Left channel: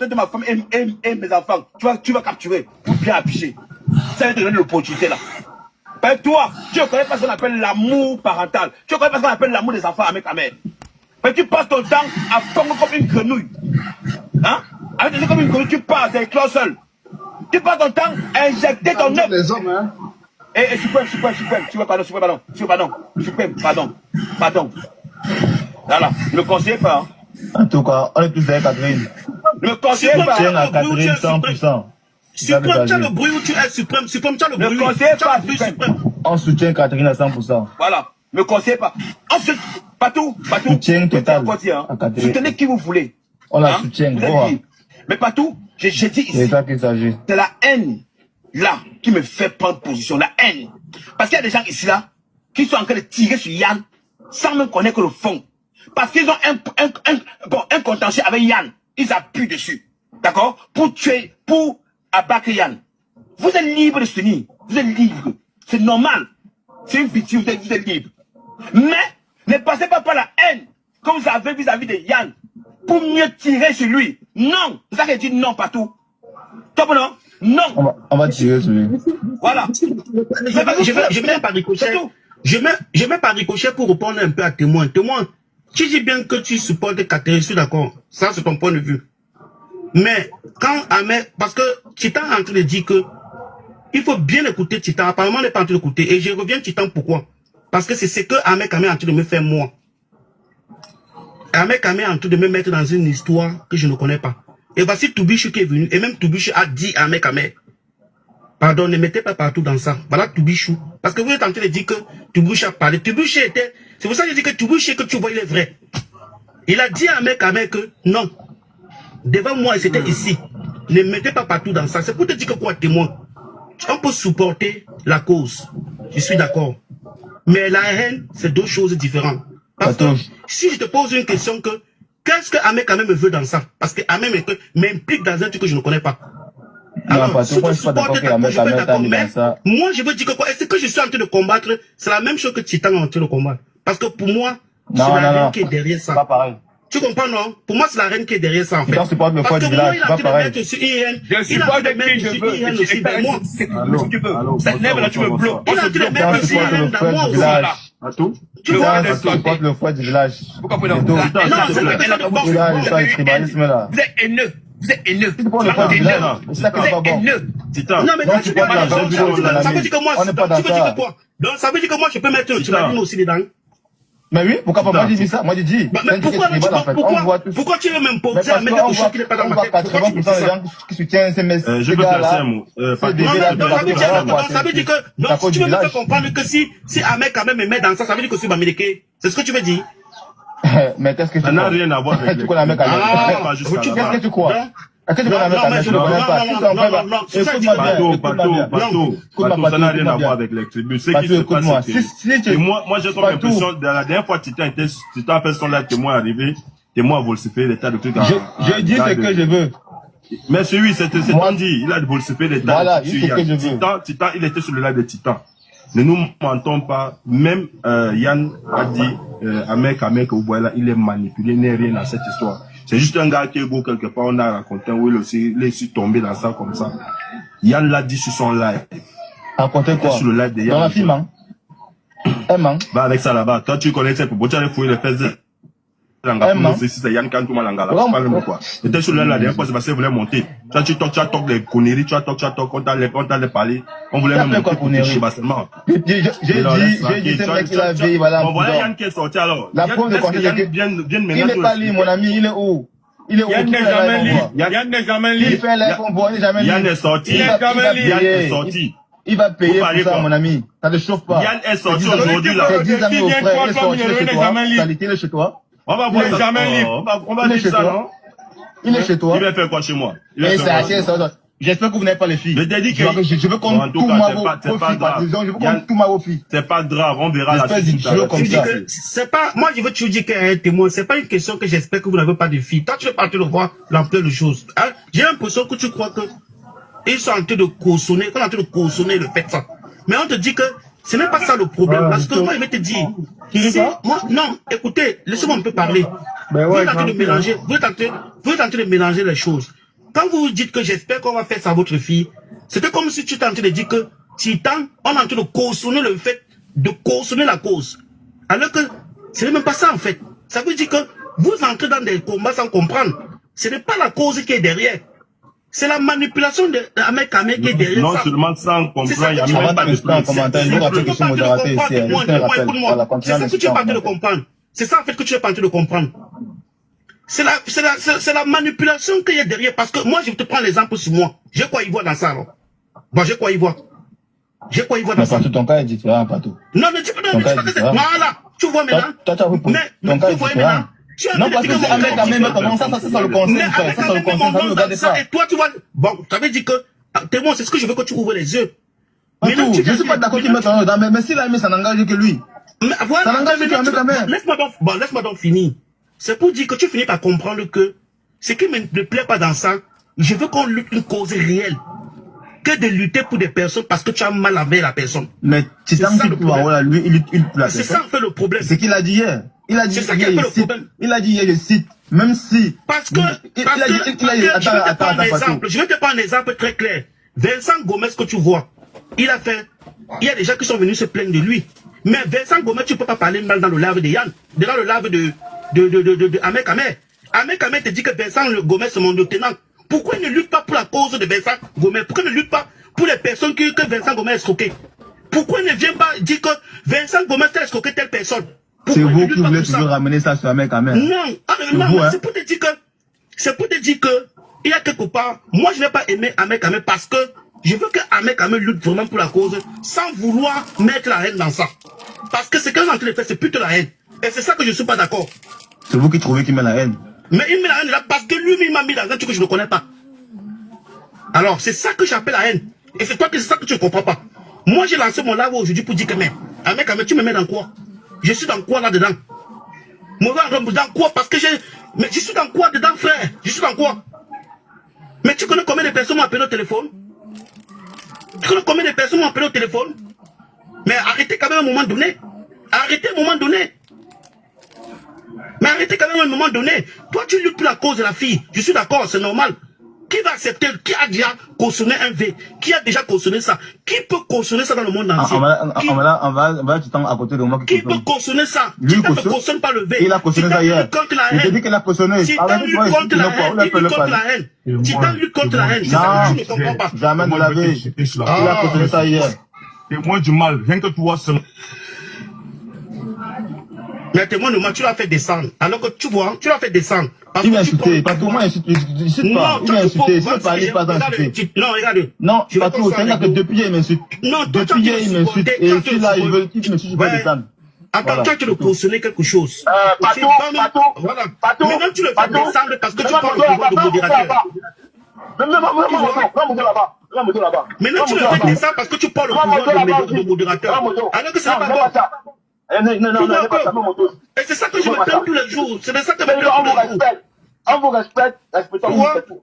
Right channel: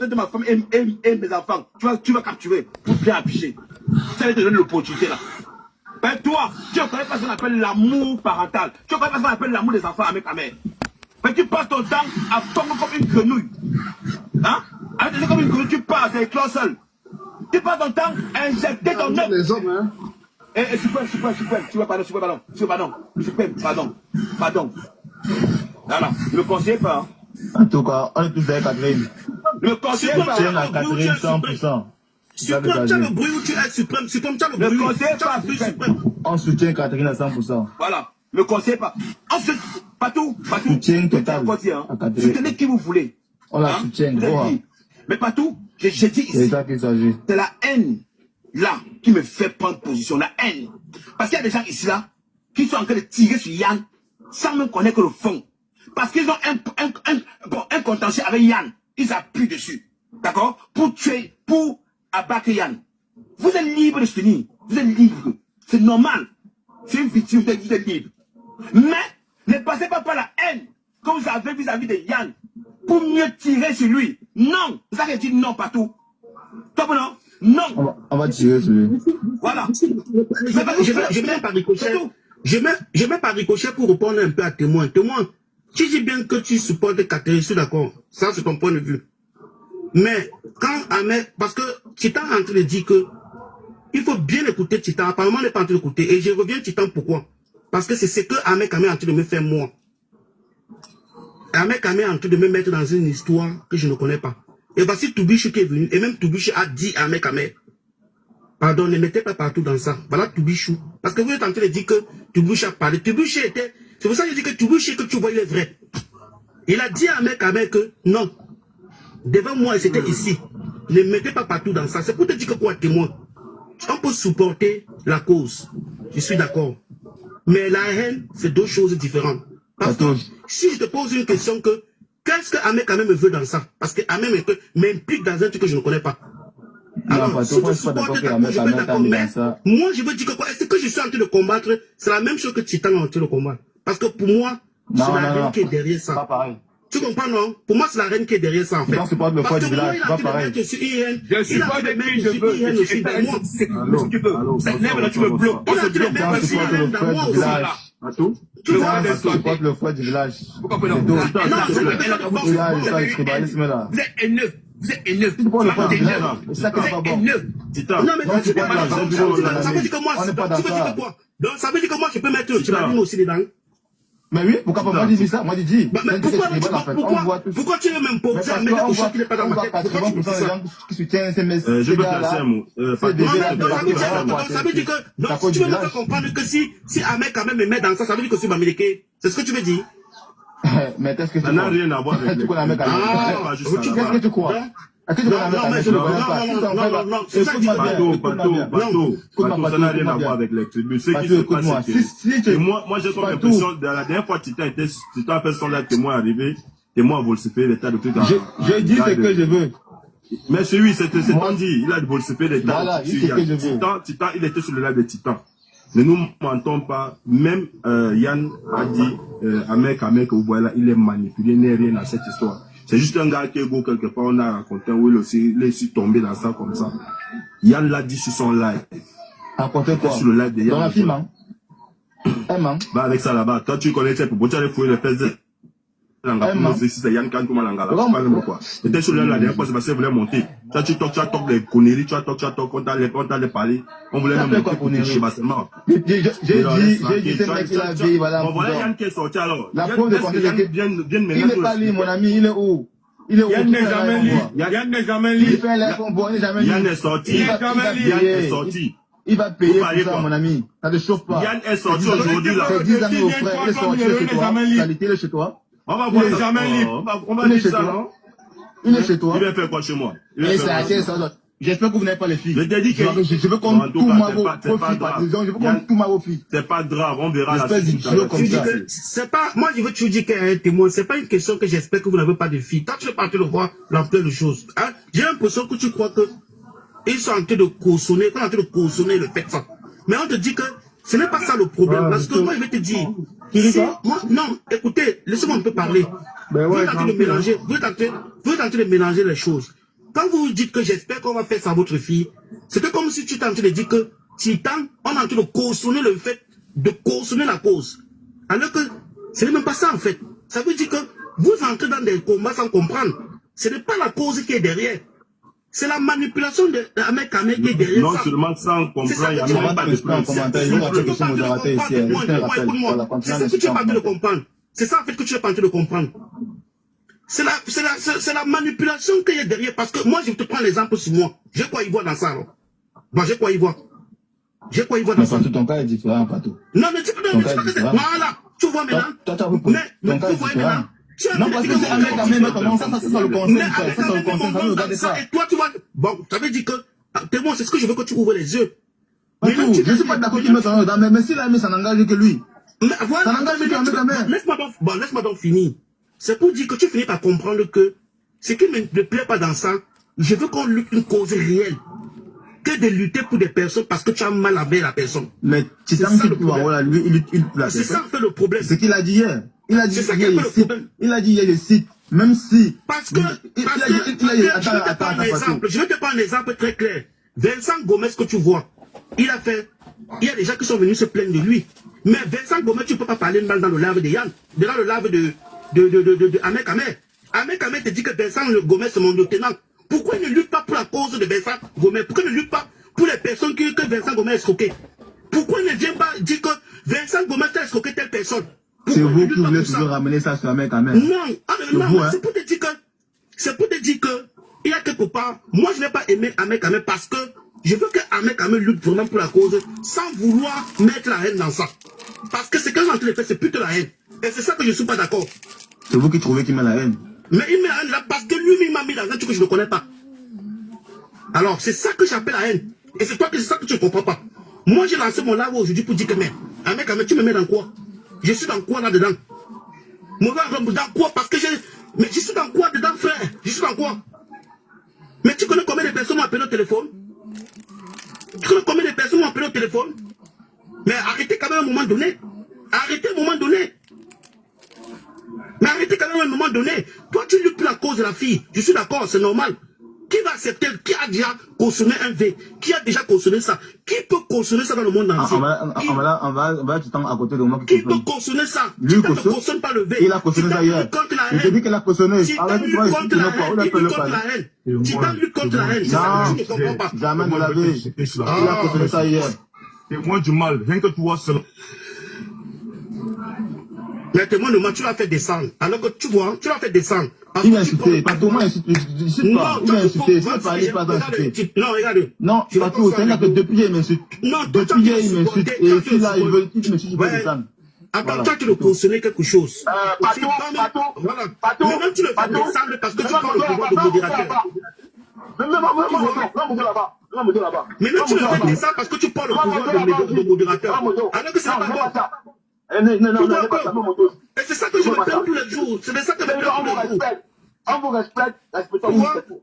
de ma femme et mes enfants, tu vas capturer pour bien afficher. Ça va te donner l'opportunité là. Ben toi, tu ne connais pas ce qu'on appelle l'amour parental. Tu ne connais pas ce qu'on appelle l'amour des enfants avec ta mère. Ben tu passes ton temps à fondre comme une grenouille. Hein? Avec des gens comme une grenouille, tu passes avec toi seul. Tu passes ton temps à injecter ton œuf. Les hommes, hein? Et suprême, pardon. Voilà, ne me conseillez pas. Hein. En tout cas, on est tous avec Catherine. Ne me conseillez pas. Tiens à Catherine 100%. Suprême, tu as le bruit où tu es suprême. Suprême, tu as le bruit. Ne me conseillez pas, suprême. On soutient Catherine à 100%. Voilà, ne me conseillez pas. Ensuite, Patou. Soutien total Hein. à Catherine. Soutenez qui vous voulez. On la soutient. Mais Patou, j'ai dit ici. C'est ça qu'il s'agit. C'est la haine, là, qui me fait prendre position. La haine. Parce qu'il y a des gens ici, là, qui sont en train de tirer sur Yann, sans même connaître le fond. Parce qu'ils ont un contentieux avec Yann. Ils appuient dessus. D'accord? Pour tuer, pour abattre Yann. Vous êtes libre de soutenir. Vous êtes libre. C'est normal. C'est une victime, vous êtes libre. Mais, ne passez pas par la haine que vous avez vis-à-vis de Yann pour mieux tirer sur lui. Non. C'est ça que je dis non partout. Toi, non? Non. On va tirer sur lui. Voilà. Je mets par ricochet. Je mets par ricochet pour répondre un peu à témoin. Témoin, tu dis bien que tu supportes Catherine, je suis d'accord. Ça, c'est ton point de vue. Mais, quand Ahmed, parce que Titan est en train de dire que il faut bien écouter Titan. Apparemment, on n'est pas en train d'écouter. Et je reviens Titan, pourquoi? Parce que c'est ce que Ahmed Kamé est en train de me faire moi. Ahmed Kamé est en train de me mettre dans une histoire que je ne connais pas. Et voici Toubichou qui est venu. Et même Toubichou a dit à Ahmed Kamé, pardon, ne mettez pas partout dans ça. Voilà Toubichou. Parce que vous êtes en train de dire que Toubichou a parlé. Toubichou était... C'est pour ça que je dis que Toubichou que tu vois, il est vrai. Il a dit à Ahmed Kamé que non. Devant moi, c'était ici. Ne mettez pas partout dans ça. C'est pour te dire que quoi, témoin. On peut supporter la cause. Je suis d'accord. Mais la haine, c'est deux choses différentes. Parce que si je te pose une question que qu'est-ce que Ahmed Kamé me veut dans ça? Parce que Ahmed m'implique dans un truc que je ne connais pas. Alors, si tu supportes ta cause, je vais d'accord. Mais moi, je veux dire que quoi? Est-ce que je suis en train de combattre? C'est la même chose que Titan est en train de combattre. Parce que pour moi, c'est la reine qui est derrière ça. Pas pareil. Tu comprends, non? Pour moi, c'est la reine qui est derrière ça, en fait. Je supporte le foie du village, pas pareil. Je supporte qui je veux. Cette nègre, tu me bloques. On a dit le même aussi, dans moi aussi. Tu vois, je supporte le foie du village. Pourquoi vous Vous êtes haineux. Vous êtes haineux. C'est ça qui n'est pas bon. Non, mais ça veut dire que moi, on n'est pas dans ça. Donc, ça veut dire que moi, je peux mettre le Titan aussi dedans. Mais oui, pourquoi pas moi, je dis ça? Moi, je dis. Pourquoi tu veux m'imposer à mettre quelque chose qui n'est pas dans ma tête? 80% des gens qui soutiennent ces messieurs. Je peux placer un mot. Ça veut dire que, donc, si tu veux me faire comprendre que si Ahmed Kamé me met dans ça, ça veut dire que je suis Bamileke. C'est ce que tu veux dire? Mais qu'est-ce que tu crois? Ça n'a rien à voir avec tu connais Ahmed Kamé. Qu'est-ce que tu crois? Est-ce que tu connais Ahmed Kamé? Je ne connais pas. Ça n'a rien à voir avec les tribus. Ce qui se passe, c'est que moi, j'ai comme l'impression, la dernière fois, Titan a fait son live, témoin arrivé, témoin a volcipé des tas de trucs. Je dis ce que je veux. Mais oui, c'est ton dit, il a volcipé des tas de trucs. Voilà, il ce que je veux. Titan, il était sur le live de Titan. Ne nous mentons pas, même Yann a dit, Ahmed Kamé, que vous voyez là, il est manipulé, il n'est rien à cette histoire. C'est juste un gars qui est beau quelque part, on a raconté où il est aussi tombé dans ça comme ça. Yann l'a dit sur son live. Raconter quoi? Sur le live de Yann. Dans la film, hein? Bah avec ça là-bas, toi tu connais cette pour tu allais fouiller les fesses de c'est Yann Kantouma Langala. C'était sur le live la dernière fois, c'est parce qu'il voulait monter. Toi tu talk des conneries, tu talk, on t'a parlé. On voulait même monter pour te chebasement. J'ai dit, ce mec il a veillé, voilà. Bon voilà Yann qui est sorti alors. La preuve de conseil, c'est que il n'est pas libre, mon ami, il est où? Il est où? Yann n'est jamais libre. Yann n'est jamais libre. Il fait l'air qu'on voit, il n'est jamais libre. Yann est sorti. Yann est sorti. Il va payer pour ça, mon ami. Ça ne chauffe pas. Yann est sorti aujourd'hui là. C'est 10 amis au frère, il est sorti chez toi. Il est chez toi. On va voir ça. On va dire ça, non? Il est chez toi. Il va faire quoi chez moi? J'espère que vous n'avez pas les filles. Je t'ai dit que je veux qu'on tout Maro filles. C'est pas grave, on verra la suite. C'est pas, moi je veux te dire qu'un témoin, c'est pas une question que j'espère que vous n'avez pas de filles. Toi tu veux partir de voir l'ampleur de choses. J'ai l'impression que tu crois que ils sont en train de cautionner, qu'on est en train de cautionner le fait ça. Mais on te dit que ce n'est pas ça le problème. Parce que moi je vais te dire, non, écoutez, laissez-moi un peu parler. Vous êtes en train de mélanger, vous êtes en train de mélanger les choses. quand vous dites que j'espère qu'on va faire ça à votre fille, c'était comme si tu tentais de dire que Titan, on est en train de cautionner le fait de cautionner la cause. Alors que ce n'est même pas ça en fait. Ça veut dire que vous entrez dans des combats sans comprendre. Ce n'est pas la cause qui est derrière. C'est la manipulation de Ahmed Kamé qui est derrière. Non ça. seulement sans comprendre, il y a même pas de commentaire. Je rappelle que je suis modérateur ici. C'est ça que tu es en train de comprendre. C'est ça en fait que tu es en train de comprendre. C'est la manipulation qu'il y a derrière. Parce que moi, je te prends l'exemple sur moi. J'ai quoi y voir dans ça alors? Bon, j'ai quoi y voir? J'ai quoi y voir dans ça? Ton cas est différent, Patou. Non, mais tu peux donner ça. Voilà. Tu vois maintenant. Toi, tu as repris. Ton cas est différent. Non, parce que c'est Ahmed Kamé, maintenant, ça le concerne. Ça le concerne, regardez ça. Et toi, tu vois. Bon, ça veut dire que. Témoin, c'est ce que je veux que tu ouvres les yeux. Patou, je ne suis pas d'accord qu'il mette en ordre, mais s'il a aimé, ça n'engage que lui. Ça n'engage que Ahmed Kamé. Laisse-moi donc finir. C'est pour dire que tu finis par comprendre que ce qui ne me plaît pas dans ça, je veux qu'on lutte une cause réelle. Que de lutter pour des personnes parce que tu as mal avec la personne. Mais c'est ça le problème. Lui, il lutte pour la personne. C'est ça en fait le problème. C'est qu'il a dit hier. Il a dit hier, il a dit hier, je cite, même si. Parce que, je vais te prendre un exemple très clair. Vincent Gomez que tu vois, il y a des gens qui sont venus se plaindre de lui. Mais Vincent Gomez, tu ne peux pas parler dans le lave de Yann, dans le lave de Ahmed Kamé. Ahmed Kamé te dit que Vincent Gomez est mon lieutenant. Pourquoi il ne lutte pas pour la cause de Vincent Gomez? Pourquoi il ne lutte pas pour les personnes que Vincent Gomez a escroquées? Pourquoi il ne vient pas dire que Vincent Gomez a escroqué telle personne? C'est vous qui voulez toujours ramener ça sur Ahmed Kamé. Non, c'est pour te dire que il y a quelque part, moi je n'ai pas aimé Ahmed Kamé parce que je veux que Ahmed Kamé lutte vraiment pour la cause sans vouloir mettre la haine dans ça. Parce que ce qu'il est en train de faire, c'est plutôt la haine. Et c'est ça que je ne suis pas d'accord. C'est vous qui trouvez qu'il met la haine. Mais il met la haine là parce que lui-même m'a mis dans un truc que je ne connais pas. Alors, c'est ça que j'appelle la haine. Et c'est toi que c'est ça que tu ne comprends pas. Moi, j'ai lancé mon live aujourd'hui pour dire que, mais, Ahmed Kamé, tu me mets dans quoi? Je suis dans quoi là-dedans? Dans quoi? Parce que mais je suis dans quoi dedans, frère? Je suis dans quoi? Mais tu connais combien de personnes m'ont appelé au téléphone? Tu connais combien de personnes m'ont appelé au téléphone? Mais arrêtez quand même à un moment donné. Arrêtez à un moment donné. Mais arrêtez quand même à un moment donné. Toi, tu luttes pour la cause de la fille. Je suis d'accord, c'est normal. Qui va accepter? Qui a déjà cautionné un V? Qui a déjà cautionné ça? Qui peut cautionner ça dans le monde entier? On va tout le temps à côté de moi. Qui peut cautionner ça? Lui, ne cautionne pas le V. Il a cautionné ça hier. Il te dit qu'il a cautionné. Titan lutte contre la haine. Titan lutte contre la haine. C'est ça que je ne comprends pas. Jamais de la vie. Il a cautionné ça hier. Et moi du mal, rien que toi seul. Mais témoin de moi, tu l'as fait descendre. Alors que tu vois, tu l'as fait descendre. Il m'a insulté. Pas tout le monde insulte pas. Il m'a insulté. Il ne pas d'insulter. Non, regarde. Non, pas tout. C'est-à-dire que depuis hier, il m'insulte. Depuis hier, il m'insulte. Et si là, il me suit, je vais descendre. Attends, tu as de cautionner quelque chose. Patou. Voilà. Maintenant, tu le fais descendre parce que tu parles de modérateur. Maintenant, tu le fais descendre parce que tu parles de modérateur. Alors que ce n'est pas bon. Et c'est ça que je me plains tous les jours. C'est ça que je me plains tous les jours. On vous respecte, respectons-vous, c'est tout.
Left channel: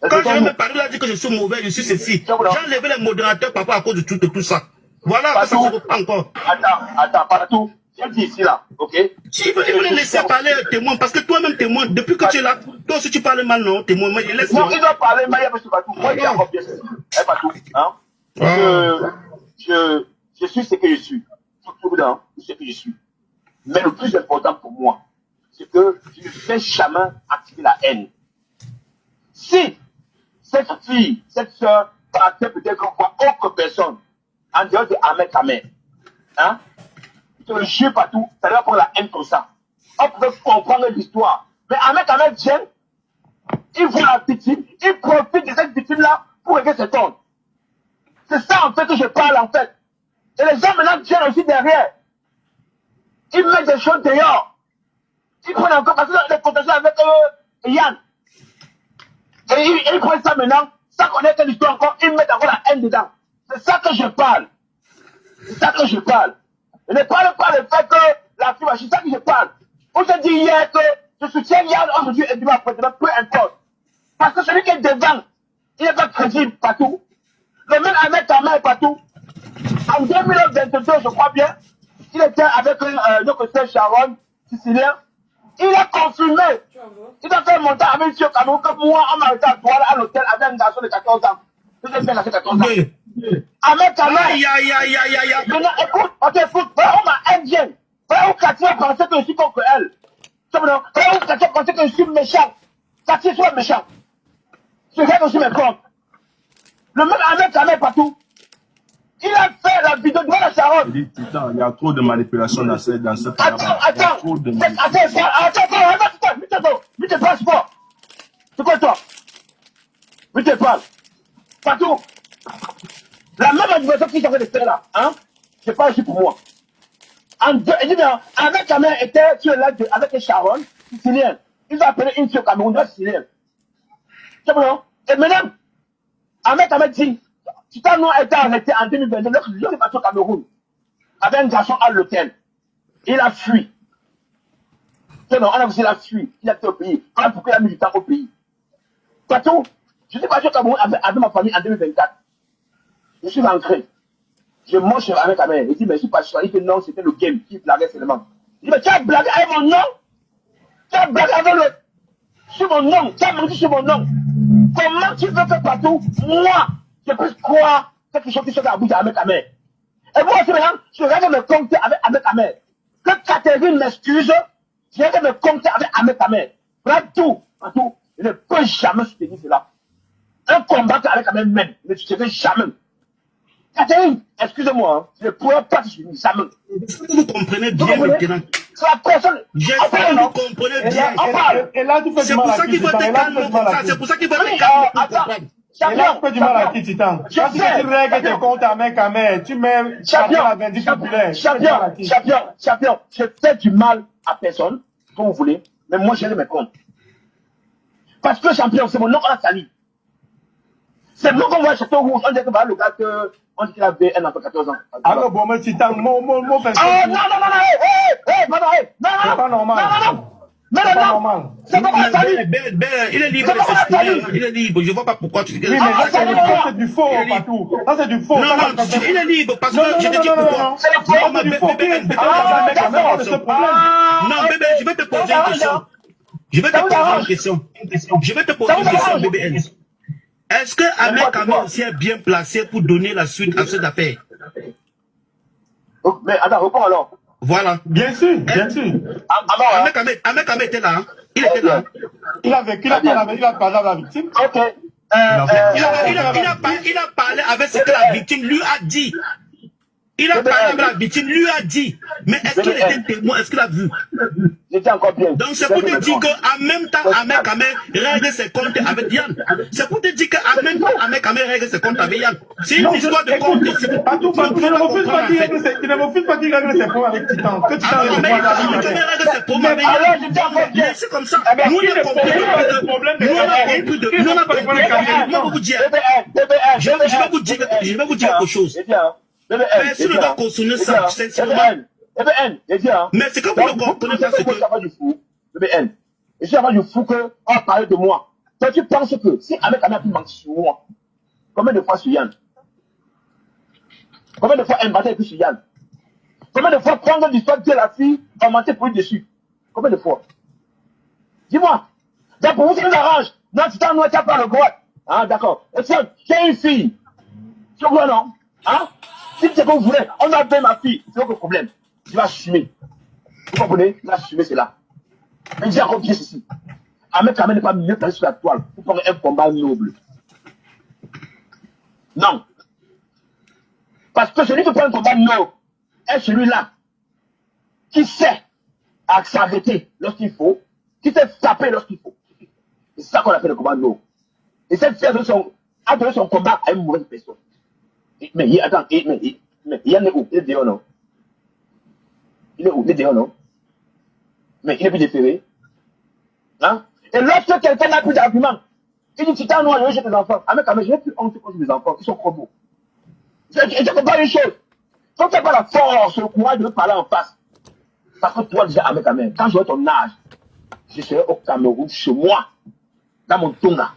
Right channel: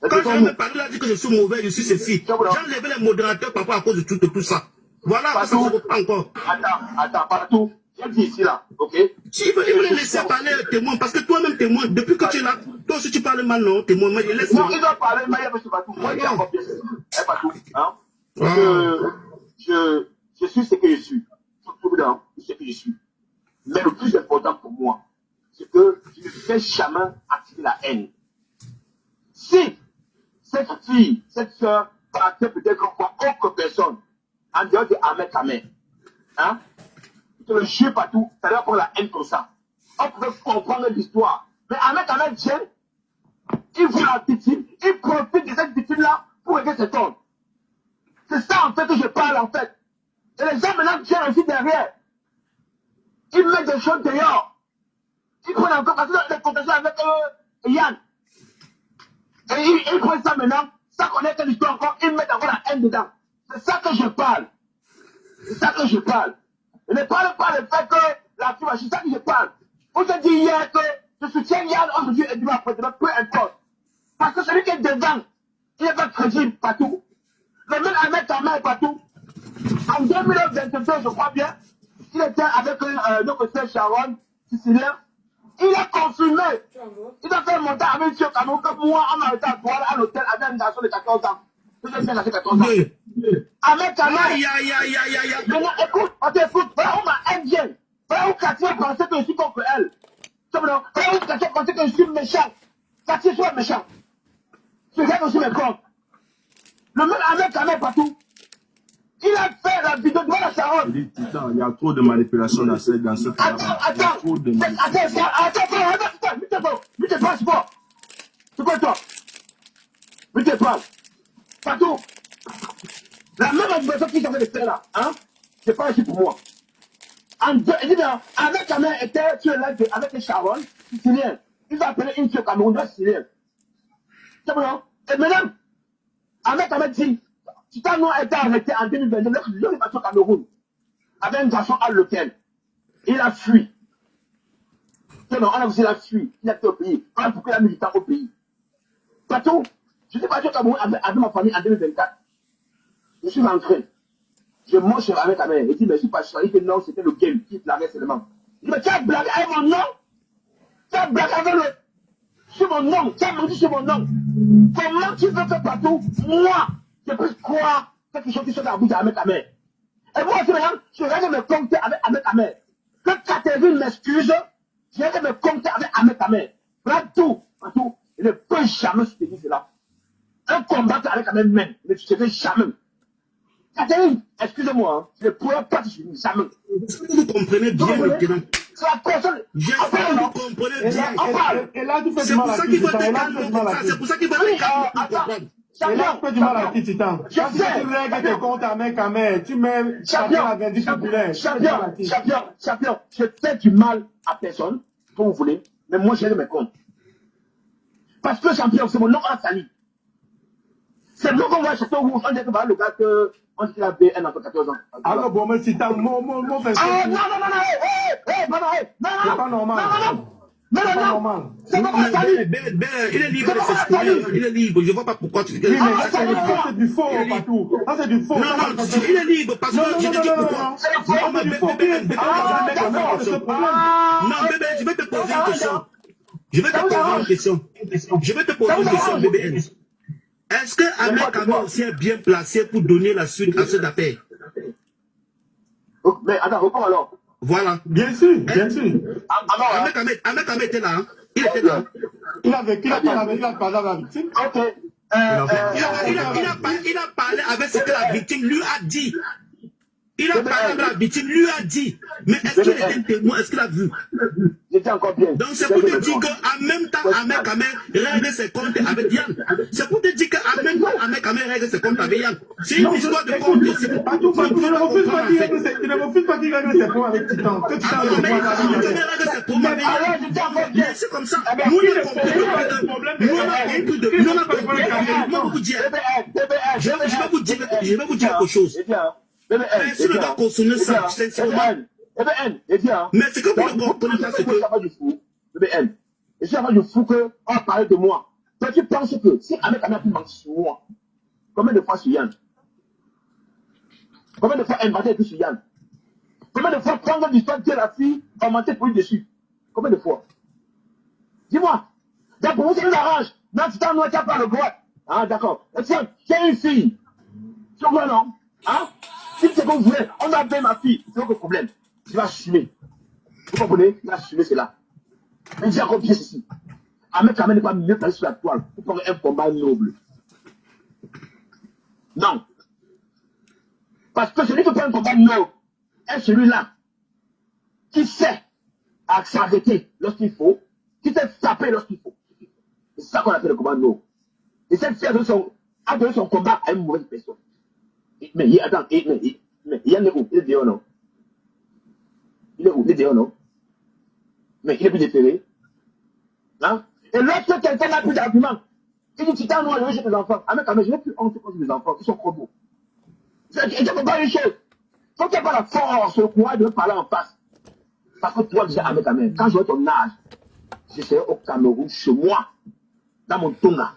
Quand je vais me parler, là, dire que je suis mauvais, je suis ceci. J'ai enlevé les modérateurs, papa, à cause de tout ça. Voilà, ça se reprend encore. Attends, partout. J'ai dit ici, là, ok? Il faut les laisser parler, témoin, parce que toi-même, témoin, depuis que tu es là, toi aussi tu parles mal, non, témoin, moi, il laisse. Non, il doit parler, mais il y a pas partout. Moi, j'ai encore bien sûr. Partout, hein? Je suis ce que je suis. Surtout là, ce que je suis. Mais le plus important pour moi, c'est que je ne fais jamais activer la haine. Si cette fille, cette soeur, partait peut-être encore autre personne, en dehors de Ahmed Kamé, hein, je le jure partout, ça doit prendre la haine comme ça. On pouvait comprendre l'histoire. Mais Ahmed Kamé vient, il voit la victime, il profite de cette victime-là pour régler cet homme. C'est ça en fait que je parle en fait. Et les gens maintenant viennent aussi derrière. Ils mettent des choses dehors. Ils prennent encore, parce que les contacts avec Yann. Et ils prennent ça maintenant, sans connaître l'histoire encore, ils mettent encore la haine dedans. C'est ça que je parle. C'est ça que je parle. Je ne parle pas du fait que la fille, c'est ça que je parle. On se dit hier que je soutiens Yann aujourd'hui et demain après, peu importe. Parce que celui qui est devant, il n'est pas crédible partout. Le même Ahmed Kamé est partout. En 2022, je crois bien, il était avec notre sœur Sharon, sicilien. Il a confirmé. Il a fait monter avec M. Cameroun que moi, on m'a arrêté à Douala à l'hôtel avec un garçon de 14 ans. Je vais faire 14 ans. Avec Cameroun. Aïe, aïe, aïe, aïe, aïe, aïe. Maintenant, écoute, on t'écoute. Voilà, on m'a indienne. Voilà où Katia pensait que je suis contre elle. Voilà où Katia pensait que je suis méchant. Katia soit méchant. Je regarde aussi mes comptes. Le même Ahmed Kamel partout. Il a fait la vidéo devant la Sharon. Il dit, putain, il y a trop de manipulation dans cette Attends, lui te passe pas. C'est quoi toi? Lui te parle. Partout. La même manipulation qu'ils ont fait de faire là, hein? C'est pas ici pour moi. Il dit bien, Ahmed Kamel était sur l'aide avec Sharon, sicilien. Ils ont appelé une fille au Cameroun, sicilien. C'est bon, et maintenant, Ahmed Kamel dit, Titan Noir a été arrêté en 2022, l'homme est parti au Cameroun, avec un garçon à l'hôtel. Il a fui. C'est non, on a vu qu'il a fui. Il a été au pays. On a pourquoi il a mis du temps au pays. Partout, je suis parti au Cameroun avec ma famille en 2024. Je suis rentré. Je mange avec Kamel. Il dit, mais je suis pas sûr. Il dit, non, c'était le game qui blaguait seulement. Il dit, mais tu as blagué avec mon nom? Tu as blagué avec le... Sur mon nom. Tu as menti sur mon nom. Comment tu veux faire partout? Moi, je peux croire quelque chose qui se fait à bout avec Kamel. Et moi aussi, maintenant, je règle me compter avec Kamel. Que Catherine m'excuse, je règle me compter avec Kamel. Voilà tout. Partout. Je ne peux jamais soutenir cela. Un combat avec Kamel même. Ne soutenir jamais. Catherine, excusez-moi, hein, je ne pourrais pas te soutenir jamais. Est-ce que vous comprenez bien maintenant? C'est la personne. J'espère que vous comprenez bien. On parle. Et là, tu fais C'est du pour mal à ça qui, qu'il faut Titan? être Et là, tu calme fais du comme mal ça. à qui? C'est pour ça qu'il faut Oui, être calme pour attends. comprendre. Et là, Champion. tu fais du mal à qui, Titan? Parce que tu règles tes comptes avec Kamel, tu mets la vindicte populaire. Champion. Je fais du mal à personne, comme vous voulez, mais moi, j'ai mes comptes. Parce que champion, c'est mon nom à sali. C'est le nom qu'on voit sur ton rouge. On dit que voilà, le gars que. On dit qu'il avait un enfant 14 ans. Alors, bon, mais Titan, mon Oh, non, c'est pas normal. Non, c'est pas moi, Sali. Il est libre de s'exprimer. Il est libre. Je ne vois pas pourquoi tu dis. Oui, mais là, c'est du faux partout. Ça, c'est du faux. Non, il est libre parce que je te dis pourquoi. C'est du faux. Qui respecte ce problème? Non, bébé, je vais te poser une question. Je vais te poser une question, BBN. Est-ce que Ahmed Kamel aussi est bien placé pour donner la suite à cette affaire? Mais attends, réponds alors. Voilà. Bien sûr. Ahmed Kamel était là. Hein? Il était là. Il a parlé avec la victime. Ok. Il a parlé avec ce que la victime lui a dit. Il a parlé avec la victime, lui a dit. Mais est-ce qu'il était témoin? Est-ce qu'il a vu? J'étais encore bien. Donc c'est pour te dire qu'en même temps, Ahmed Kamel règle ses comptes avec Yann. C'est pour te dire qu'en même temps, Ahmed Kamel règle ses comptes avec Yann. C'est une histoire de compte. Il ne refuse pas qu'il règle ses comptes avec Titan. Que Titan règle ses comptes avec Yann. C'est comme ça. Nous, on a compris de... Nous, on a compris de... Moi, vous dire... Je vais vous dire quelque chose. Personne ne va consommer ça, sincèrement. Mais c'est comme vous ne comprenez pas ce que... BBN. Et si avant du fou qu'on parle de moi, toi tu penses que si Ahmed Kamel a pu mentir sur moi, combien de fois sur Yann? Combien de fois inventé sur Yann? Combien de fois prendre l'histoire de la fille, augmenter pour lui dessus? Combien de fois? Dis-moi. Donc pour vous, ça nous arrange. Non, tu t'en as pas le droit. Ah, d'accord. Et tiens, j'ai une fille. Tu vois, non? Hein? Si c'est ce que vous voulez, on a fait ma fille. C'est aucun problème. Tu vas assumer. Vous comprenez? Tu vas assumer cela. Mais j'ai encore bien ceci. Ahmed Kamel n'est pas mieux placé sur la toile pour prendre un combat noble. Non. Parce que celui qui prend un combat noble est celui-là qui sait s'arrêter lorsqu'il faut, qui sait frapper lorsqu'il faut. C'est ça qu'on appelle le combat noble. Et cette fille a donné son combat à une mauvaise personne. Mais attends, il y en a où? Il est dehors, non? Il est où? Il est dehors, non? Mais il est plus déféré. Hein? Et lorsque quelqu'un n'a plus d'argument, il dit, Titan Noir, je vais chez tes enfants. Ah, mais quand même, je n'ai plus honte quand j'ai des enfants, ils sont trop beaux. Je ne peux pas une chose. Quand tu n'as pas la force, le courage de me parler en face. Parce que toi, déjà, avec quand même, quand j'aurai ton âge, je serai au Cameroun, chez moi, dans mon Tonga.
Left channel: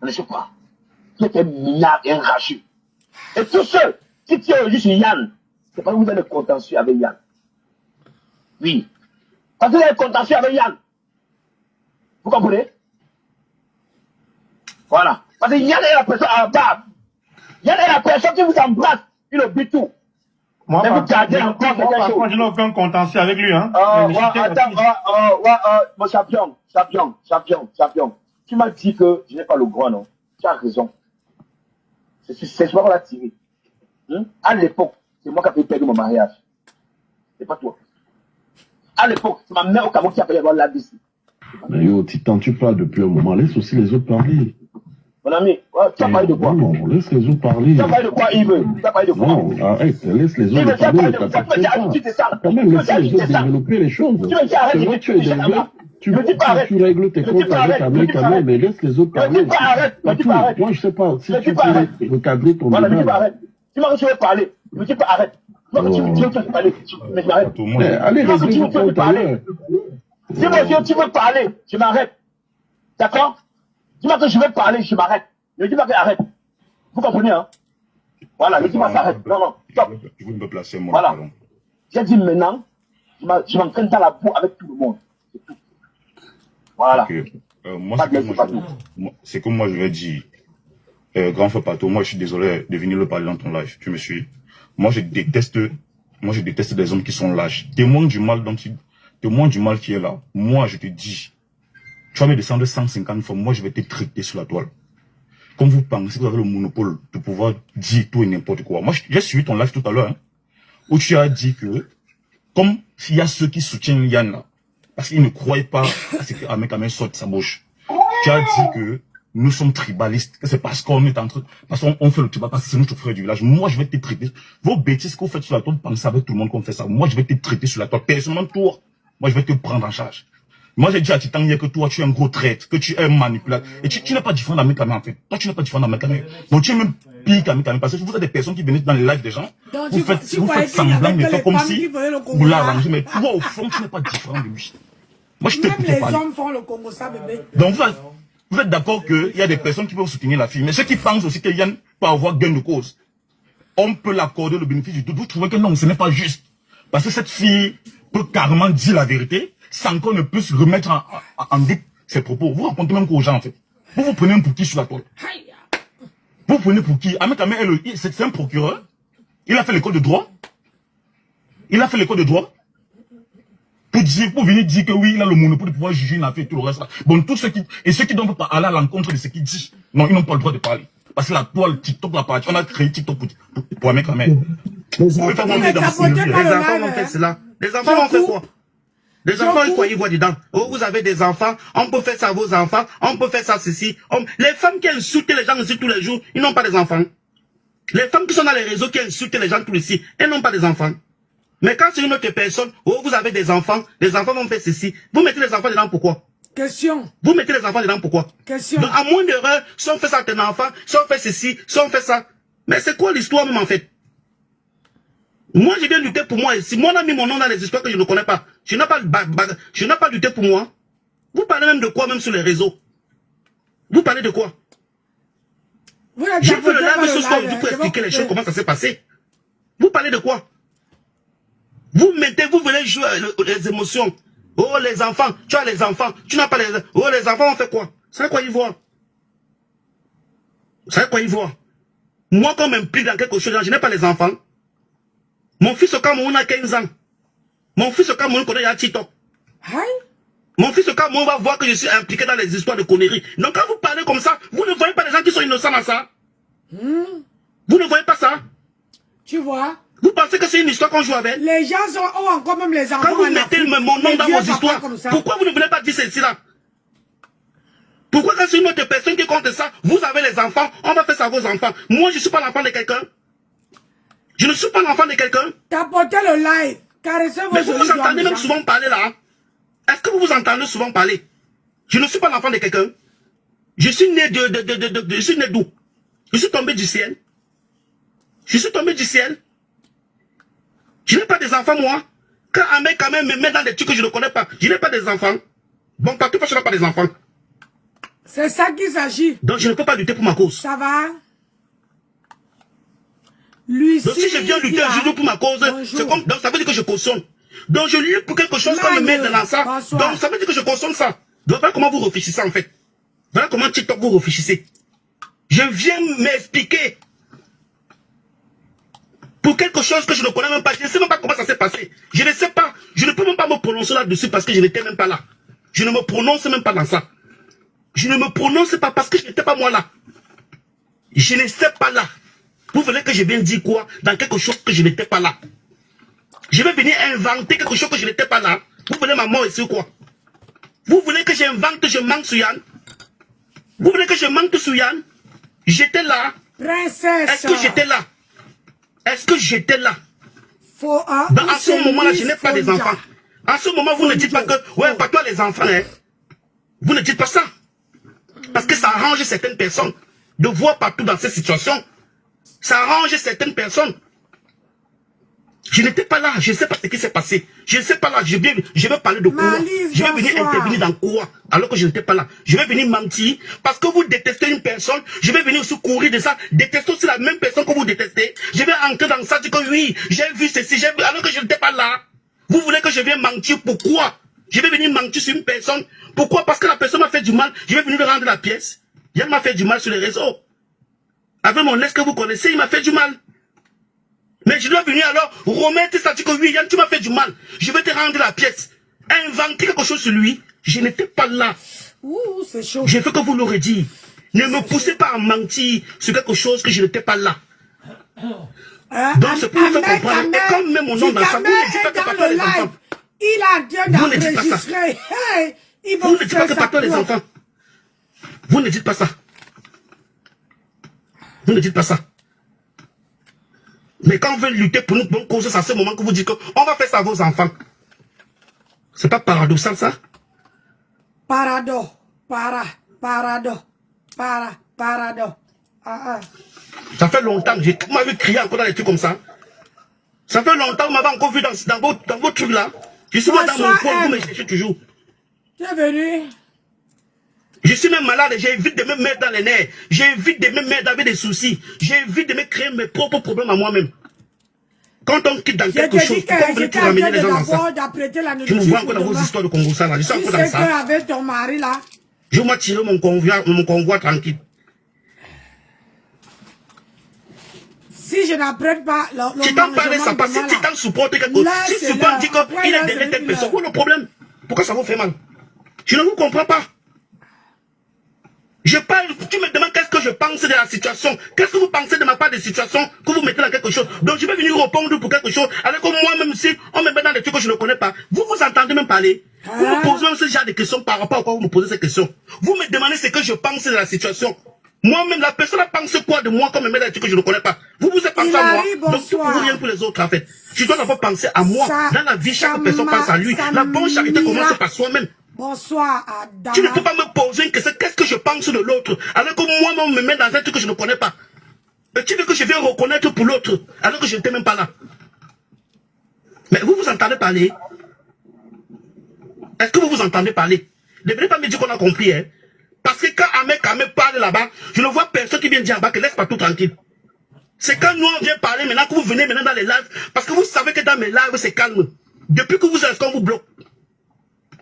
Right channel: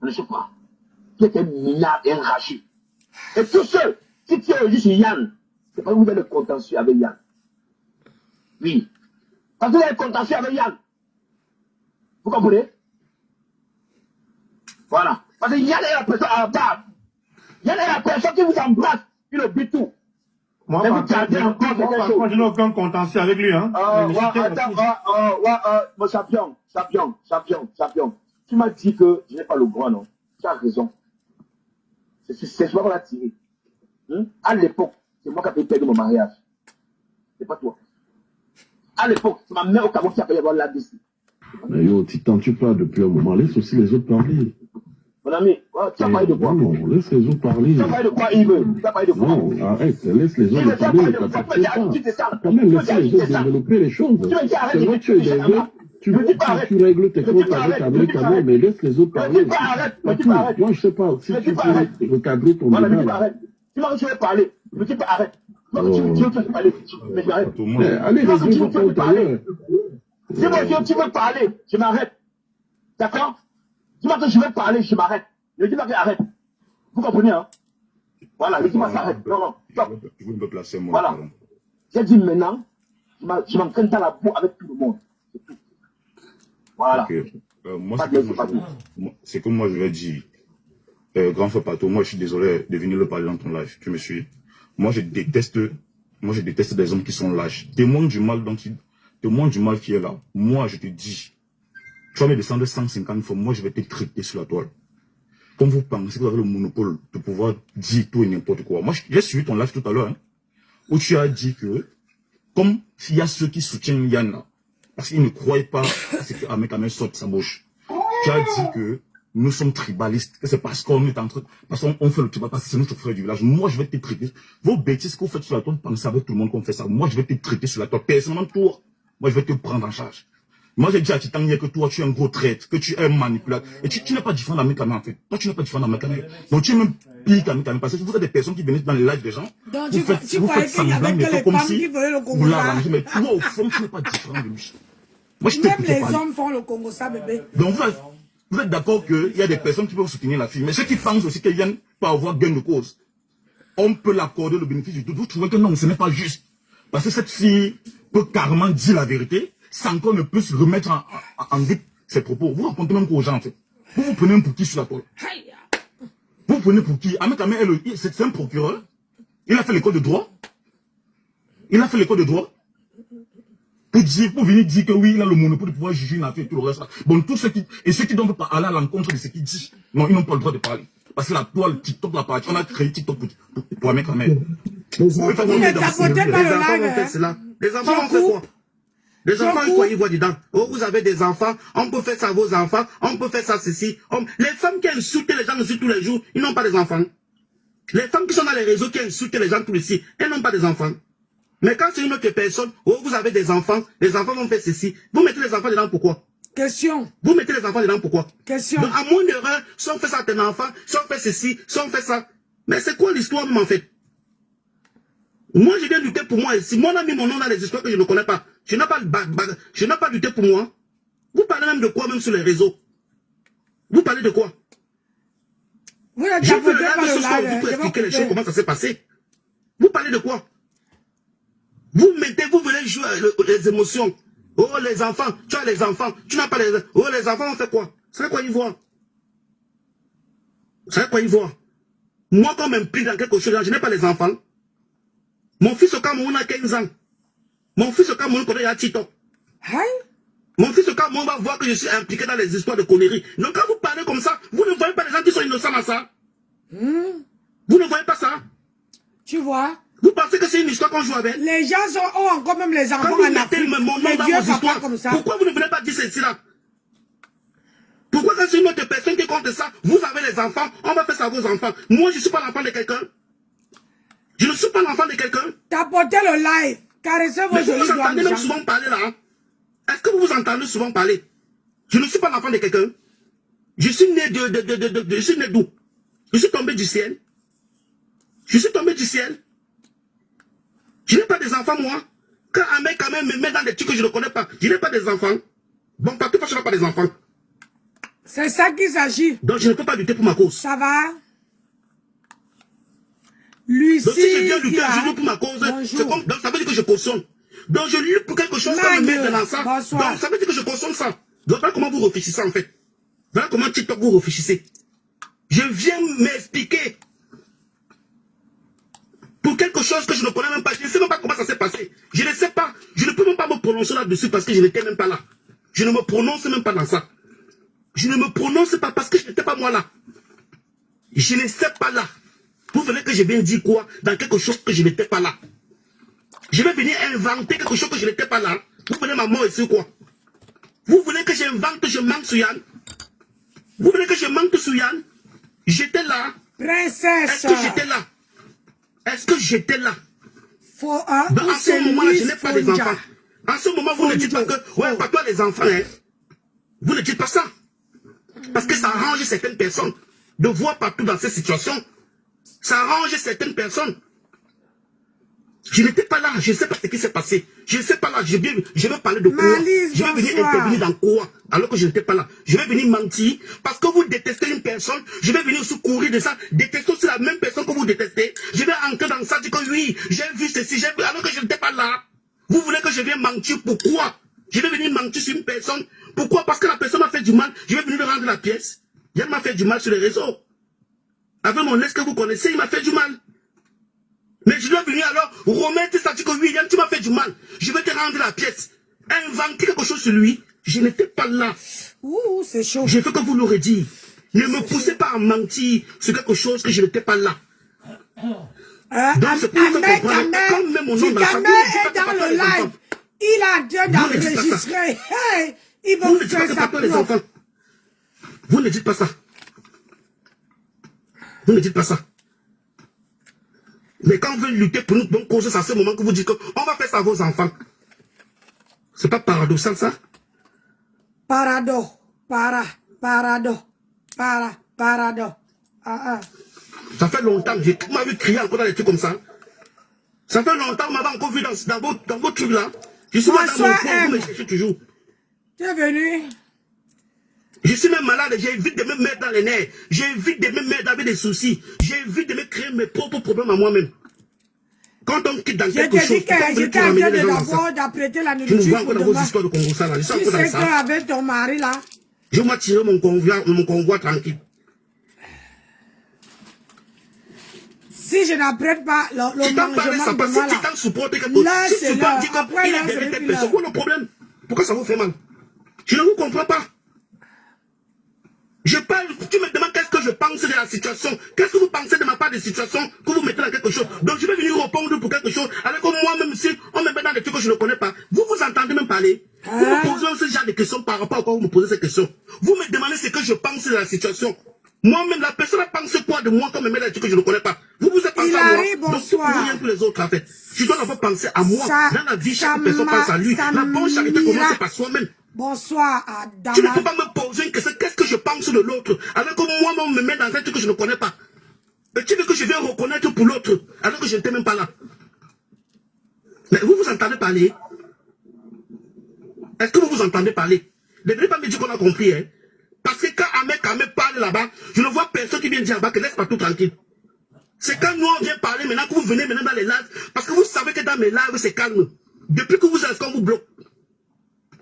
On ne sait pas. Tu étais minable et enragé. Et tout seul, qui tient juste Yann, c'est pas vous avez le contentieux avec Yann. Oui. Parce qu'il est contentieux avec Yann. Vous comprenez? Voilà. Parce que Yann est la personne à la barre. Yann est la personne qui vous embrasse. Il oublie tout. Moi, Mais vous gardez encore par quelque contre, chose. je n'ai aucun contentieux avec lui. Hein. Mon champion. Tu m'as dit que je n'ai pas le droit, non? Tu as raison. C'est moi qu'on l'a tiré. À l'époque, c'est moi qui ai perdu mon mariage. C'est pas toi. À l'époque, c'est ma mère au Cameroun qui a payé la DC. Mais yo, Titan, tu parles depuis un moment. Laisse aussi les autres parler. Mon ami, tu as parlé de quoi? Non, laisse les autres parler. Tu as parlé de quoi, Yves? Tu as parlé de quoi? Non, arrête, laisse les autres parler. Quand même, laisse les autres développer les choses. C'est là tu es derrière. Tu règles tes comptes avec ta mère quand même, mais laisse les autres parler. Moi, je sais pas si tu peux recadrer ton débat. Tu m'as dit que tu veux parler. Je me dis pas arrête. Moi, tu me dis que tu veux parler. Mais j'arrête. Allez, régler vos comptes ailleurs. Si moi, tu veux parler, je m'arrête. D'accord? Dis-moi que je vais parler, je m'arrête. Ne dis pas que arrête. Vous comprenez, hein? Voilà, ne dis pas s'arrête. Non, stop. Vous ne me placez, moi. Voilà. J'ai dit maintenant, je m'entraîne dans la boue avec tout le monde. C'est tout. Voilà. Okay. C'est comme moi je vais dire, grand frère Pato, moi je suis désolé de venir le parler dans ton live. Tu me suis? Moi je déteste des hommes qui sont lâches. Témoin du mal qui est là. Moi je te dis, tu vas me descendre 150 fois, moi je vais te traiter sur la toile. Comme vous pensez que vous avez le monopole de pouvoir dire tout et n'importe quoi. Moi j'ai suivi ton live tout à l'heure, hein, où tu as dit que, comme s'il y a ceux qui soutiennent Yann là, parce qu'ils ne croyaient pas à ce que Ahmed Kamel sorte de sa bouche. Tu as dit que nous sommes tribalistes, que c'est parce qu'on est entre, parce qu'on fait le tribal, parce que c'est notre frère du village. Moi, je vais te traiter. Vos bêtises que vous faites sur la toile, pensez avec tout le monde qu'on fait ça. Moi, je vais te traiter sur la toile. Personnellement, toi, moi, je vais te prendre en charge. Moi, j'ai dit à Titan hier que toi, tu es un gros traître, que tu es un manipulateur. Et tu n'es pas différent d'Ahmed Kamel, en fait. Toi, tu n'es pas différent d'Ahmed Kamel. Donc, tu es même pire qu'Ahmed Kamel, parce que vous êtes des personnes qui venaient dans les lives des gens. Donc, vous faites semblant de faire comme si vous l'arrangez. Mais toi, au fond, tu n'es pas différent de lui. Moi, je même les hommes font le Congo, ça, bébé. Donc, vous êtes d'accord qu'il y a des personnes qui peuvent soutenir la fille, mais ceux qui pensent aussi que Yann peut avoir gain de cause, on peut l'accorder le bénéfice du doute. Vous trouvez que non, ce n'est pas juste. Parce que cette fille peut carrément dire la vérité, sans qu'on ne puisse remettre en doute ses propos. Vous racontez même qu'aux gens, en fait. Vous vous prenez pour qui sur la toile? Vous prenez pour qui? Ahmed Kamel, c'est un procureur. Il a fait l'école de droit. Pour venir dire que oui, il a le monopole de pouvoir juger une affaire et tout le reste. Bon, tous ceux qui ne peuvent pas aller à l'encontre de ce qu'il dit, non, ils n'ont pas le droit de parler. Parce que la toile, TikTok, la partie, on a créé TikTok pour Ahmed Kamel. Les enfants vont faire cela. Les enfants vont faire quoi? Les enfants, quoi, ils voient dedans. Oh, vous avez des enfants, on peut faire ça à vos enfants, on peut faire ça ceci. Les femmes qui insultent les gens ici tous les jours, ils n'ont pas des enfants. Les femmes qui sont dans les réseaux qui insultent les gens tous les jours, elles n'ont pas des enfants. Mais quand c'est une autre personne, oh, vous avez des enfants, les enfants vont faire ceci. Vous mettez les enfants dedans pourquoi? Question. Vous mettez les enfants dedans pourquoi? Question. Donc, à moins d'erreur, si on fait ça à tes enfants, si on fait ceci, si on fait ça. Mais c'est quoi l'histoire même en fait? Moi, je viens lutter pour moi. Si moi, on a mis mon nom dans les histoires que je ne connais pas, je n'ai pas lutté pour moi. Vous parlez même de quoi même sur les réseaux? Vous parlez de quoi? Vous Je veux le live ce soir pour expliquer les choses, comment ça s'est passé. Vous parlez de quoi? Vous venez jouer les émotions. Oh, les enfants, tu as les enfants, tu n'as pas les... Oh, les enfants, on fait quoi? C'est quoi ils voient? C'est quoi ils voient? Moi, quand on m'implique dans quelque chose, je n'ai pas les enfants. Mon fils au Cameroun a 15 ans. Mon fils au Cameroun connaît la TikTok. Mon fils au Cameroun va voir que je suis impliqué dans les histoires de conneries. Donc quand vous parlez comme ça, vous ne voyez pas les gens qui sont innocents dans ça. Vous ne voyez pas ça. Tu vois? Vous pensez que c'est une histoire qu'on joue avec? Les gens ont encore même les enfants. Quand vous mettez mon nom dans vos histoires, pourquoi vous ne voulez pas dire ceci-là? Pourquoi quand c'est une autre personne qui compte ça, vous avez les enfants, on va faire ça à vos enfants. Moi, je ne suis pas l'enfant de quelqu'un. Je ne suis pas l'enfant de quelqu'un. Tapoter le live. Caressez vos mais vous jolis vous doigts. entendez même souvent parler là. Est-ce que vous vous entendez souvent parler? Je ne suis pas l'enfant de quelqu'un. Je suis né je suis né d'où? Je suis tombé du ciel. Je suis tombé du ciel. Je n'ai pas des enfants, moi. Quand un mec quand même me met dans des trucs que je ne connais pas, je n'ai pas des enfants. Bon, partout parce que je n'ai pas des enfants. C'est ça qu'il s'agit. Donc je ne peux pas lutter pour ma cause. Ça va? Lucie. Donc si je viens lutter aujourd'hui pour ma cause, donc ça veut dire que je cautionne. Donc je lutte pour quelque chose qu'on me met dans ça. Bonsoir. Donc ça veut dire que je consomme ça. Donc voilà comment vous réfléchissez en fait. Voilà comment TikTok vous réfléchissez. Je viens m'expliquer pour quelque chose que je ne connais même pas. Je ne sais même pas comment ça s'est passé. Je ne sais pas. Je ne peux même pas me prononcer là-dessus parce que je n'étais même pas là. Je ne me prononce même pas dans ça. Je ne me prononce pas parce que je n'étais pas moi là. Je ne sais pas là. Vous voulez que je vienne dire quoi dans quelque chose que je n'étais pas là? Je vais venir inventer quelque chose que je n'étais pas là. Vous voulez ma mort ici ou quoi? Vous voulez que j'invente, je manque sur Yann? Vous voulez que je manque sur Yann? J'étais là. Princesse. Est-ce que j'étais là? Est-ce que j'étais là? Faut À ce moment-là, je n'ai pas des enfants. À ce moment, vous ne dites pas que, ouais, pas toi les enfants, hein. Vous ne dites pas ça. Parce que ça arrange certaines personnes de voir partout dans cette situation. Ça arrange certaines personnes. Je n'étais pas là, je ne sais pas ce qui s'est passé. Je ne sais pas là, je vais parler de quoi. Je vais venir intervenir dans quoi alors que je n'étais pas là. Je vais venir mentir parce que vous détestez une personne. Je vais venir aussi courir de ça. Détester aussi la même personne que vous détestez. Je vais entrer dans ça, dire que oui, j'ai vu ceci, j'ai vu, alors que je n'étais pas là. Vous voulez que je vienne mentir, pourquoi? Je vais venir mentir sur une personne. Pourquoi? Parce que la personne m'a fait du mal. Je vais venir lui rendre la pièce. Il m'a fait du mal sur les réseaux. Avec mon ex que vous connaissez, il m'a fait du mal. Mais je dois venir alors remettre ça, dire que oui, Yann, tu m'as fait du mal. Je vais te rendre la pièce. Inventer quelque chose sur lui. Je n'étais pas là. Ouh, c'est chaud. Je veux que vous l'aurez dit. Ne me poussez pas à mentir sur quelque chose que je n'étais pas là. Donc c'est pour ça que comme même mon nom dans ça, est dans le live. Il a Dieu d'enregistrer. Hey, il va vous vous ne dites pas faire que ça pas les enfants. Vous ne dites pas ça. Vous ne dites pas ça. Mais quand on veut lutter pour nous, bonne cause, c'est à ce moment que vous dites qu'on va faire ça à vos enfants. C'est pas paradoxal ça? Parado. Ça fait longtemps que vous m'avez crié encore dans des trucs comme ça. Ça fait longtemps que vous m'avez encore vu dans vos trucs là. Je suis là dans mon coin, vous me cherchez toujours. Tu es venu? Je suis même malade, j'évite de me mettre dans les nerfs. J'évite de me mettre avec des soucis. J'évite de me créer mes propres problèmes à moi-même. Quand on quitte dans quelque chose, j'étais en train d'abord d'apprêter la je me vois nourriture encore pour dans vos demain. histoires de Congo ça là. Je suis Tu encore sais dans ça. qu'avec ton mari là, Je vais tirer mon convoi tranquille. si je n'apprête pas le Tu t'en parles ça, parce que si tu t'en supportes quelque chose, si tu supportes, dis qu'il a derrière telle personne, où est le problème? Pourquoi ça vous fait mal? Je ne vous comprends pas. Je parle, tu me demandes qu'est-ce que je pense de la situation. Qu'est-ce que vous pensez de ma part de situation que vous mettez dans quelque chose. Donc je vais venir répondre pour quelque chose. Alors que moi-même, si on me met dans des trucs que je ne connais pas, vous vous entendez même parler. Vous me posez ce genre de questions par rapport à quoi vous me posez ces questions. Vous me demandez ce que je pense de la situation. Moi-même, la personne pense quoi de moi quand on me met dans des trucs que je ne connais pas. Vous vous êtes pensé à moi. Donc tout pour rien pour les autres en fait. Je dois d'abord penser à moi. Dans la vie, chaque personne pense à lui. La bonne charité commence par soi-même. bonsoir à Dama. Tu ne peux pas me poser une question, qu'est-ce que je pense de l'autre, alors que moi, on me met dans un truc que je ne connais pas. Mais tu veux que je vienne reconnaître pour l'autre, alors que je n'étais même pas là. Mais vous vous entendez parler? Est-ce que vous vous entendez parler? Ne venez pas me dire qu'on a compris, hein. Parce que quand Ahmed parle là-bas, je ne vois personne qui vient dire là-bas que laisse pas tout tranquille. C'est quand nous on vient parler maintenant que vous venez maintenant dans les lives, parce que vous savez que dans mes lives c'est calme. Depuis que vous êtes, on vous bloque.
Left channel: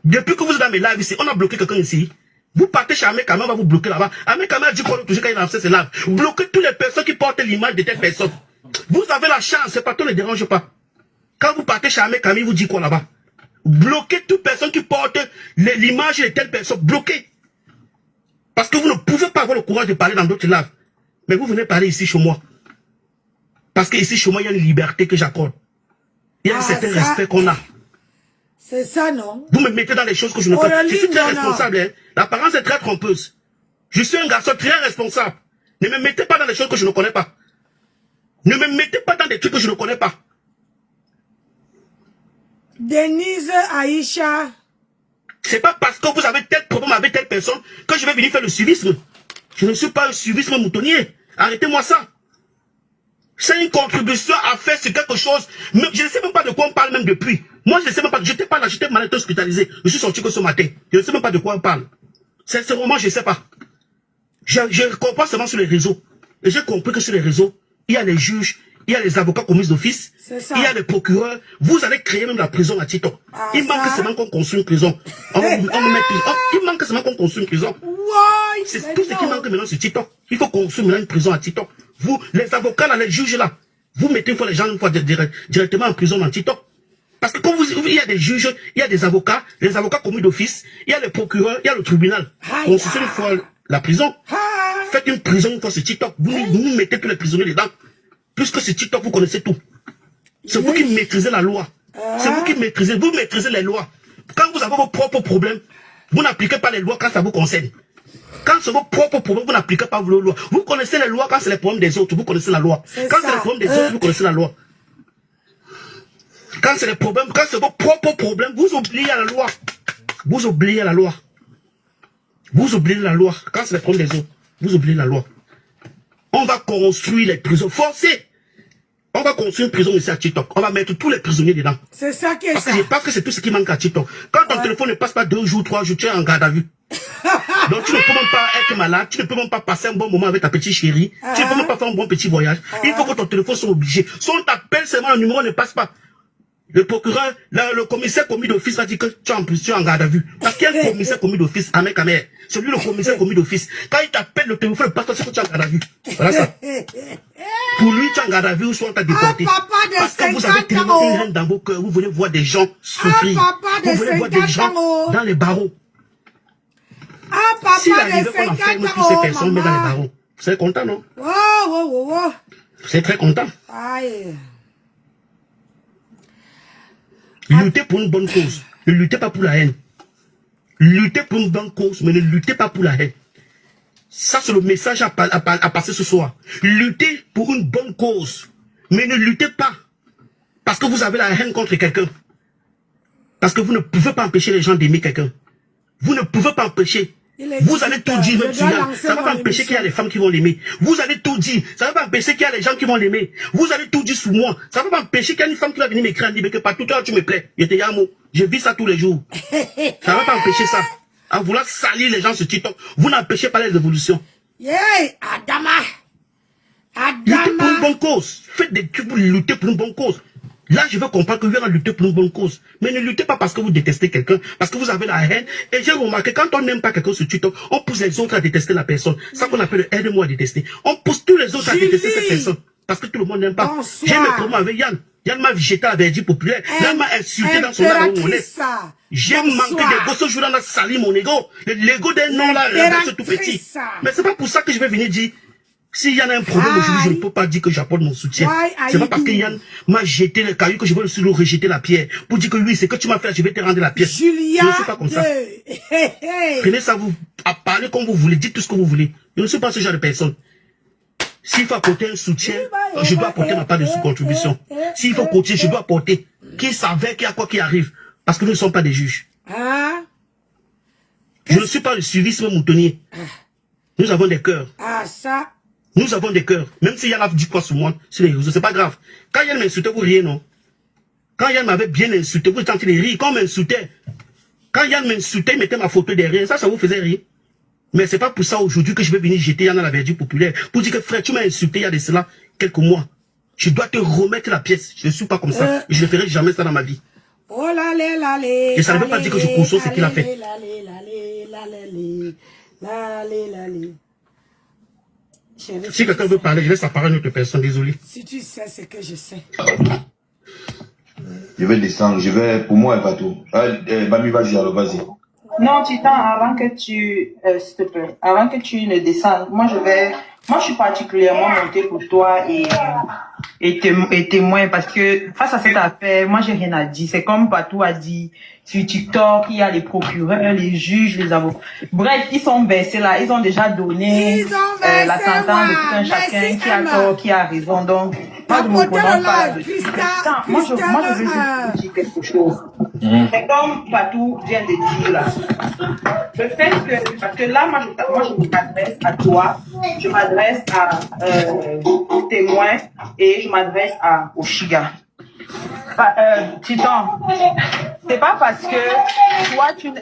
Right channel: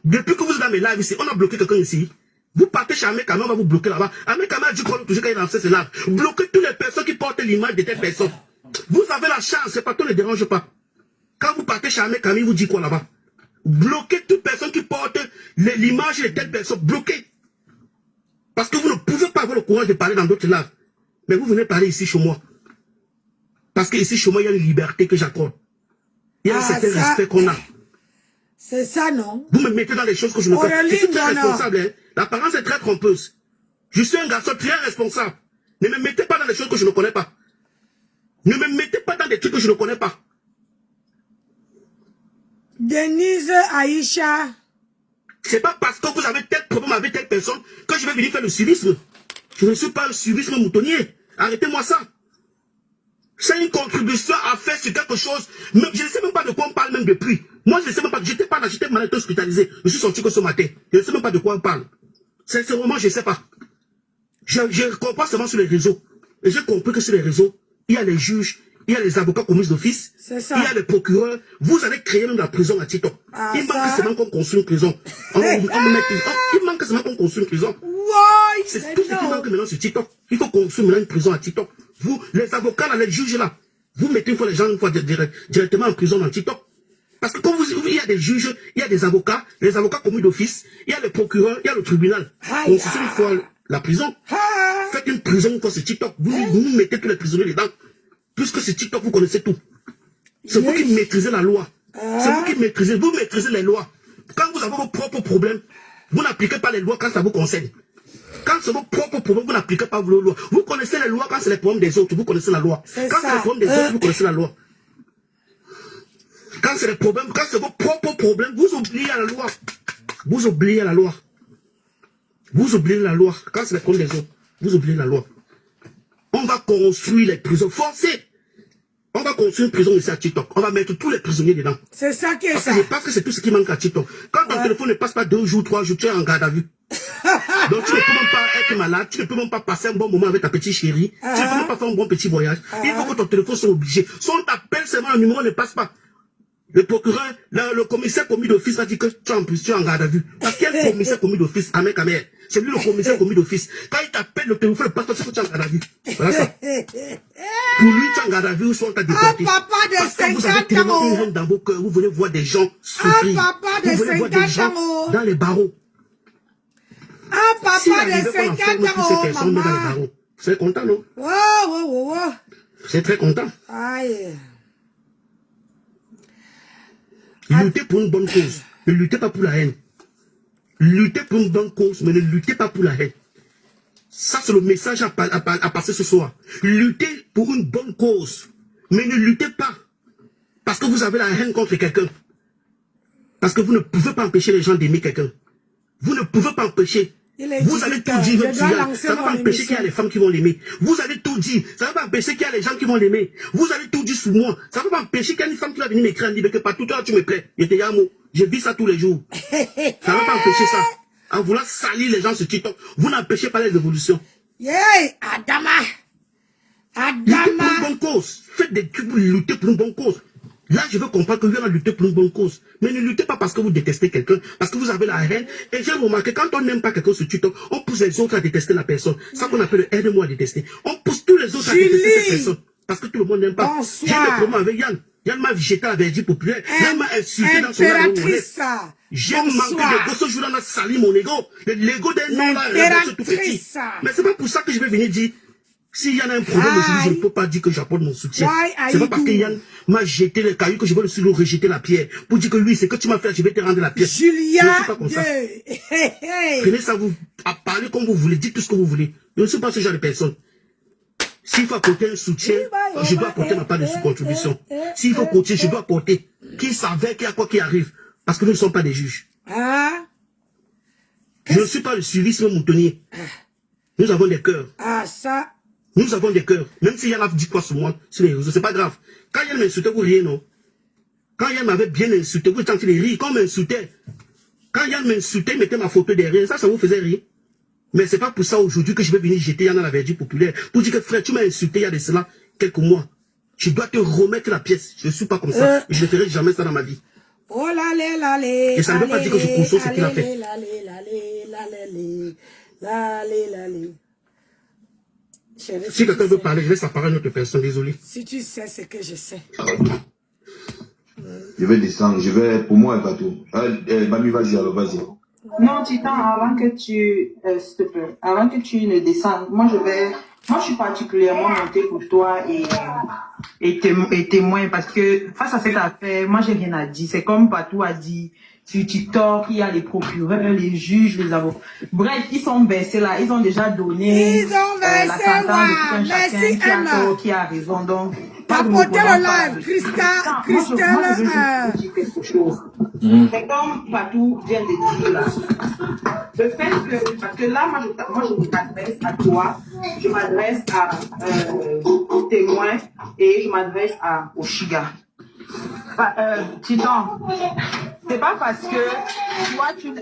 Depuis que vous êtes dans mes lives ici, on a bloqué quelqu'un ici. Vous partez chez Ahmed Kamel, on va vous bloquer là-bas. Ahmed Kamel a dit qu'on toujours quand il a lancé ses lives. Bloquez toutes les personnes qui portent l'image de telle personne. Vous avez la chance, c'est pas tout, ne dérange pas. Quand vous partez chez Ahmed Kamel, il vous dit quoi là-bas? Bloquez toute personne qui porte l'image de telle personne. Bloquez. Parce que vous ne pouvez pas avoir le courage de parler dans d'autres lives. Mais vous venez parler ici chez moi. Parce que ici chez moi, il y a une liberté que j'accorde. Il y a un certain respect qu'on a. C'est ça, non? Vous me mettez dans les choses que je ne connais pas. Je suis très responsable. Hein. L'apparence est très trompeuse. Je suis un garçon très responsable. Ne me mettez pas dans les choses que je ne connais pas. Ne me mettez pas dans des trucs que je ne connais pas. Denise Aïcha. C'est pas parce que vous avez tel problème avec telle personne que je vais venir faire le suivisme. Je ne suis pas un suivisme moutonnier. Arrêtez-moi ça. C'est une contribution à faire sur quelque chose. Mais je ne sais même pas de quoi on parle même depuis. Moi, je ne sais même pas. J'étais pas là, j'étais malade hospitalisé. Je suis sorti que ce matin. Je ne sais même pas de quoi on parle. Sincèrement, je ne sais pas. Je comprends seulement sur les réseaux. Et j'ai compris que sur les réseaux, il y a les juges, il y a les avocats commis d'office, C'est ça. il y a les procureurs. Vous allez créer même la prison à TikTok. Ah, il manque ça. seulement qu'on construise une prison. Il manque seulement qu'on construise une prison. Ouais, C'est tout ce qui manque maintenant sur TikTok. Il faut construire maintenant une prison à TikTok. Vous, les avocats, là, les juges là, vous mettez une fois les gens directement en prison dans TikTok. Parce que quand il y a des juges, il y a des avocats, les avocats commis d'office, il y a le procureur, il y a le tribunal. Aïe. Construisez une fois la prison. Ah. Faites une prison une fois sur TikTok. Vous mettez tous les prisonniers dedans. Puisque sur TikTok, vous connaissez tout. C'est vous qui maîtrisez la loi. C'est vous qui maîtrisez. Vous maîtrisez les lois. Quand vous avez vos propres problèmes, vous n'appliquez pas les lois quand ça vous concerne. Quand c'est vos propres problèmes, vous n'appliquez pas vos lois. Vous connaissez les lois quand c'est les problèmes des autres. Vous connaissez la loi. Quand c'est les problèmes des autres, vous connaissez la loi. Quand c'est les problèmes, quand c'est vos propres problèmes, vous oubliez la loi. Vous oubliez la loi. Vous oubliez la loi. Quand c'est les problèmes des autres, vous oubliez la loi. On va construire les prisons forcées. On va construire une prison ici à TikTok. On va mettre tous les prisonniers dedans. C'est ça qui est ça. Parce que c'est tout ce qui manque à TikTok. Quand ton téléphone ne passe pas 2 jours, 3 jours, tu es en garde à vue. Donc tu ne peux même pas être malade, tu ne peux même pas passer un bon moment avec ta petite chérie, tu ne peux même pas faire un bon petit voyage. Il faut que ton téléphone soit obligé. Si on t'appelle seulement, le numéro ne passe pas. Le procureur, le commissaire commis d'office a dit que tu es en garde à vue. Parce qu'il y a le commissaire commis d'office, Ahmed Kamer. C'est lui le commissaire commis d'office. Quand il t'appelle, le téléphone ne passe pas, c'est que tu es en garde à vue. Voilà ça. Pour lui, tu es en garde à vue ou soit on t'a déporté. Un papa de Parce que vous avez 50 tellement ans. une haine dans vos cœurs, vous voulez voir des gens souffrir. papa de Vous voulez voir des 50 gens ans. dans les barreaux. Un papa Si de 50 ans, maman. Vous êtes content, non? Wow. Vous êtes très content. Aïe. Luttez pour une bonne cause. Ne luttez pas pour la haine. Luttez pour une bonne cause, mais ne luttez pas pour la haine. Ça, c'est le message à passer ce soir. Luttez pour une bonne cause, mais ne luttez pas parce que vous avez la haine contre quelqu'un. Parce que vous ne pouvez pas empêcher les gens d'aimer quelqu'un. Vous ne pouvez pas empêcher. Vous allez tout dire, même ça ne va pas empêcher qu'il y a les femmes qui vont l'aimer. Vous allez tout dire, ça ne va pas empêcher qu'il y a les gens qui vont l'aimer. Vous allez tout dire sur moi, ça ne va pas empêcher qu'il y a une femme qui va venir m'écrire en libre que partout toi tu me plais. Je vis ça tous les jours. Ça ne va pas empêcher ça. En vouloir salir les gens sur TikTok, vous n'empêchez pas les évolutions. Yeah, Adama. Luttez pour une bonne cause. Faites des trucs pour lutter pour une bonne cause. Là, je veux comprendre que vous allez lutter pour une bonne cause. Mais ne luttez pas parce que vous détestez quelqu'un, parce que vous avez la haine. Et j'ai remarqué, quand on n'aime pas quelqu'un sur TikTok, on pousse les autres à détester la personne. Ça qu'on appelle le aide-moi à détester. On pousse tous les autres à détester cette personne. Parce que tout le monde n'aime pas. J'ai des problèmes avec Yann. Yann m'a jeté à Verdi populaire. Yann m'a insulté dans son ego. J'ai manqué d'ego. Ce jour-là, on a sali mon ego. L'ego d'un nom là, c'est tout petit. Mais c'est pas pour ça que je vais venir dire. Si Yann a un problème aujourd'hui, je ne peux pas dire que j'apporte mon soutien. C'est pas parce que Yann m'a jeté le caillou que je vais le rejeter la pierre. Pour dire que oui, c'est que tu m'as fait, je vais te rendre la pierre. Julia, je ne suis pas comme ça. Prenez ça à parler comme vous voulez, dites tout ce que vous voulez. Je ne suis pas ce genre de personne. S'il faut apporter un soutien, je dois apporter ma part de sous-contribution. S'il faut coacher, je dois apporter. Qui savait qu'il y a quoi qui arrive. Parce que nous ne sommes pas des juges. Je ne suis pas le suivisme moutonnier. Nous avons des cœurs. Ça. Nous avons des cœurs. Même si Yann a dit quoi sur moi, sur les réseaux, c'est pas grave. Quand Yann m'insultait, vous riez, non? Quand Yann m'avait bien insulté, vous tentez de rire. Quand m'insultait, quand Yann m'insultait, il mettait ma photo derrière, ça vous faisait rire. Mais c'est pas pour ça aujourd'hui que je vais venir jeter Yann à la verdure populaire. Pour dire que frère, tu m'as insulté il y a de cela quelques mois. Je dois te remettre la pièce. Je ne suis pas comme ça. Je ne ferai jamais ça dans ma vie. Oh là là là et ça ne veut pas dire que je conçois ce qu'il a fait. Si quelqu'un veut parler, je laisse la parole à une autre personne, désolé. Si tu sais ce que je sais. Je vais descendre, pour moi, et pas tout. Bami, vas-y, alors, vas-y. Non, Titan, avant que tu, s'il te plaît, avant que tu ne descendes, moi je suis particulièrement montée pour toi et témoin parce que face à cette affaire, moi j'ai rien à dire. C'est comme Patou a dit, sur TikTok, il y a les procureurs, les juges, les avocats. Bref, ils sont versés là, ils ont déjà donné la sentence de tout un chacun qui a tort, qui a raison. Donc, Tapotez le live, Christelle. Dire quelque chose. C'est comme Patou vient de dire là. Le fait que, parce que là, moi je m'adresse à toi, je m'adresse à témoin et je m'adresse à Oshiga. Titan, c'est pas parce que toi tu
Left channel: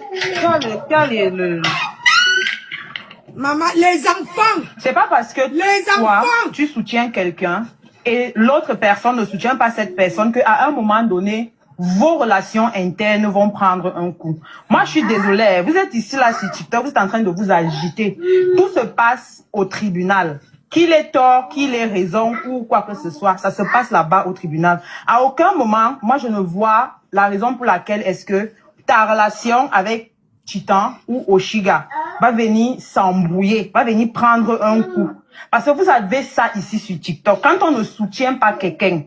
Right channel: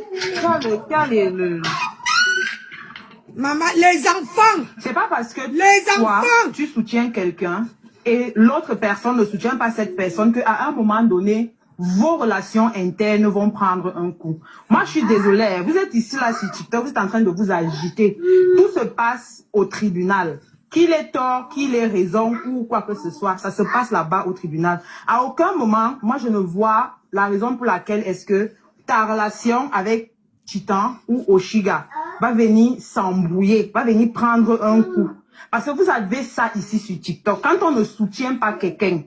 Maman, les enfants. C'est pas parce que les toi, enfants. tu soutiens quelqu'un et l'autre personne ne soutient pas cette personne, qu'à un moment donné, vos relations internes vont prendre un coup. Moi, je suis désolée. Vous êtes ici, là, sur TikTok, vous êtes en train de vous agiter. Tout se passe au tribunal. Qu'il ait tort, qu'il ait raison ou quoi que ce soit, ça se passe là-bas au tribunal. À aucun moment, moi, je ne vois la raison pour laquelle est-ce que ta relation avec Titan ou Oshiga va venir s'embrouiller, va venir prendre un coup. Parce que vous avez ça ici sur TikTok. Quand on ne soutient pas quelqu'un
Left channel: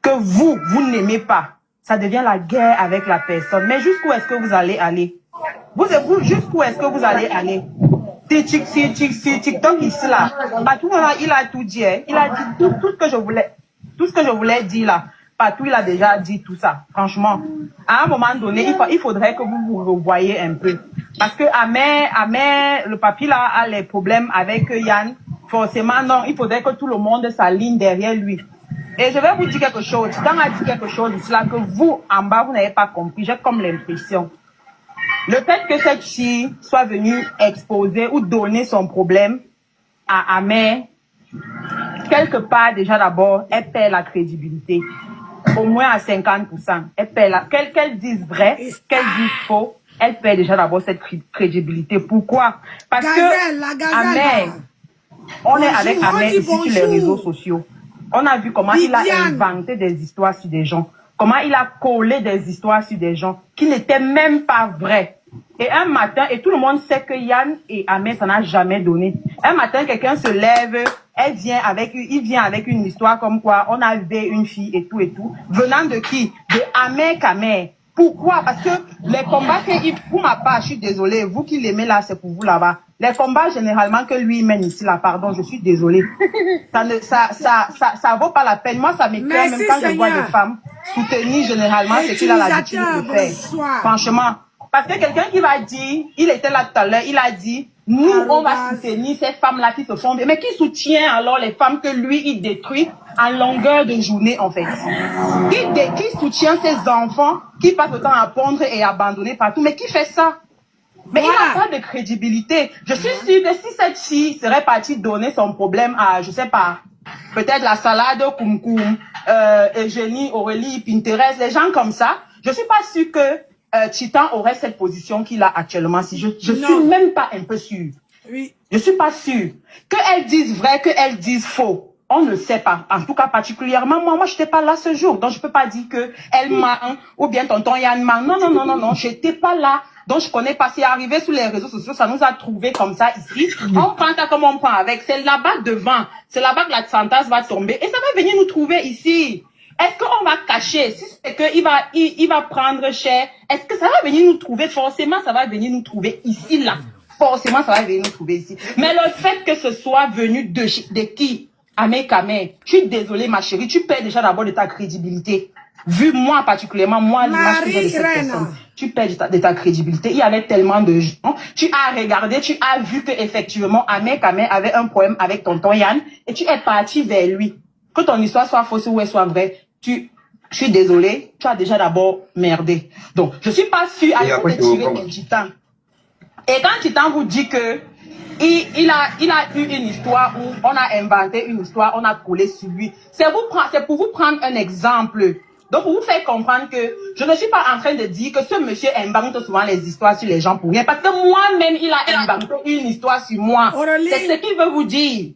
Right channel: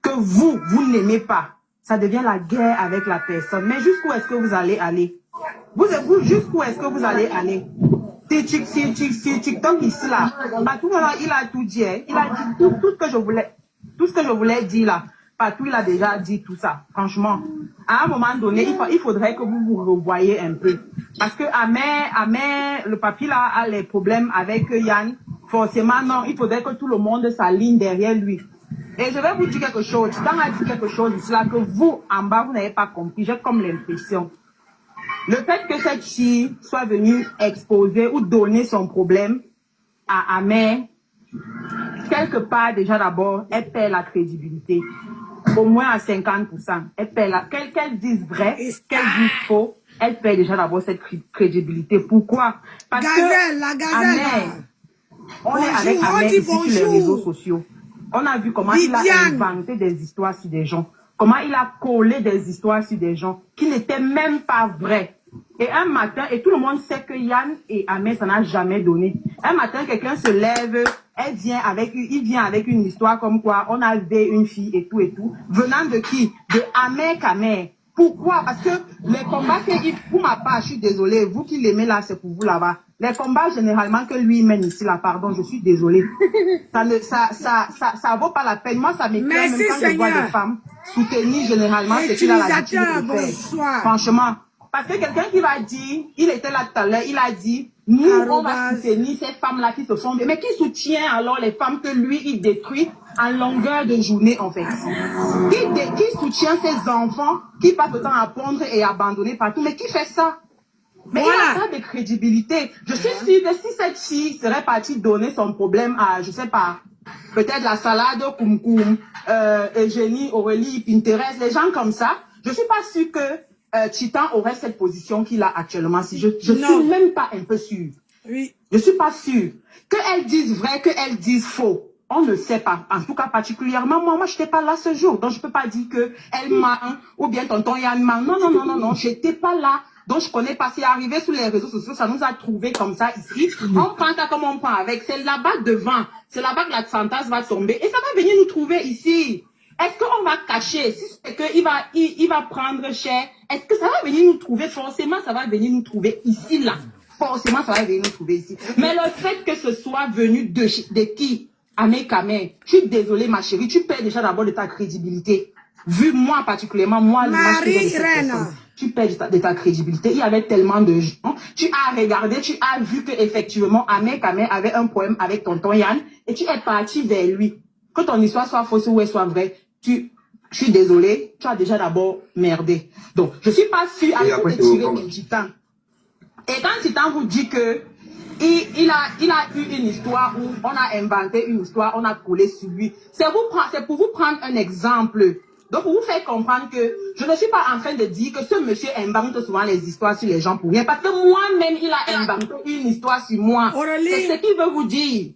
que vous n'aimez pas, ça devient la guerre avec la personne. Mais jusqu'où est-ce que vous allez aller? Jusqu'où est-ce que vous allez aller? C'est TikTok ici là. Patou là, il a tout dit. Hein. Il a dit tout ce que je voulais dire là. Patou, il a déjà dit tout ça. Franchement, à un moment donné, il faudrait que vous vous revoyez un peu. Parce que Amé, le papy là a les problèmes avec Yann. Forcément, non, il faudrait que tout le monde s'aligne derrière lui. Et je vais vous dire quelque chose. Titan a dit quelque chose ici là que vous, en bas, vous n'avez pas compris. J'ai comme l'impression. Le fait que cette fille soit venue exposer ou donner son problème à Amé, quelque part, déjà d'abord, elle perd la crédibilité. Au moins à 50%. Elle perd qu'elle dise vrai, qu'elle dise faux, elle perd déjà d'abord cette crédibilité. Pourquoi? Parce que Amé, on est avec Amé ici sur les réseaux sociaux. On a vu comment il a inventé des histoires sur des gens. Comment il a collé des histoires sur des gens qui n'étaient même pas vraies. Et un matin, et tout le monde sait que Yann et Amé, ça n'a jamais donné. Un matin, quelqu'un se lève, il vient avec une histoire comme quoi on avait une fille et tout. Venant de qui? De Amé Kamé. Pourquoi? Parce que les combats pour ma part, je suis désolée, vous qui l'aimez là, c'est pour vous là-bas. Les combats généralement que lui mène ici là, pardon, je suis désolée. Ça vaut pas la peine. Moi, ça m'écoeure même quand je vois des femmes soutenir généralement ce qu'il a l'habitude de faire. Franchement. Parce que quelqu'un qui va dire, il était là tout à l'heure, il a dit, nous, on va soutenir ces femmes-là qui se font... Mais qui soutient alors les femmes que lui, il détruit en longueur de journée, en fait? Qui soutient ces enfants qui passent le temps à pondre et abandonner partout? Mais qui fait ça? Mais il n'a pas de crédibilité. Je suis sûre que si cette fille serait partie donner son problème à, je sais pas, peut-être la salade, Koum, Eugénie, Aurélie, Pinterest, les gens comme ça, je suis pas sûre que Titan aurait cette position qu'il a actuellement. Si je suis même pas un peu sûre. Oui. Je suis pas sûre. Qu'elles disent vrai, qu'elles disent faux. On ne sait pas. En tout cas, particulièrement, moi, je n'étais pas là ce jour. Donc, je peux pas dire que elle ment, ou bien tonton Yann ment. Non, j'étais pas là. Donc, je connais pas. C'est arrivé sur les réseaux sociaux. Ça nous a trouvé comme ça ici. On prend ça comme on prend avec. C'est là-bas devant. C'est là-bas que la Santas va tomber. Et ça va venir nous trouver ici. Est-ce qu'on va cacher? Si c'est qu'il va prendre cher, est-ce que ça va venir nous trouver? Forcément, ça va venir nous trouver ici, là. Forcément, ça va venir nous trouver ici. Mais le fait que ce soit venu de qui? Amé Kamé. Je suis désolée, ma chérie. Tu perds déjà d'abord de ta crédibilité. Vu moi, particulièrement, moi, l'image que j'ai de cette personne. Tu perds de ta crédibilité. Il y avait tellement de gens. Tu as regardé, tu as vu qu'effectivement, Amé Kamé avait un problème avec tonton Yann. Et tu es parti vers lui. Que ton histoire soit fausse ou elle soit vraie. Je suis désolée, tu as déjà d'abord merdé. Donc, je suis pas sûre à de tirer un Titan. Et quand Titan vous dit que il a eu une histoire où on a inventé une histoire, on a collé sur lui, c'est pour vous prendre un exemple. Donc, pour vous faire comprendre que je ne suis pas en train de dire que ce monsieur invente souvent les histoires sur les gens pour rien. Parce que moi-même, il a inventé une histoire sur moi. C'est ce qu'il veut vous dire.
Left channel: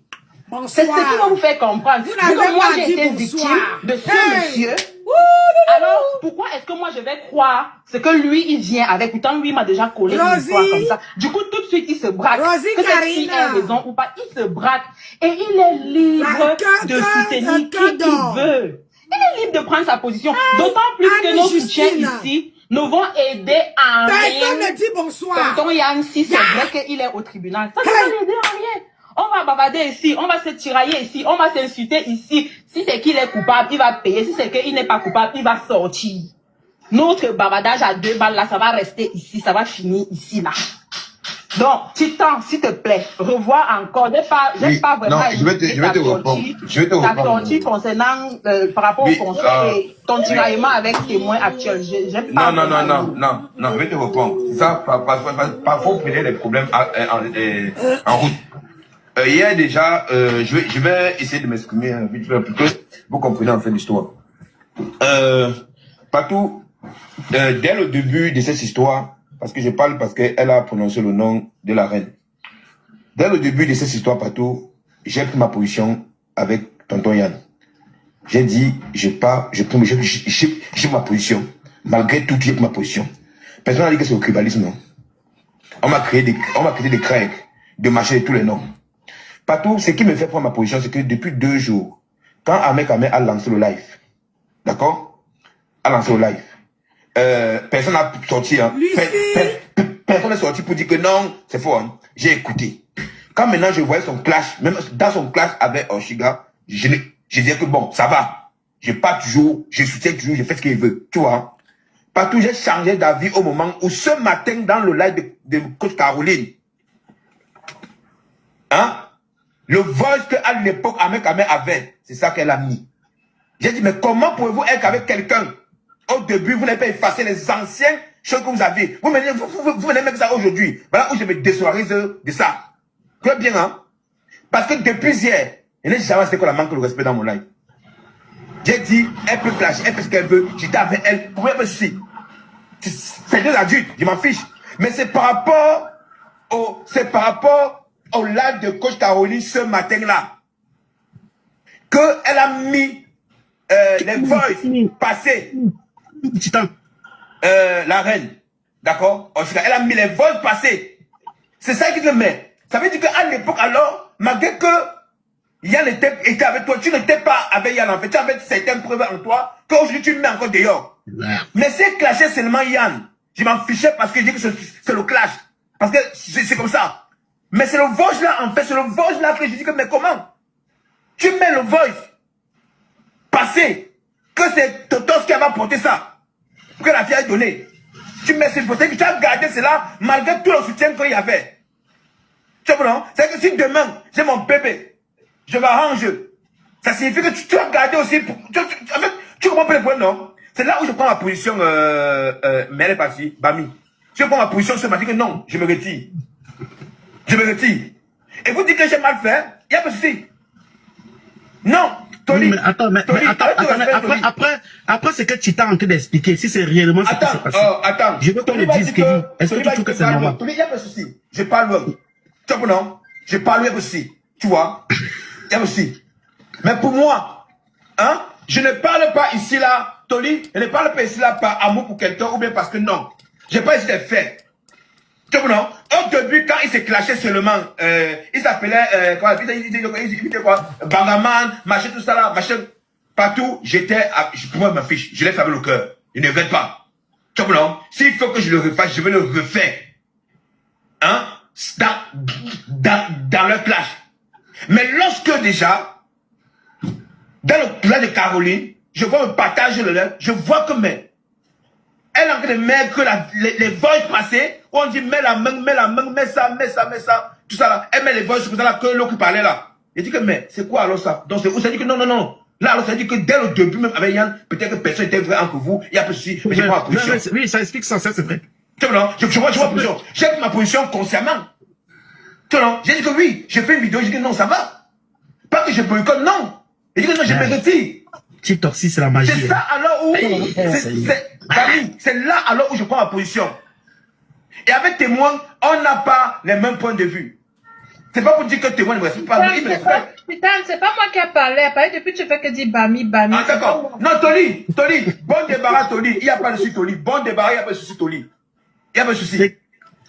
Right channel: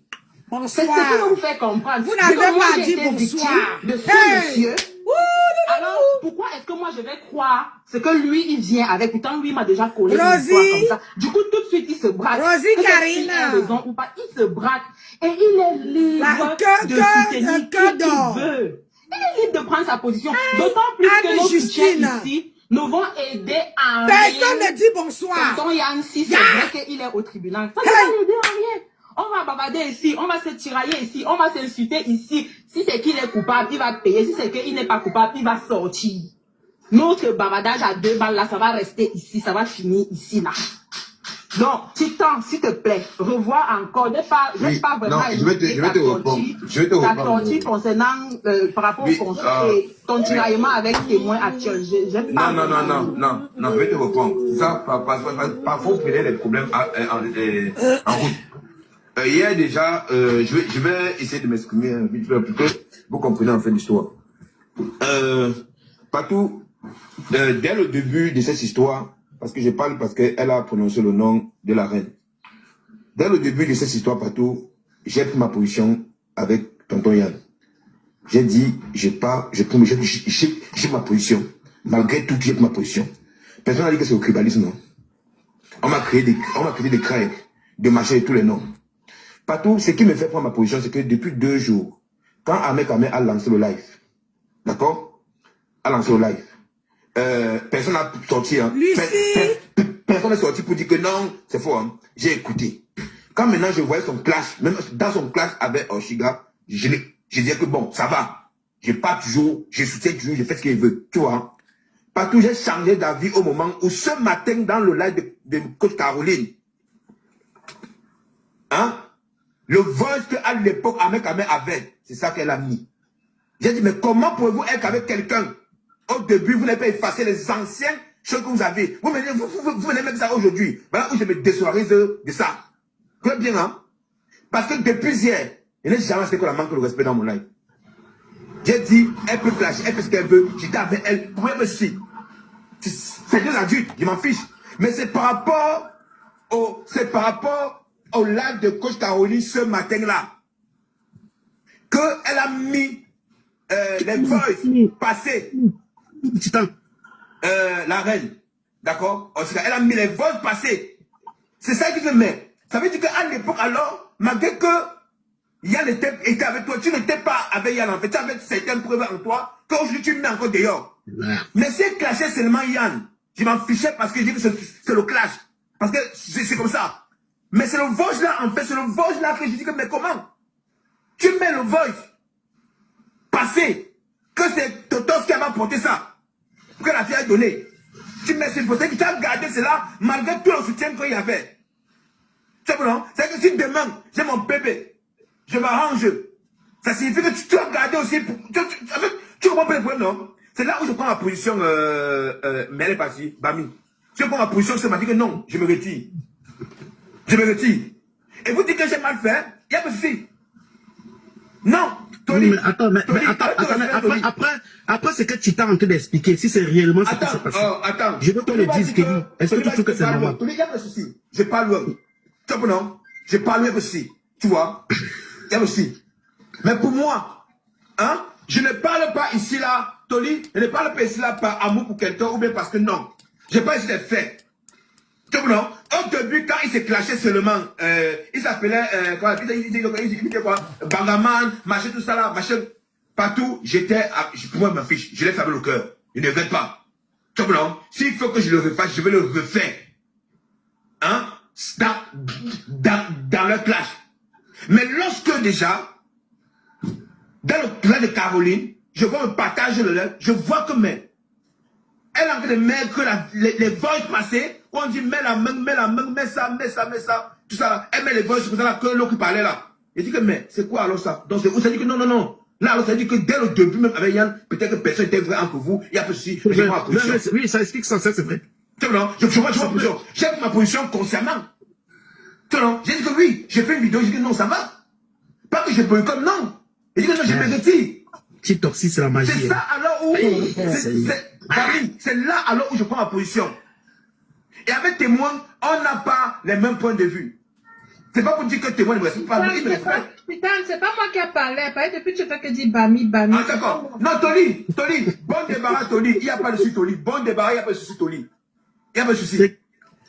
C'est ce qui va vous faire comprendre. Vous n'avez pas dit bonsoir de ce monsieur. Alors, pourquoi est-ce que moi je vais croire ce que lui il vient avec? Pourtant, lui m'a déjà collé une histoire comme ça. Du coup, tout de suite, il se braque. Que cette fille a raison ou pas, il se braque. Et il est libre de soutenir qui il veut. Il est libre de prendre sa position. D'autant plus que nos soutiens ici nous vont aider à personne ne dit bonsoir. Tonton Yann, si c'est vrai qu'il est au tribunal, ça ne va l'aider à rien. On va bavarder ici, on va se tirailler ici, on va s'insulter ici. Si c'est qu'il est coupable, il va payer. Si c'est qu'il n'est pas coupable, il va sortir. Notre bavardage à 2 balles là, ça va rester ici, ça va finir ici là. Donc, Titan, s'il te plaît, revois encore. J'ai pas vraiment. Non, je vais te répondre. La sortie concernant par rapport au conseil et ton tiraillement avec témoin actuel. Non, je vais te répondre. Ça, parfois, vous prenez des problèmes en route. Hier déjà, je vais essayer de m'exprimer vite fait, vous comprenez en fait l'histoire. Patou, dès le début de cette histoire, parce que je parle parce qu'elle a prononcé le nom de la reine. Dès le début de cette histoire, Patou, j'ai pris ma position avec tonton Yann. J'ai dit, j'ai ma position. Malgré tout, j'ai pris ma position. Personne n'a dit que c'est au tribalisme. Non? On m'a créé des crèques, de marcher de tous les noms. Patou, ce qui me fait prendre ma position, c'est que depuis 2 jours, quand Ahmed Kamel a lancé le live, d'accord? A lancé le live. Personne n'a sorti. Hein. Personne n'est sorti pour dire que non, c'est faux. Hein. J'ai écouté. Quand maintenant je voyais son clash, même dans son clash avec Oshiga, je disais que bon, ça va. Je pars toujours, je soutiens toujours, je fais ce qu'il veut. Tu vois? Partout, j'ai changé d'avis au moment où ce matin, dans le live de coach Caroline, hein? Le voice qu'à l'époque, Ahmed Kamel avait, c'est ça qu'elle a mis. J'ai dit, mais comment pouvez-vous être avec quelqu'un? Au début, vous n'avez pas effacé les anciennes choses que vous avez. Vous venez mettre ça aujourd'hui. Voilà où je me désolidarise de ça. Tu vois bien, hein? Parce que depuis hier, je n'ai jamais acheté qu'on a manqué de respect dans mon live. J'ai dit, elle peut clasher, elle fait ce qu'elle veut. J'étais avec elle, pour me suivre. C'est deux adultes, je m'en fiche. Mais c'est par rapport au live de coach Caroline ce matin-là qu'elle a mis les voices passées. La reine, d'accord? Elle a mis les voices passées. C'est ça qui te met. Ça veut dire qu'à l'époque, alors, malgré que Yann était avec toi, tu n'étais pas avec Yann en fait, tu avais certaines preuves en toi, qu'aujourd'hui tu le mets encore dehors. Mais c'est clasher seulement Yann. Je m'en fichais parce que je dis que c'est le clash. Parce que c'est comme ça. Mais c'est le voice là, en fait, c'est le voice là que je dis que, mais comment? Tu mets le voice passé, que c'est Totos qui a apporté ça, que la fille a donné. Tu mets cette photo, que tu as gardé cela, malgré tout le soutien qu'il y avait. Tu vois, non? C'est que si demain, j'ai mon bébé, je m'arrange. Ça signifie que tu as gardé aussi. En fait, tu comprends pas le point, non? C'est là où je prends ma position, mais elle est partie, Bami. Je prends ma position, je me dis que non, je me retire. Je me retire. Et vous dites que j'ai mal fait, il n'y a pas de souci. Non, Tony. Mais attends, après ce que tu t'es en train d'expliquer, si c'est réellement ce qui s'est passé. Attends. Je veux qu'on le dise, Kelly. Est-ce que tu trouves que c'est normal? Tony, il n'y a pas de souci. Je parle, tu vois, non? Je parle, il n'y a pas de souci. Tu vois? Il y a pas de souci. Mais pour moi, hein, je ne parle pas ici là, Tony, je ne parle pas ici là par amour pour quelqu'un ou bien parce que non. Je n'ai pas ici les faits. Tu vois, non? Au début, quand il s'est clashé seulement, il s'appelait, il disait quoi? Bangaman, machin, tout ça là, machin. Partout, pour moi, ma fiche, je l'ai fait avec le cœur. Je ne regrette pas. Tu vois, non? S'il faut que je le refasse, je vais le refaire. Hein? Dans le clash. Mais lorsque déjà, dans le plan de Caroline, je vois un partage de l'œuvre, je vois que elle a envie de mettre que les voix passées, où on dit mets la main, mets ça, tout ça là. Elle met les voix comme ça là, que l'autre qui parlait là. Il dit que mais c'est quoi alors ça? Donc c'est où ça dit que non. Là alors ça dit que dès le début même avec Yann, peut-être que personne n'était vrai entre vous, il y a pas de souci, mais j'ai pas ma position. Oui, ça explique ça, c'est vrai. Tu vois, non? Je vois ma position. J'ai pris ma position consciemment. Tu vois, non? J'ai dit que oui, j'ai fait une vidéo, j'ai dit non, ça va. Pas que je boycotte, non. J'ai dit que non, je me retire. TikTok, si c'est la magie. C'est ça alors où, c'est là alors où je prends ma position. Et avec témoin, on n'a pas les mêmes points de vue. C'est pas pour dire que témoin ne me respecte pas. Putain, c'est pas moi qui ai parlé. Depuis, tu fais que dire Bami. Ah d'accord. Non, Toli, bon débarras, Toli. Il n'y a pas de souci, Toli. Bon débarras, il n'y a pas de souci, Toli. Il n'y a pas de souci.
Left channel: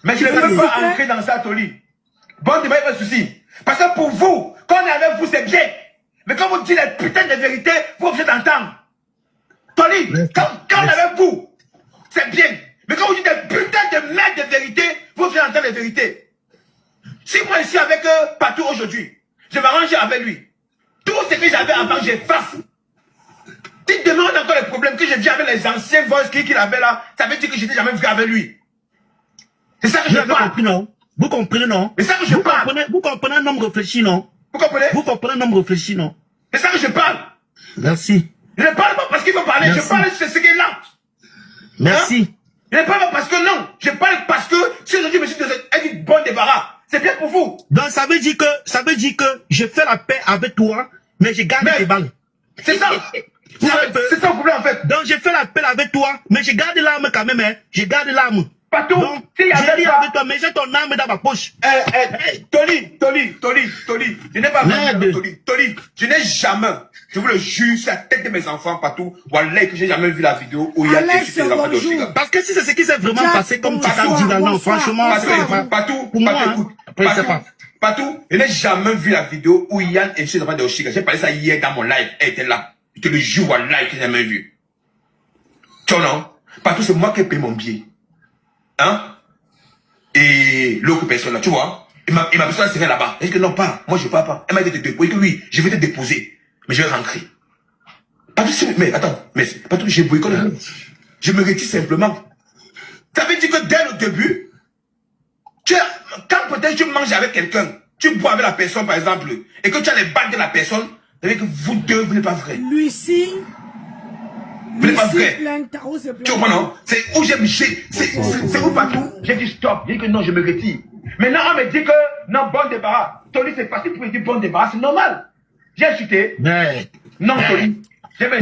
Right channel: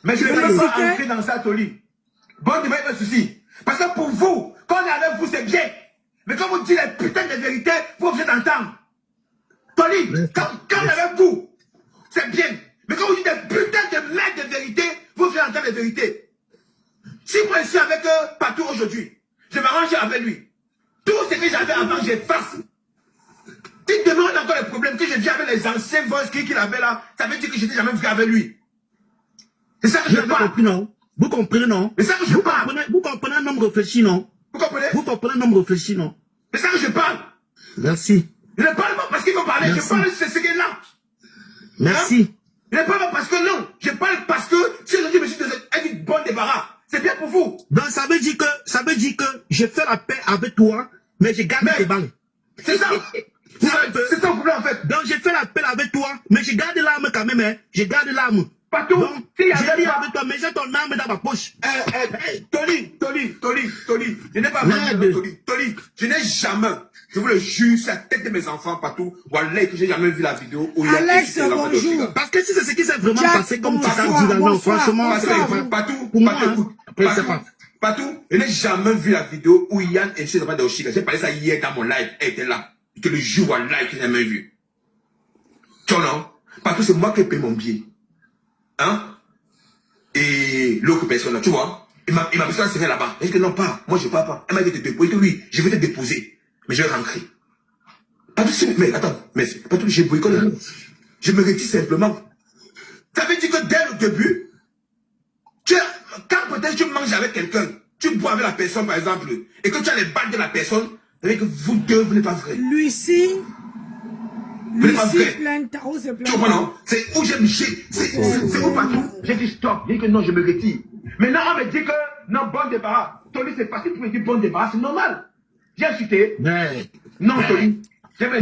Mais je ne veux pas entrer dans ça, Toli. Bon débarras, il n'y a pas de souci. Parce que pour vous, quand on est avec vous, c'est bien. Mais quand vous dites les putains de vérités, vous vous êtes entendre. Tony, quand on est avec vous, c'est bien. Mais quand vous dites des putains de merde de vérités, vous vous êtes entendre les vérités. Si moi je suis avec Patou aujourd'hui, je m'arrange avec lui. Tout ce que j'avais avant, j'efface. Si demain on a encore les problèmes que je vis avec les anciens voices qu'il avait là, ça veut dire que je n'ai jamais vu avec lui. C'est ça que je parle. Vous comprenez, non? C'est ça que je parle. Vous comprenez un homme réfléchi, non? Vous comprenez? Vous comprenez un homme réfléchi, non? C'est ça que je parle. Merci. Je ne parle pas parce qu'il faut parler. Merci. Je parle de ce qui est là. Merci. Hein? Je ne parle pas parce que non. Je parle parce que si aujourd'hui je me suis dit une bonne débarras, c'est bien pour vous. Donc ça veut dire que je fais la paix avec toi, mais je gagne tes balles. C'est ça. C'est ça le problème en fait. Donc j'ai fait l'appel avec toi, mais j'ai gardé l'arme quand même, hein. J'ai gardé l'arme. Partout. Donc, j'ai dit avec toi, mais j'ai ton arme dans ma poche. Tony, je n'ai pas vu Tony, je n'ai jamais, je vous le jure, sur la tête de mes enfants partout, Wallah, que j'ai jamais vu la vidéo où il y a Alex, bonjour. Parce que si c'est ce qui s'est vraiment passé, comme tu as dit là, non, franchement, partout, je n'ai jamais vu la vidéo où Yann et chez les enfants de Oshiga. J'ai parlé ça hier dans mon live, elle était là. Je te le jure, Wallah, que j'ai jamais vu. Tu vois, non? Partout, c'est moi qui ai payé mon billet. Hein? Et l'autre personne là, tu vois, il m'a besoin de serrer là-bas. Il dit que non, pas, moi je pars pas. Elle m'a dit de te déposer, que oui, je vais te déposer, mais je vais rentrer. Pas tout de suite, mais attends, mais pas tout, j'ai boycotté. Je me retire simplement. Ça veut dire que dès le début, quand peut-être tu manges avec quelqu'un, tu bois avec la personne par exemple, et que tu as les bagues de la personne, ça veut dire que vous deux, vous n'êtes pas vrai. Lucie, plein tarot, c'est plein. Tu comprends, non? C'est où c'est où partout. J'ai dit stop, j'ai dit que non, je me retire. Maintenant, on me dit que non, bon débarras. Tony, c'est facile pour me dire bon débarras, c'est normal. J'ai insulté. Non, Tony.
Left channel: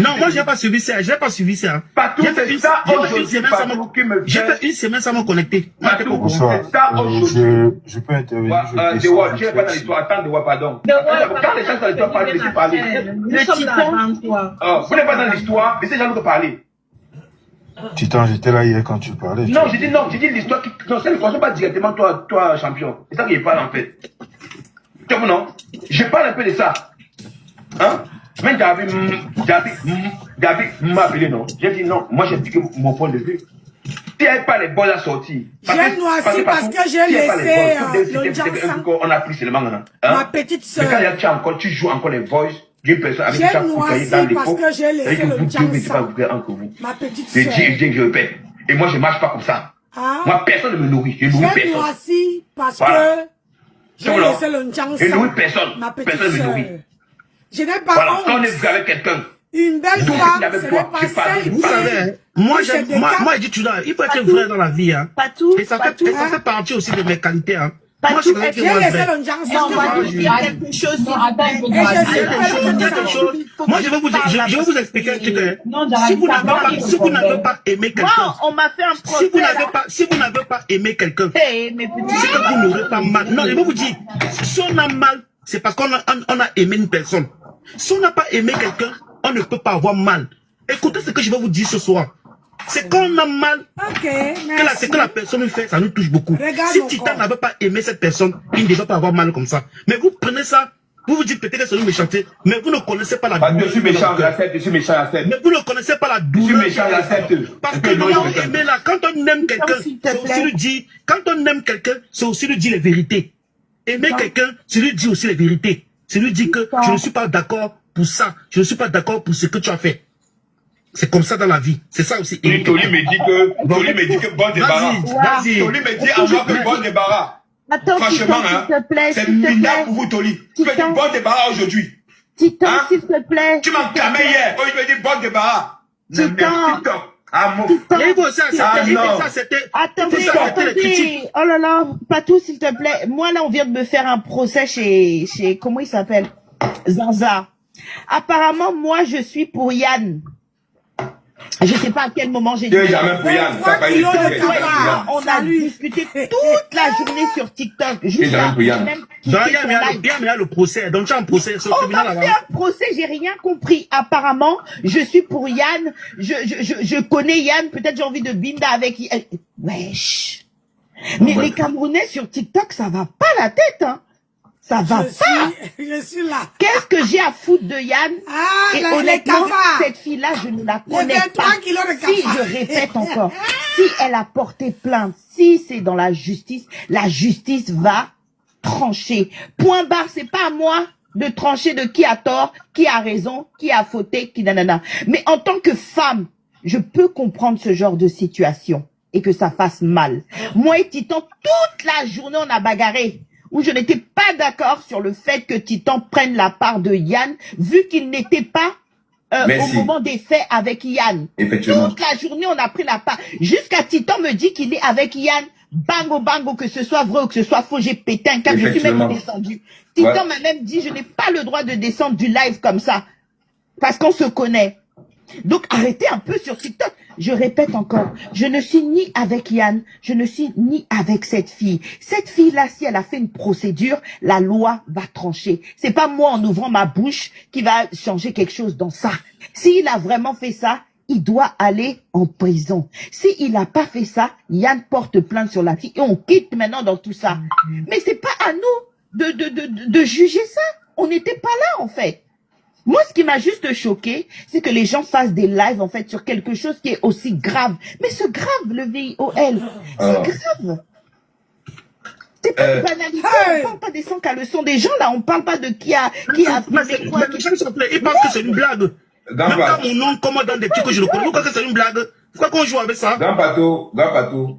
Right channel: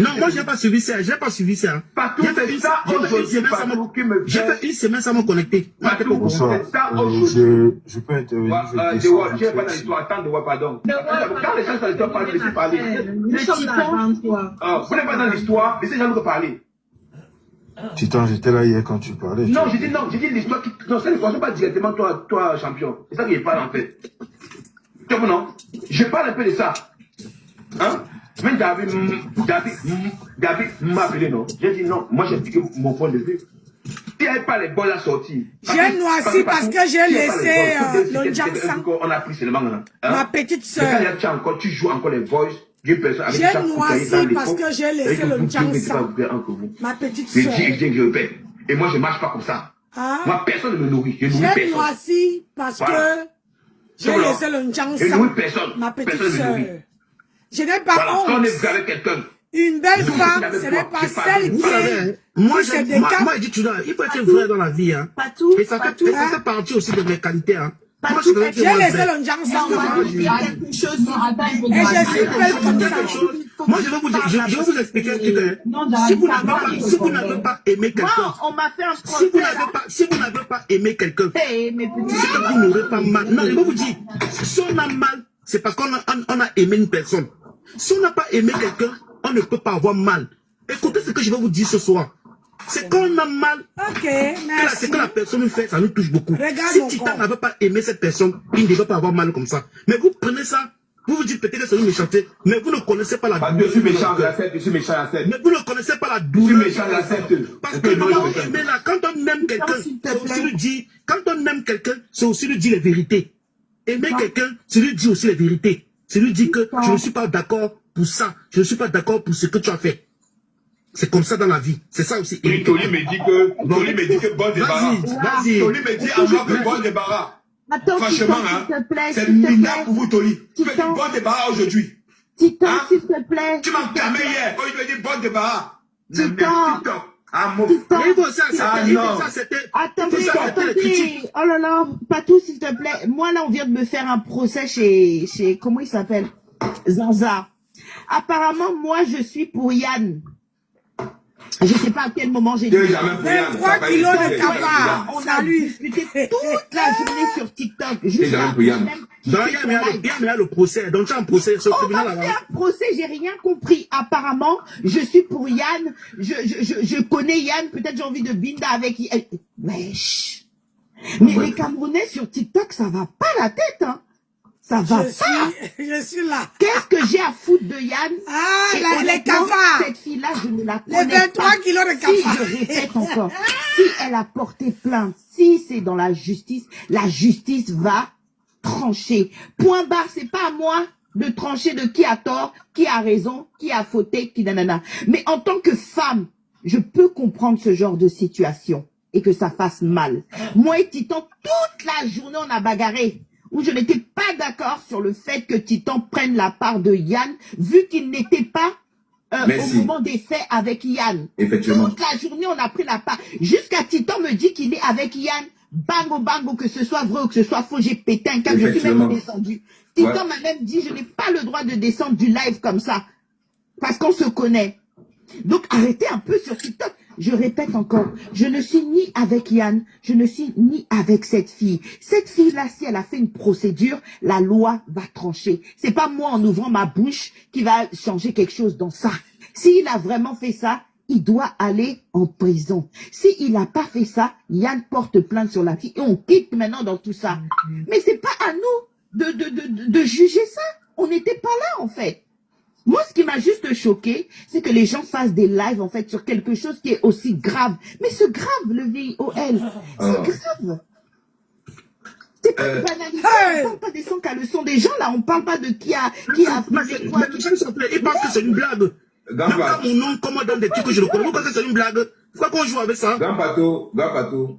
Non, moi, j'ai pas suivi ça. J'ai pas suivi ça. Partout, c'est ça aujourd'hui, partout qui me j'ai fait une semaine sans me connecter. Partout, c'est ça aujourd'hui. Je peux intervenir. Tu n'es pas dans l'histoire. Attends, Dewa, pardon. Quand les gens sont dans l'histoire, parlez, laissez parler. Le Titan. Vous n'êtes pas dans l'histoire, laissez les gens parler. Titan, j'étais là hier quand tu parlais. Non, j'ai dit l'histoire qui. Non, ça ne concerne pas directement toi, champion. C'est ça que je parle en fait. Tu vois, non? Je parle un peu de ça. Hein? Même David m'a appelé, non? J'ai dit non, moi j'ai expliqué mon point de vue. Si elle pas les bonnes à sortir. J'ai noirci parce que j'ai laissé le Jansan. On a pris seulement. Ma petite soeur. Tu joues encore les voices d'une personne avec j'ai noirci parce que j'ai laissé le Jansan. Ma petite soeur. Je répète. Et moi je marche pas comme ça. Moi personne ne me nourrit. Je nourris personne. J'ai noirci parce que j'ai laissé le Jansan. Je nourris personne. Ma petite soeur. Je n'ai pas honte. Quand on est avec quelqu'un. Une belle femme, ce n'est pas celle qui est. Moi, je dis toujours, il faut être vrai dans la vie. Hein. Et ça fait partie aussi de mes qualités. Hein. J'ai laissé le Jansan. Il y a quelque chose qui et je suis belle comme ça. Moi, je vais vous expliquer un truc. Si vous n'avez pas aimé quelqu'un, on m'a fait un procès. Si vous n'avez pas aimé quelqu'un, c'est que vous n'aurez pas mal. Non, je vais vous dire, si on a mal, c'est parce qu'on a aimé une personne. Si on n'a pas aimé quelqu'un, on ne peut pas avoir mal. Écoutez ce que je vais vous dire ce soir. C'est quand on a mal que la personne fait, ça nous touche beaucoup. Si Titan n'avait pas aimé cette personne, il ne devait pas avoir mal comme ça. Mais vous prenez ça, vous vous dites peut-être que c'est une méchanceté, mais vous ne connaissez pas la douleur. Je suis méchant, j'accepte, je suis méchant, j'accepte. Mais vous ne connaissez pas la douleur. Je suis méchant, j'accepte. Parce que nous avons aimé là, quand on aime quelqu'un, c'est aussi lui dire, quand on aime quelqu'un, c'est aussi lui dire les vérités. Aimer quelqu'un, c'est lui dire aussi les vérités. C'est lui dire que je ne suis pas d'accord pour ça. Je ne suis pas d'accord pour ce que tu as fait. C'est comme ça dans la vie. C'est ça aussi. Tony me dit que bon débarras. Tony me dit à moi que bon débarras. Attends, franchement, Titan, s'il te plaît. C'est minable pour vous, Tony. Tu me dis bon débarras aujourd'hui. Titan, s'il te plaît. Tu m'as clamé hier. Oh, il me dit bon débarras. Titan. Ah, mon Attendez. Oh là là, Patou, s'il te plaît. Moi, là, on vient de me faire un procès chez comment il s'appelle? Zanza. Apparemment, moi, je suis pour Yann. Je ne sais pas à quel moment j'ai dit. 23 kilos de cafard. On a discuté toute la journée sur TikTok. Jusqu'à même il y a le procès. Donc, tu as un procès sur le tribunal là-bas. Un procès, j'ai rien compris. Apparemment, je suis pour Yann. Je connais Yann. Peut-être j'ai envie de binda avec Yann. Wesh. Mais les Camerounais sur TikTok, ça va pas la tête, hein. Ça va pas. Je suis là. Qu'est-ce que j'ai à foutre de Yann? Les cafards. Cette fille-là, je ne la connais les 23 pas. kilos de cafards. Si je répète encore, si elle a porté plainte, si c'est dans la justice va trancher. Point barre, c'est pas à moi de trancher de qui a tort, qui a raison, qui a fauté, qui nanana. Mais en tant que femme, je peux comprendre ce genre de situation et que ça fasse mal. Moi et Titan, toute la journée, on a bagarré. Où je n'étais pas d'accord sur le fait que Titan prenne la part de Yann, vu qu'il n'était pas au moment des faits avec Yann. Effectivement. Toute la journée, on a pris la part. Jusqu'à Titan me dit qu'il est avec Yann. Bango, que ce soit vrai ou que ce soit faux, j'ai pété un câble, je suis même descendu. Titan m'a même dit, je n'ai pas le droit de descendre du live comme ça. Parce qu'on se connaît. Donc, arrêtez un peu sur TikTok. Je répète encore, je ne suis ni avec Yann, je ne suis ni avec cette fille. Cette fille-là, si elle a fait une procédure, la loi va trancher. C'est pas moi, en ouvrant ma bouche, qui va changer quelque chose dans ça. S'il a vraiment fait ça, il doit aller en prison. S'il n'a pas fait ça, Yann porte plainte sur la fille et on quitte maintenant dans tout ça. Mais c'est pas à nous de juger ça. On n'était pas là, en fait. Moi, ce qui m'a juste choqué, c'est que les gens fassent des lives, en fait, sur quelque chose qui est aussi grave. Mais c'est grave, le VIOL. C'est grave. C'est pas une banalité. On parle pas des sans caleçons des gens, là. On parle pas de qui a fait quoi. Il pense que c'est une blague. Même dans mon nom, comment dans des trucs que je ne connais pas, pourquoi c'est une blague? Pourquoi qu'on joue avec ça? Dans Pato.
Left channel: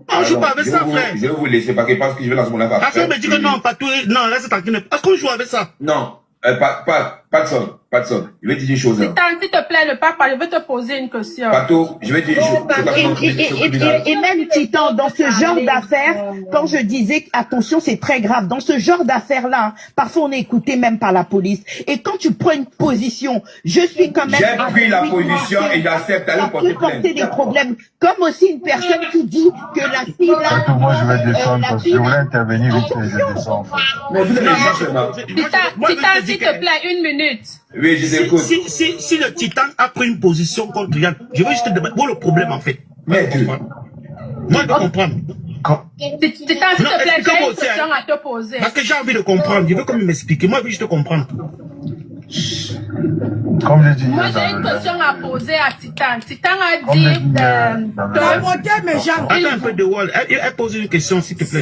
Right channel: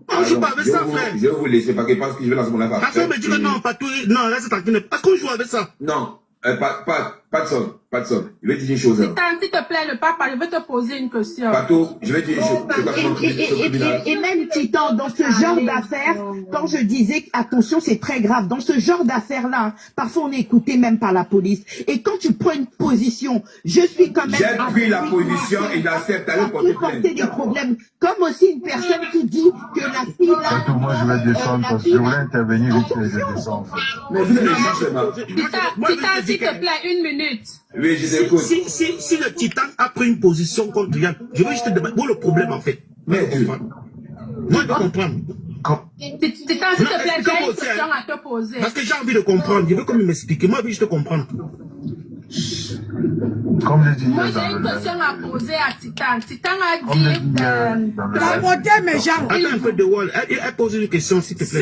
On joue pas avec ça, frère. Je vais vous laisser parce que je pense que je vais lancer mon affaire. Ah, ça me dit que non, Pato, non, reste tranquille. Est-ce qu'on joue avec ça? Non, pas de son. Je vais te dire une chose. S'il te plaît, ne pas parler, je vais te poser une question. Pato, je vais te dire une chose. Et même Titan, dans ce genre d'affaires, quand je disais attention, c'est très grave, dans ce genre d'affaires-là, hein, parfois on est écouté même par la police. Et quand tu prends une position, je suis quand même... J'ai pris la position et j'accepte à porter des problèmes. Comme aussi une personne qui dit que la fille là... Moi, je vais descendre parce que je voulais intervenir vite fait, je descends. Mais vous allez dire seulement. Titan, s'il te plaît, 1 minute. Oui, je t'écoute. Si le Titan a pris une position contre Yann, je veux juste te demander, où est le problème en fait? Mais moi, de comprendre. Titan, s'il te plaît, j'ai une question à te poser. Parce que j'ai envie de comprendre, je veux comme m'expliquer. Moi, je veux juste comprendre. Comme je dis, moi, j'ai une question à poser à Titan. Titan a dit... mes gens. Attends un peu de Wall. Elle pose une question, s'il te plaît.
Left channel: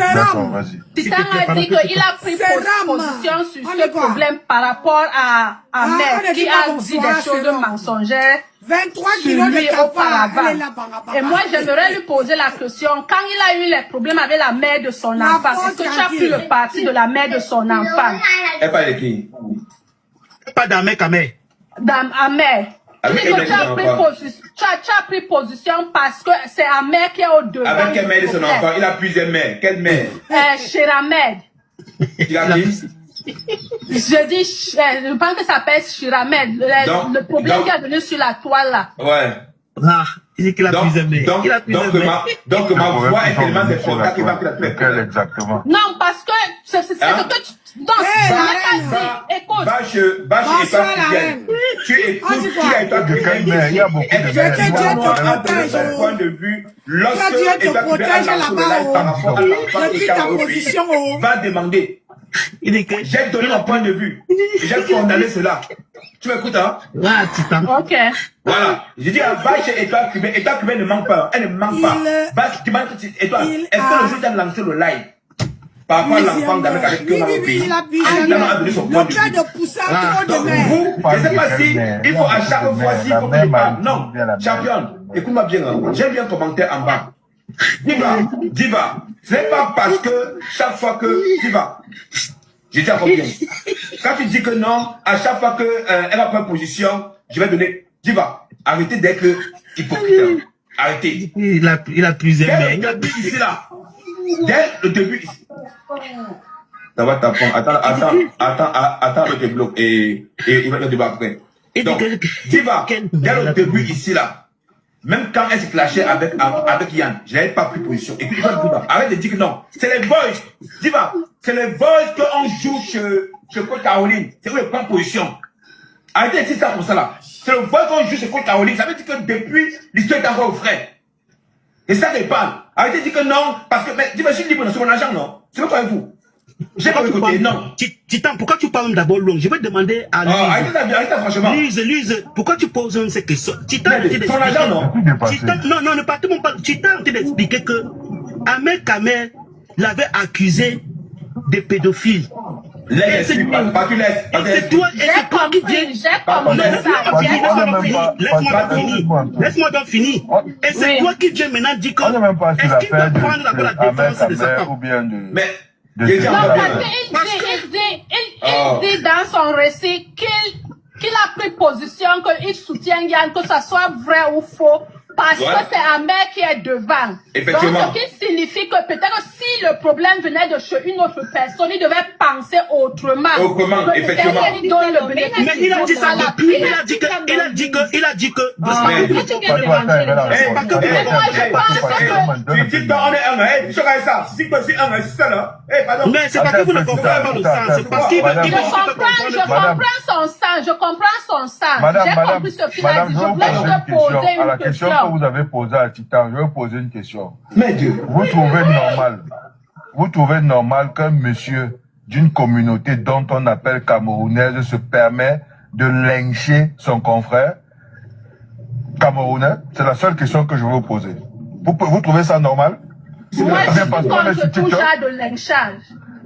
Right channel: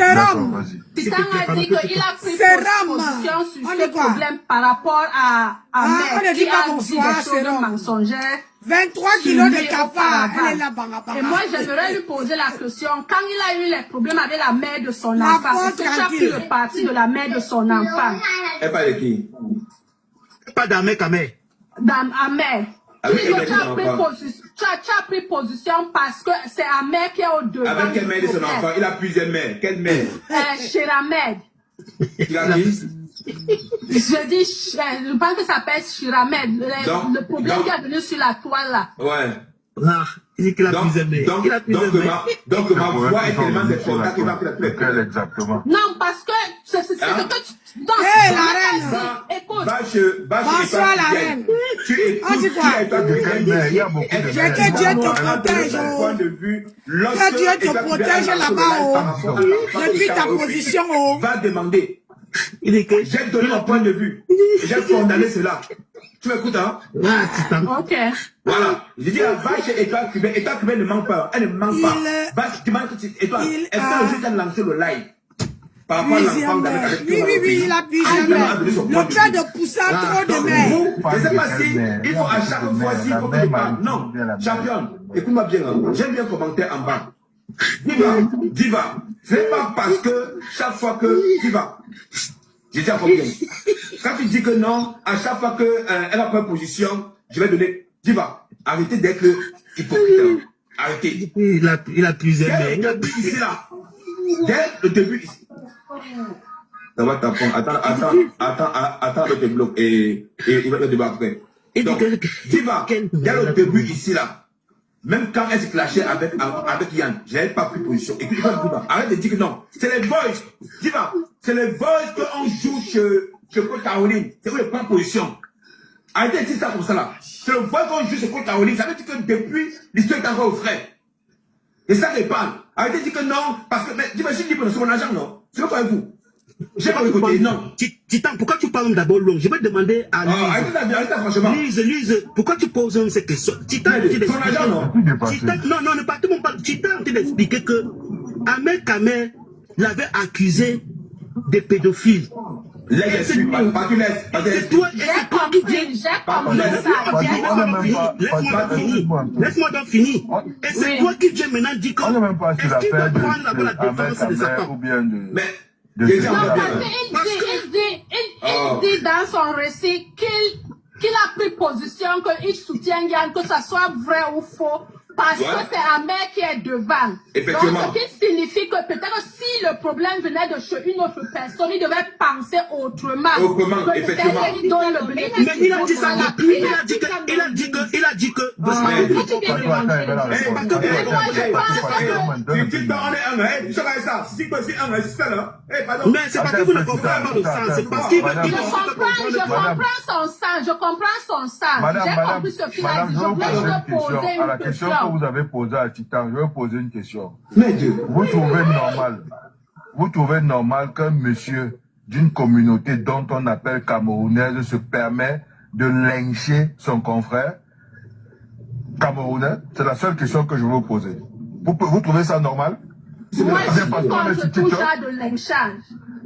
Titan a dit qu'il a pris position sur ce problème par rapport à Mère qui a dit des choses mensongères. 23 kilos de cafard, elle est là, et moi, j'aimerais lui poser la question. Quand il a eu les problèmes avec la mère de son enfant, est-ce que tu as pris le parti de la mère de son enfant? Elle parle de qui? Pas d'Amek Amé. Amé. Tu as pris position parce que c'est Amé qui est au devant. Avec quelle mère de son enfant? Il a plusieurs mères. Quelle mère? Chiramed. Tu l'as dit? Je dis, je pense que ça s'appelle Chiramed. Le problème qu'il a donné sur la toile là. Ouais. Ah, il dit qu'il a plusieurs mères. Donc ma voix est tellement cette fois qu'il va exactement. Non, parce que c'est ce que tu... Non, la reine. Écoute. Bonsoir la reine. Tu écoutes, il y a beaucoup de mères. Que Dieu te protège. Que Dieu te protège là-bas. Depuis ta position. Va demander. J'ai donné mon point de vue. J'ai condamné cela. Tu m'écoutes, hein? Ok. Voilà. J'ai dit, va chez Étoile Cubaine. Étoile Cubaine ne manque pas. Elle ne manque pas. Tu m'as dit, Étoile, est-ce que le juge a lancé le live? Par rapport à l'enfant d'avec oui, il a pu jamais. Le père de Poussa, trop de mères. Je ne sais pas si il faut à chaque fois, s'il faut que je parle. Non, champion, écoute-moi bien. J'aime bien commentaire en bas. Diva. Ce n'est pas parce que chaque fois que Diva. J'ai dit à combien? Quand tu dis que non, à chaque fois qu'elle a pris position, je vais donner. Diva, arrêtez d'être hypocrite. Arrêtez. Il a plusieurs mères. Dès le début ici, là. Dès le début ici. Ça va t'apprendre. Attends avec tes blocs et il va te débattre après. Donc, Diva, dès le début ici, là. Même quand elle se clashait avec Yann, je n'avais pas pris position. Écoute, arrête de dire que non. C'est les boys. Diva, c'est les boys qu'on joue chez Côte Caroline. C'est où ils prennent position. Arrêtez de dire ça comme ça là. C'est le boy qu'on joue chez Côte Caroline. Ça veut dire que depuis, l'histoire est encore au frais. Et ça qu'elle parle. Arrêtez de dire que non. Parce que, Diva, je suis libre de son argent, non. C'est pas vous. J'ai pas écouté, non. Titan, pourquoi tu parles d'abord long? Je vais demander à Lise. Arrêtez, franchement. Lise, pourquoi tu poses ces questions? Titan, son argent, non. Non, ne partez pas. Titan, on t'a expliqué que Ahmed Kamer l'avait accusé de pédophile. C'est toi qui viens. Laisse-moi donc finir. Et c'est toi qui viens maintenant dire que est-ce qu'il va prendre la défense de sa femme? Mais il dit dans son récit qu'il a pris position, qu'il soutient Yann, que ça soit vrai ou faux, parce que c'est Ahmed qui est devant. Effectivement. Donc, ce qui signifie que peut-être s'il le problème venait de chez une autre personne, il devait penser autrement. Autrement, Donc, effectivement. il donne le bénéfice. Mais il a dit ça depuis, il a dit que. Mais c'est pas que vous ne comprenez pas le sens, c'est parce qu'il veut je comprends son sens. J'ai compris ce qu'il a dit. Je voulais juste poser à la une question question. que vous avez posée à Titan, je vais poser une question. Mais Dieu. Vous trouvez normal qu'un monsieur d'une communauté dont on appelle camerounaise se permet de lyncher son confrère camerounais? C'est la seule question que je veux vous poser. Vous trouvez ça normal? Moi, je suis contre tout genre de lynchage.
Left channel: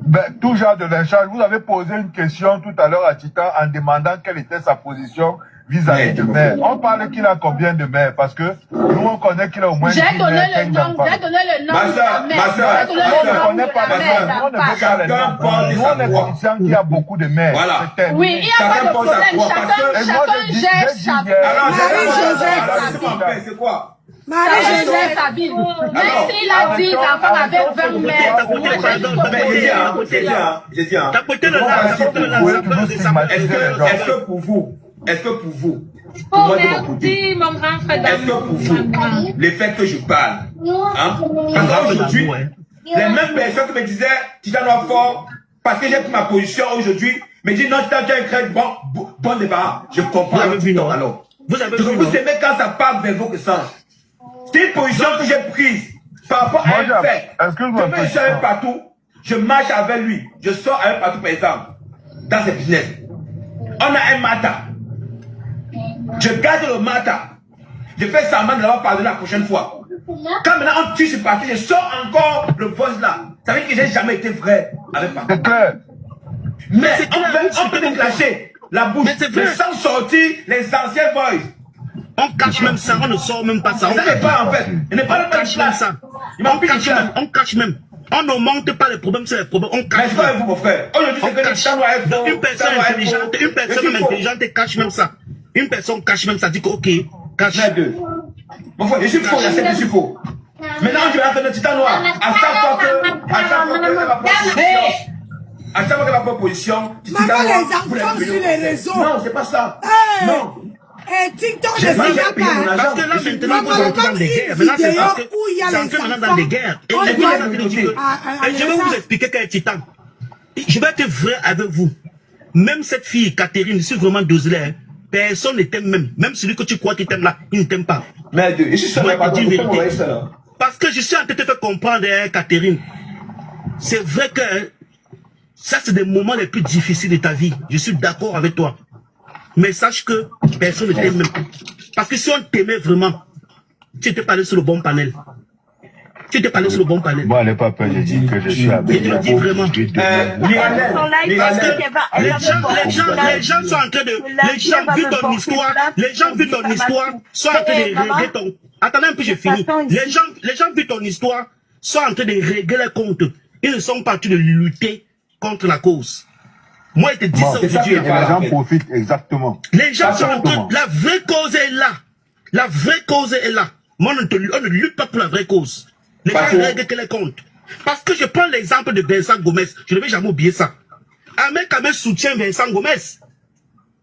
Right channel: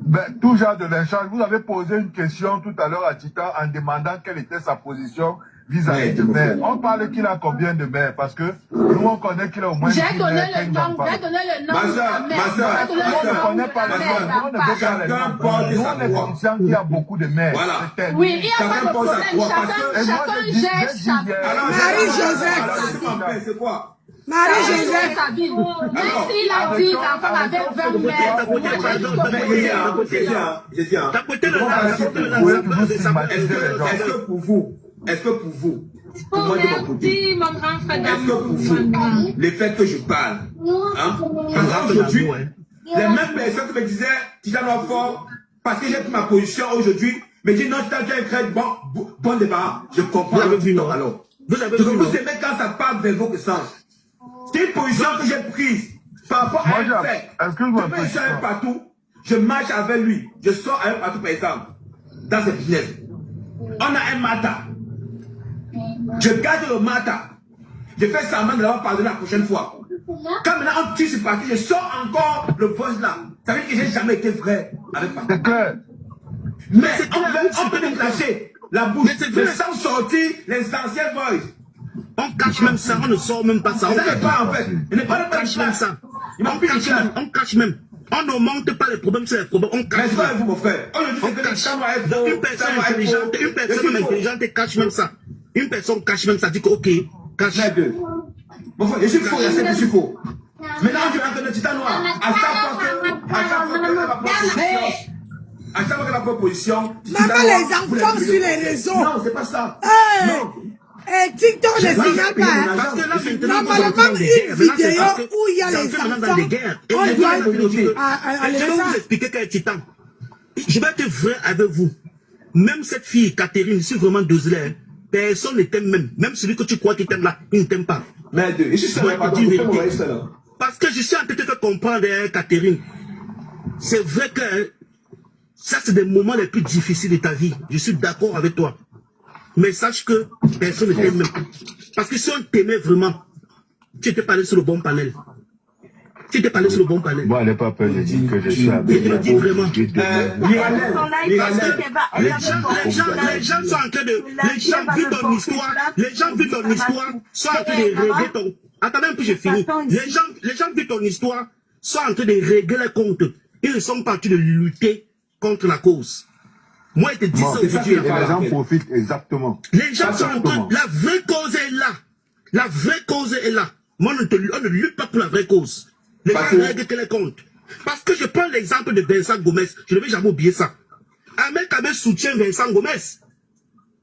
Ben, tout genre de lynchage. Vous avez posé une question tout à l'heure à Titan en demandant quelle était sa position vis-à-vis de mère. On parle qu'il a combien de mères? Parce que nous, on connaît qu'il a au moins 10 J'ai donné mères, le 15 nom, enfants. j'ai donné le nom Ma de soeur, la mère. ma soeur, J'ai donné On le ne nom connaît de pas la les mère noms. On ne veut pas les Chacun noms. porte Nous, sa on est voix. conscient qu'il y a beaucoup de mères. Voilà. C'est Oui, il n'y a pas Chacun de pense à problème. quoi, parce que- Chacun gère sa vie. Alors, Marie-Joseph. c'est quoi? Marie-Joseph. Sa vie. Même s'il a 10 enfants avec 20 mères, moi, j'ai dit J'ai dit, T'as pété le est-ce que pour vous, pour moi de mon côté, mon grand frère, est-ce que pour vous, le fait que je parle, hein, aujourd'hui, les mêmes personnes qui me disaient, Titan fort, parce que j'ai pris ma position aujourd'hui, me disent non, Titan, tu as un très bon débat. Je comprends avec Titan, alors. Vous avez Donc, vous aimez quand ça parle vers vos sens. C'est une position que j'ai prise par rapport à un fait. Je peux chercher un partout, je marche avec lui, je sors avec un partout, par exemple, dans ce business. On a un matin. Je garde le matin. Je fais semblant de l'avoir pardonné la prochaine fois. Quand maintenant on tue ce parti, je sors encore le voice là. Ça veut dire que j'ai jamais été vrai avec papa. Mais on peut déclencher la bouche, mais sans sortir les anciens voices. On cache même ça, on ne sort même pas ça. Ça n'est pas en fait. Il n'est pas le cache même ça. On cache même. On ne monte pas les problèmes sur les problèmes. On cache. Mais c'est pas vous, mon frère. Une personne intelligente cache même ça. Une personne cache même ça, dit que ok, cache. Mon frère, je suis faux, j'accepte, je suis faux. Maintenant, tu vas entendre Titan Noir. À chaque fois qu'elle va prendre position, Maman, les enfants sur les réseaux. Non, c'est pas ça. Non. Et TikTok ne signale pas. Normalement, une vidéo où il y a les enfants. On doit Je vais vous expliquer qu'elle est Titan. Je vais être vrai avec vous. Même cette fille, Catherine, c'est vraiment désolé. Personne ne t'aime même. Même celui que tu crois qu'il t'aime là, il ne t'aime pas. Mais je suis sûr, parce que je suis en train de te faire comprendre, Catherine. C'est vrai que ça, c'est des moments les plus difficiles de ta vie. Je suis d'accord avec toi. Mais sache que personne ne t'aime même. Parce que si on t'aimait vraiment, tu t'es parlé sur le bon panel. Tu t'es parlé sur le bon panel. Moi, elle n'est pas peur de dire que je suis avec je te le dis vraiment. Les gens sont en train de... Les gens vivent ton histoire. Les gens vivent ton histoire. Sont en train de régler ton... Attendez un peu, j'ai fini. Les gens vivent ton histoire. Sont en train de régler les comptes. Ils ne sont pas en train de lutter contre la cause. Moi, je te dis ça aujourd'hui. Les gens profitent exactement. Les gens sont en train... La vraie cause est là. La vraie cause est là. Moi, on ne lutte pas pour la vraie cause. Les gens règlent que les comptes. Parce que je prends l'exemple de Vincent Gomez. Je ne vais jamais oublier ça. Ahmed Kamel soutient Vincent Gomez.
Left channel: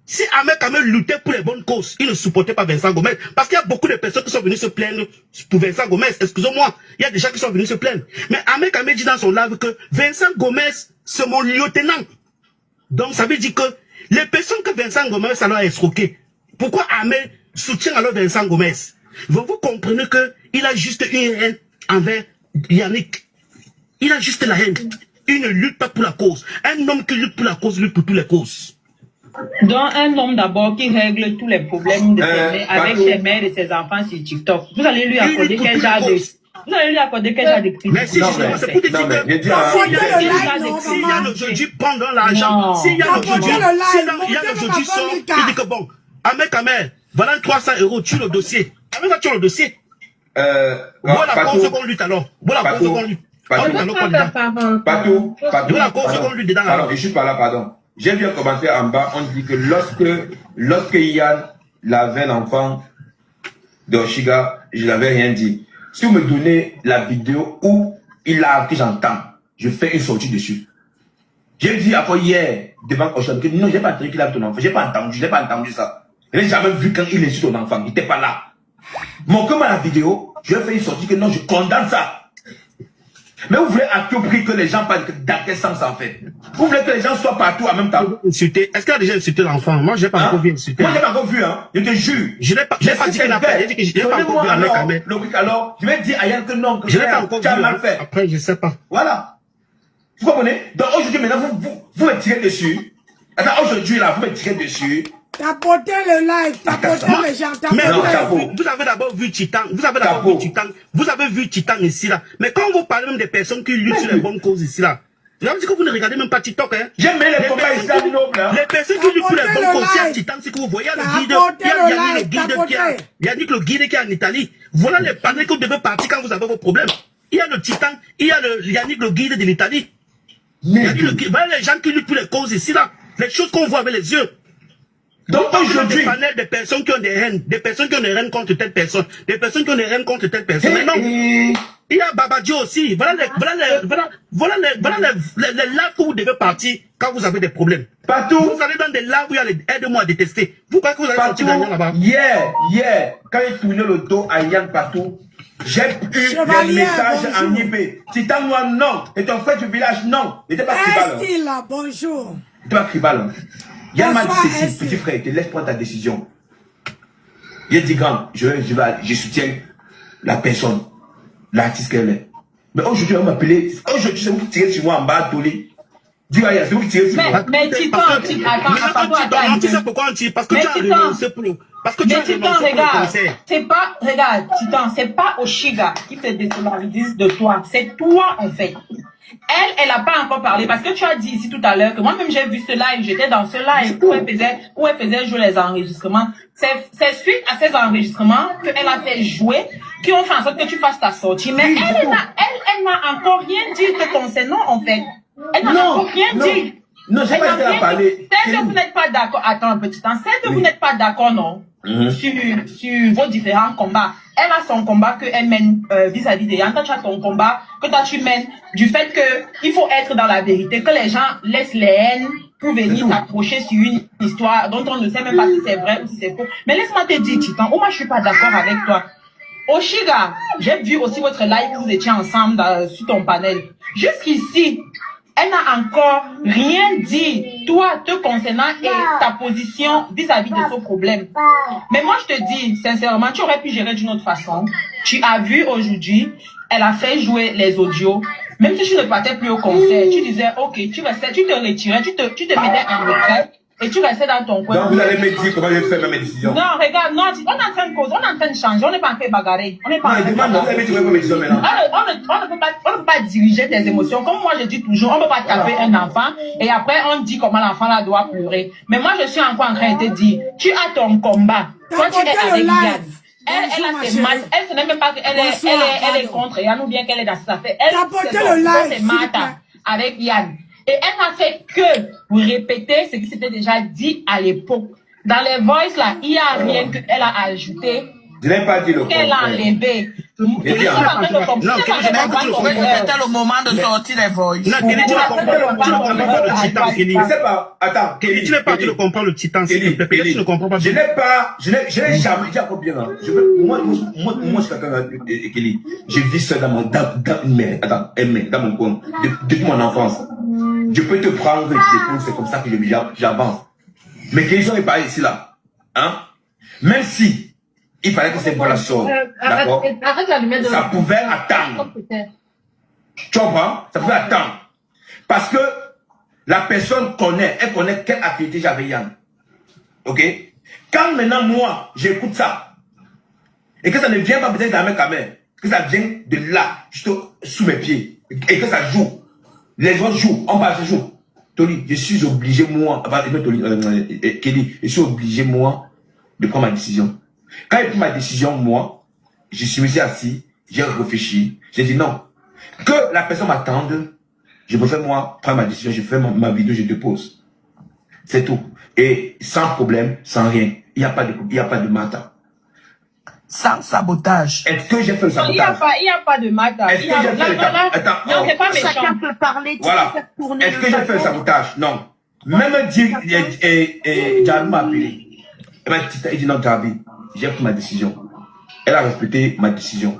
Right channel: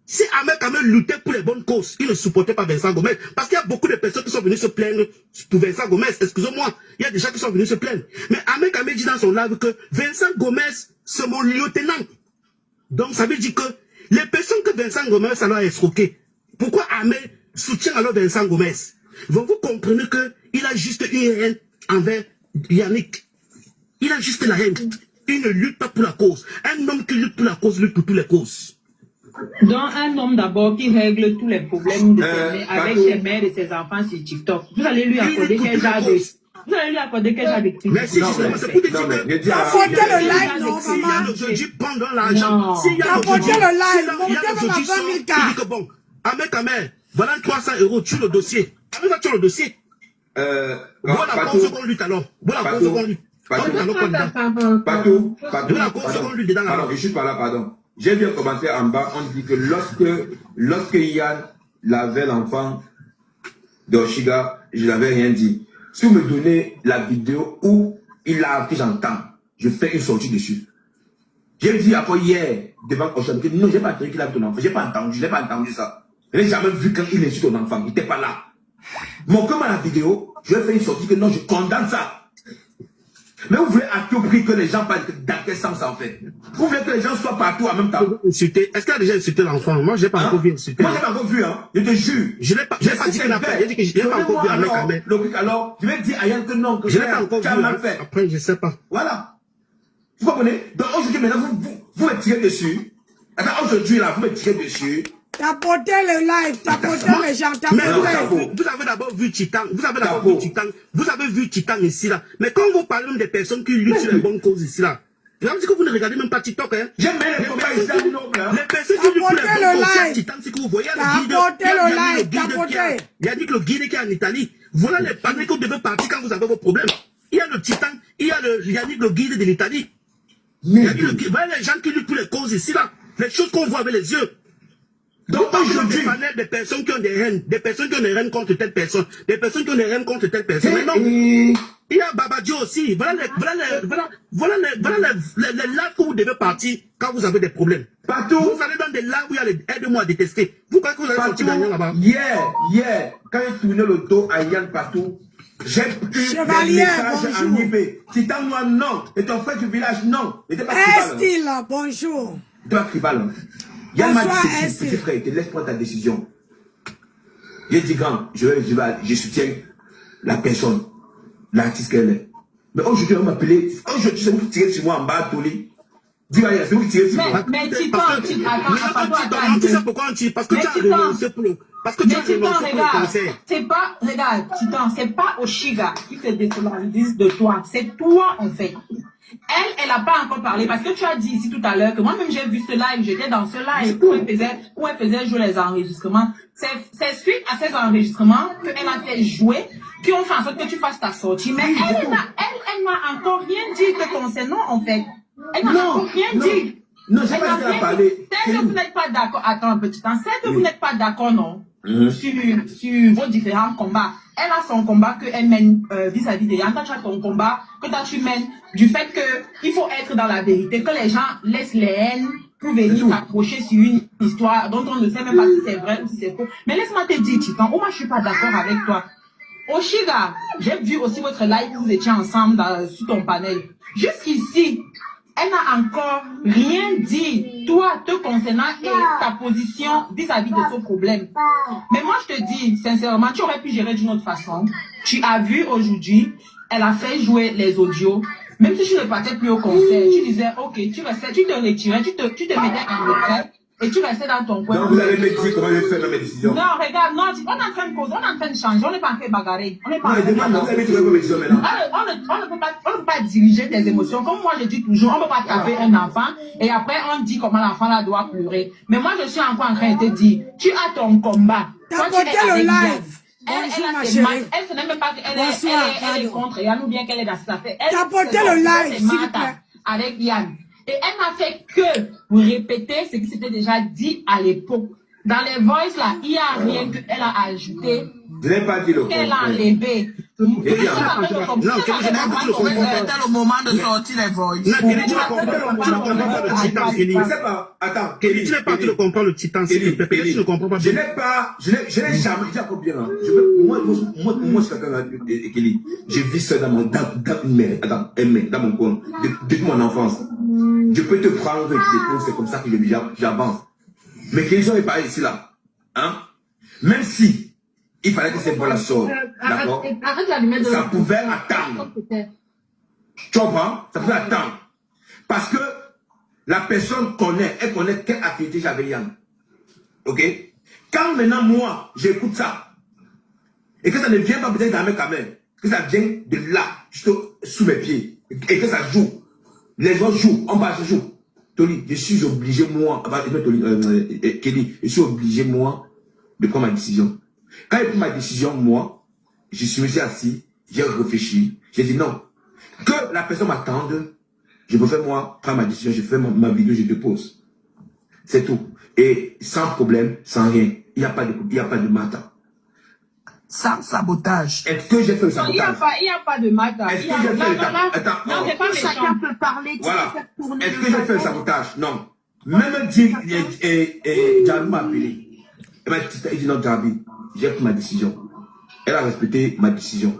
Si Ahmed Kamel luttait pour les bonnes causes, il ne supportait pas Vincent Gomez. Parce qu'il y a beaucoup de personnes qui sont venues se plaindre pour Vincent Gomez. Excusez-moi, il y a des gens qui sont venus se plaindre. Mais Ahmed Kamel dit dans son live que Vincent Gomez, c'est mon lieutenant. Donc ça veut dire que les personnes que Vincent Gomez a escroquées, pourquoi Ahmed soutient alors Vincent Gomez? Vous comprenez qu'il a juste une haine envers Yannick. Il a juste la haine. Il ne lutte pas pour la cause. Un homme qui lutte pour la cause lutte pour toutes les causes. Donc un homme d'abord qui règle tous les problèmes de avec ses mères et ses enfants sur TikTok. Vous allez lui accorder quel genre de... Vous allez lui accorder quel genre de critique? Mais si justement, c'est pour te dire que... Apportez le live, non, s'il y a maman. aujourd'hui pendant l'argent, Apportez le live, montez même à 20 000 cas. Il dit que bon, Ahmed Kamel, voilà 300 €, tue le dossier. Ahmed va tuer le dossier. Voilà cause qu'on lutte alors. Voilà cause qu'on lutte. Partout. Alors, je suis pas là, pardon. J'ai vu un commentaire en bas, on dit que lorsque Yann lavait l'enfant d'Oshiga, je n'avais rien dit. Si vous me donnez la vidéo où il lave, que j'entends, je fais une sortie dessus. J'ai dit après hier, devant Ocean, que non, j'ai pas entendu qu'il lave ton enfant. J'ai pas entendu, je n'ai pas entendu ça. Je n'ai jamais vu quand il insulte ton enfant, il n'était pas là. Mon comme à la vidéo, je vais faire une sortie que non, je condamne ça. Mais vous voulez à tout prix que les gens parlent dans quel sens en fait? Vous voulez que les gens soient partout en même temps? Est-ce qu'il a déjà insulté l'enfant? Moi, je n'ai pas encore vu insulter. Moi, je n'ai pas encore vu, hein. Je te jure. Je n'ai pas dit qu'il a fait. J'ai dit que je n'ai pas encore vu avec Ahmed. Alors, je vais dire à Yann que non, que je n'ai pas encore vu. mal fait. Après, je ne sais pas. Voilà. Vous comprenez? Donc aujourd'hui, maintenant, vous me tirez dessus. Attends, aujourd'hui, là, vous me tirez dessus. Tapoter le live, tapoter les gens, tapoter. Vous avez d'abord vu Titan, vous avez vu Titan ici là. Mais quand vous parlez même des personnes qui luttent sur les bonnes causes ici là, vous avez dit que vous ne regardez même pas TikTok, hein. J'aime bien les combats islamiques, les personnes qui luttent pour les bonnes causes Titan, c'est que vous voyez le guide, il a dit que le guide qui est en Italie, voilà les panneaux que vous devez partir quand vous avez vos problèmes. Il y a le Titan, il y a Yannick le guide de l'Italie. Voilà les gens qui luttent pour les causes ici là, les choses qu'on voit avec les yeux. Donc aujourd'hui, des personnes qui ont des haines, contre telle personne, des personnes qui ont des haines contre telle personne. Mais non, il y a Babadio aussi. Voilà les lives que vous devez partir quand vous avez des problèmes. Partout. Vous allez dans des lives où il y a les aide-moi à détester. Vous croyez que vous allez sortir gagnant là-bas? Hier, quand il tournait le dos à Yann partout, j'ai eu des messages en IP. Titan Noir, non. Et ton frère du village, non. Il n'était pas tribal. Est-il là, bonjour. Il n'était pas tribal. Yann m'a dit ceci, petit frère, te laisse prendre ta décision. Il dit grand, je soutiens la personne, l'artiste qu'elle est. Mais aujourd'hui, on m'a appelé, aujourd'hui, c'est vous qui tirez sur moi en bas, Toli. Dis-moi, c'est vous qui tirez sur moi. Mais Titan, attends. Tu sais pourquoi on tire? Parce que tu as renoncé pour le... Parce que tu as renoncé pour le concert. C'est pas, regarde, Titan, c'est pas Oshiga qui te désolidarise de toi. C'est toi, en fait. Elle n'a pas encore parlé parce que tu as dit ici tout à l'heure que moi-même j'ai vu ce live, j'étais dans ce live où elle faisait jouer les enregistrements. C'est suite à ces enregistrements qu'elle a fait jouer, qui ont fait en sorte que tu fasses ta sortie. Mais elle n'a encore rien dit te concernant en fait. Elle n'a encore rien dit. Non, j'ai pas dit à parler. C'est que vous n'êtes pas d'accord. Attends un petit temps. C'est que vous n'êtes pas d'accord, non? Sur vos différents combats. Elle a son combat qu'elle mène vis-à-vis des gens. Toi, tu as ton combat que toi, tu mènes du fait qu'il faut être dans la vérité, que les gens laissent les haines pour venir s'accrocher sur une histoire dont on ne sait même pas si c'est vrai ou si c'est faux. Mais laisse-moi te dire, Titan, moi, je suis pas d'accord avec toi. Oshiga, j'ai vu aussi votre live où vous étiez ensemble sur ton panel. Jusqu'ici, elle n'a encore rien dit, toi, te concernant et ta position vis-à-vis de ce problème. Mais moi, je te dis, sincèrement, tu aurais pu gérer d'une autre façon. Tu as vu aujourd'hui, elle a fait jouer les audios. Même si tu ne partais plus au concert, tu disais, ok, tu te retirais, tu te mettais en retrait. Et tu restais dans ton coin. Donc vous allez me dire comment je vais faire mes décisions. Non, regarde, non, on est en train de causer, on est en train de changer, on n'est pas en train de bagarrer. On n'est pas en train de on ne peut pas diriger tes émotions. Comme moi je dis toujours, on ne peut pas taper un enfant et après on dit comment l'enfant là doit pleurer. Mais moi je suis encore en train de te dire, tu as ton combat. Toi tu es avec Yann. Elle a ses maths. Elle ne sait même pas qu'elle est contre Yann ou bien qu'elle est dans sa affaire. Elle s'est maths avec Yann. Et elle n'a fait que répéter ce qui s'était déjà dit à l'époque. Dans les voices là, il n'y a rien qu'elle a ajouté. Je n'ai pas dit le qu'elle a enlevé. C'était le moment de sortir les voix. Non, Kelly, tu ne comprends pas le titan, Kelly. Attends, Kelly, tu n'es pas, tu ne comprends le titan, s'il te plaît. Tu ne comprends pas. Je n'ai jamais dit encore bien. Moi, je suis quelqu'un, Kelly. Je vis seul dans mon coin, depuis mon enfance. Je peux te prendre des choses, c'est comme ça que j'avance. Mais qu'ils ont parlé ici, là. Hein? Même si il fallait que cette voix-là sorte. D'accord? Ça pouvait attendre. Tu comprends? Ça pouvait attendre. Parce que la personne connaît, elle connaît quelle affinité j'avais Yann. Ok? Quand maintenant, moi, j'écoute ça, et que ça ne vient pas peut-être d'Ahmed Kamer, que ça vient de là, juste sous mes pieds, et que ça joue. Les gens jouent, on passe joue. Tony, je suis obligé, moi, Kelly, je suis obligé, moi, de prendre ma décision. Quand j'ai pris ma décision, moi, je suis assis, j'ai réfléchi, j'ai dit non. Que la personne m'attende, je préfère, moi, prendre ma décision, je fais ma vidéo, je dépose. C'est tout. Et sans problème, sans rien. Il n'y a pas de matin. Sans sabotage. Est-ce que j'ai fait le Non, il n'y sabotage? a pas de matin. Est-ce que j'ai fait le sabotage? Attends, Non, c'est pas méchant. Chacun peut parler, tu voilà. peux faire tourner Est-ce le que j'ai fait le bâton. sabotage? Non. Même dire, Jabi m'a appelé. Il dit non, Jabi, j'ai pris ma décision. Elle a respecté ma décision.